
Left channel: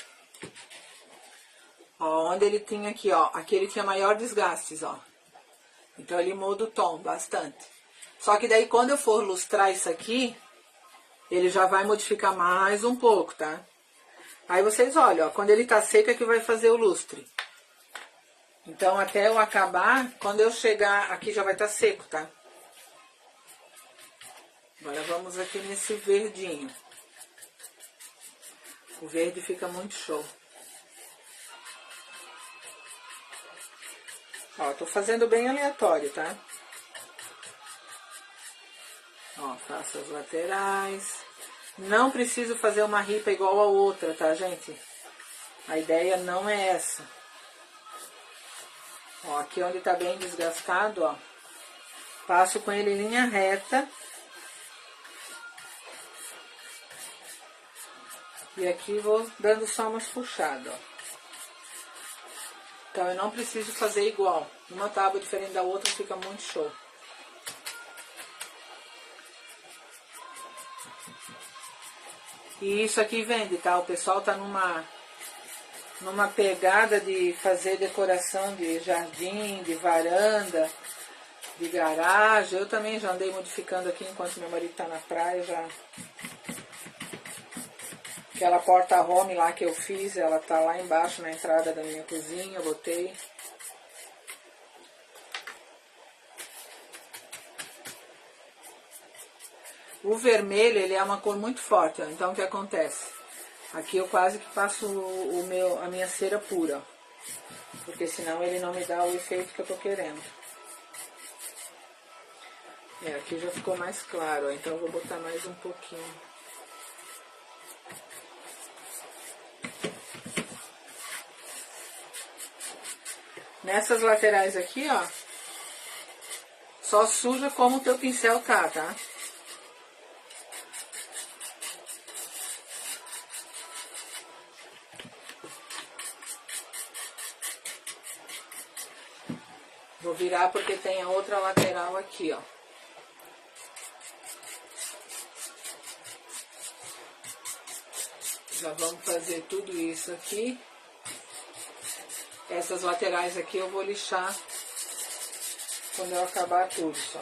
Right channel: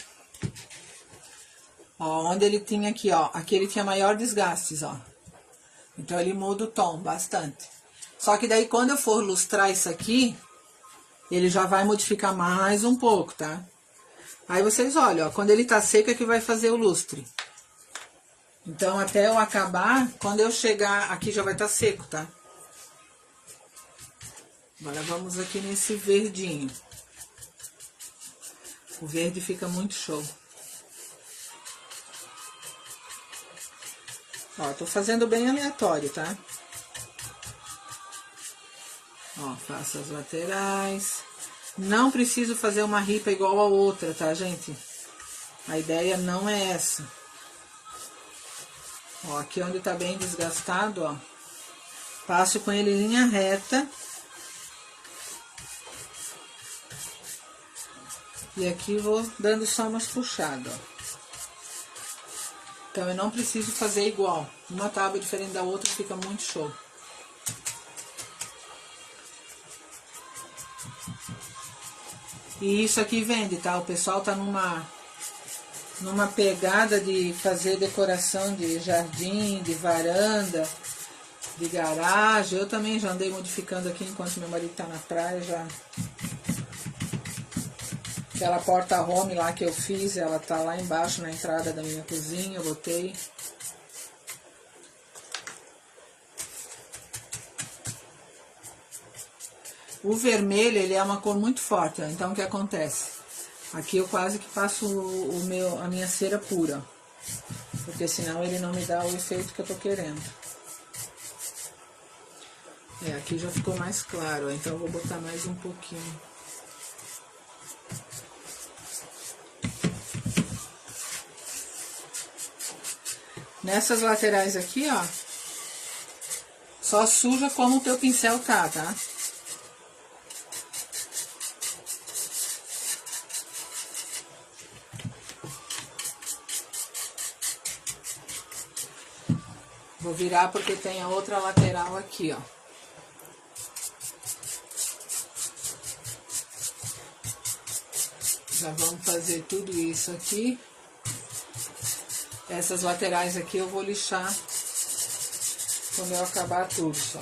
Ó, onde ele tinha aqui, ó. Aqui ele tinha maior desgastes, ó. Então ele muda o tom bastante. Só que daí quando eu for lustrar isso aqui, ele já vai modificar mais um pouco, tá? Aí vocês olham, ó. Quando ele tá seco é que vai fazer o lustre. Então até eu acabar, quando eu chegar aqui já vai estar seco, tá? Agora vamos aqui nesse verdinho. O verde fica muito show. Ó, tô fazendo bem aleatório, tá? Ó, faço as laterais. Não preciso fazer uma ripa igual a outra, tá, gente? A ideia não é essa. Ó, aqui onde tá bem desgastado, ó. Passo com ele em linha reta. E aqui vou dando só umas puxadas, ó. Então, eu não preciso fazer igual. Uma tábua diferente da outra fica muito show. E isso aqui vende, tá? O pessoal tá numa pegada de fazer decoração de jardim, de varanda, de garagem. Eu também já andei modificando aqui enquanto meu marido tá na praia, já... Aquela porta home lá que eu fiz, ela tá lá embaixo na entrada da minha cozinha, eu botei. O vermelho, ele é uma cor muito forte, ó. Então o que acontece? Aqui eu quase que faço a minha cera pura, ó. Porque senão ele não me dá o efeito que eu tô querendo. Aqui já ficou mais claro, ó. Então eu vou botar mais um pouquinho. Nessas laterais aqui, ó, só suja como o teu pincel tá? Vou virar porque tem a outra lateral aqui, ó. Já vamos fazer tudo isso aqui. Essas laterais aqui eu vou lixar quando eu acabar tudo, só.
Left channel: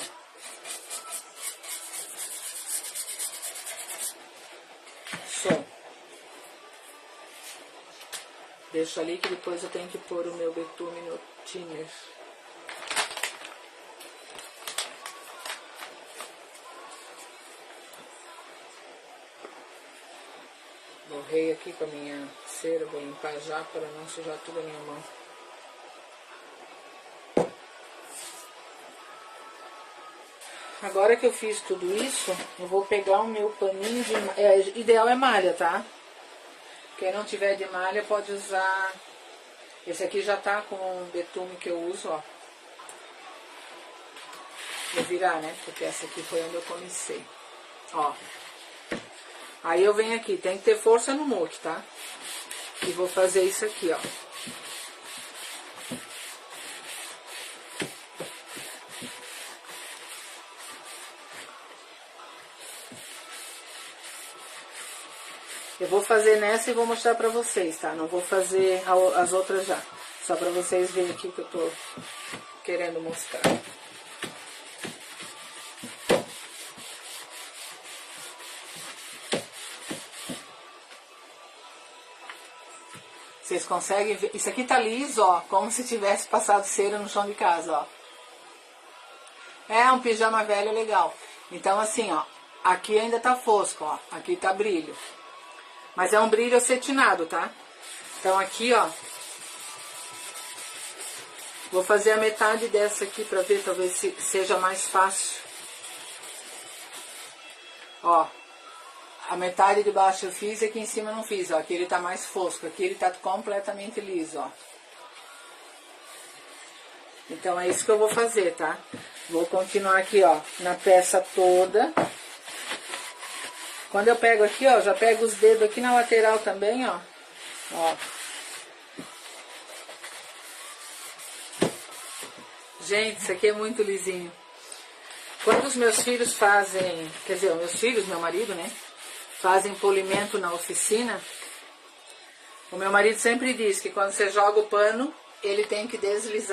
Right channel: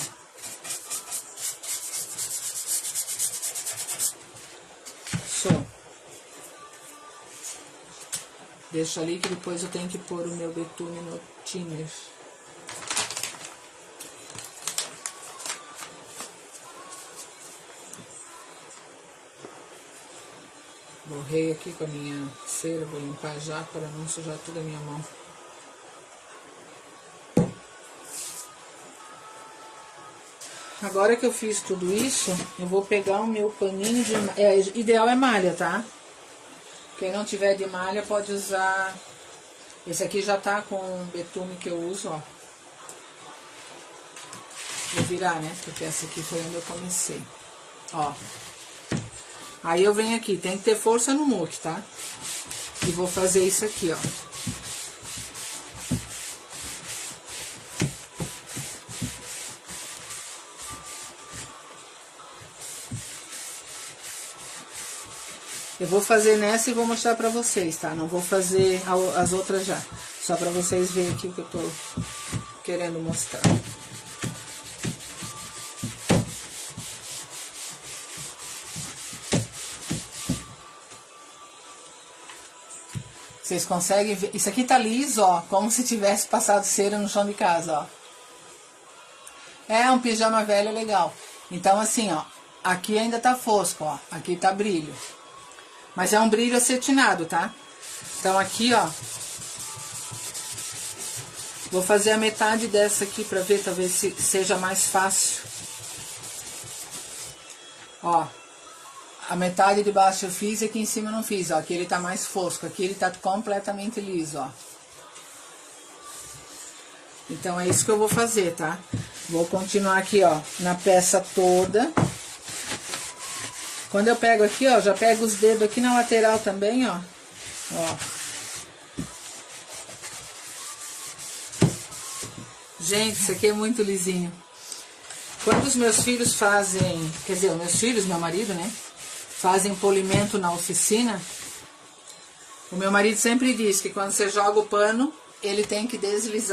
Só. Deixo ali que depois eu tenho que pôr o meu betume no thinner. Borrei aqui com a minha cera, vou limpar já para não sujar toda a minha mão. Agora que eu fiz tudo isso, eu vou pegar o meu paninho de malha. Ideal é malha, tá? Quem não tiver de malha pode usar... Esse aqui já tá com o betume que eu uso, ó. Vou virar, né? Porque essa aqui foi onde eu comecei. Ó. Aí eu venho aqui, tem que ter força no muque, tá? E vou fazer isso aqui, ó. Eu vou fazer nessa e vou mostrar pra vocês, tá? Não vou fazer as outras já. Só pra vocês verem aqui que eu tô querendo mostrar. Vocês conseguem ver? Isso aqui tá liso, ó. Como se tivesse passado cera no chão de casa, ó. É um pijama velho legal. Então assim, ó. Aqui ainda tá fosco, ó. Aqui tá brilho. Mas é um brilho acetinado, tá? Então aqui, ó. Vou fazer a metade dessa aqui pra ver, talvez seja mais fácil. Ó. A metade de baixo eu fiz e aqui em cima eu não fiz, ó. Aqui ele tá mais fosco, aqui ele tá completamente liso, ó. Então é isso que eu vou fazer, tá? Vou continuar aqui, ó, na peça toda. Quando eu pego aqui, ó, já pego os dedos aqui na lateral também, ó. Ó. Gente, isso aqui é muito lisinho. Quando os meus filhos fazem, quer dizer, meus filhos, meu marido, né? Fazem polimento na oficina. O meu marido sempre diz que quando você joga o pano, ele tem que deslizar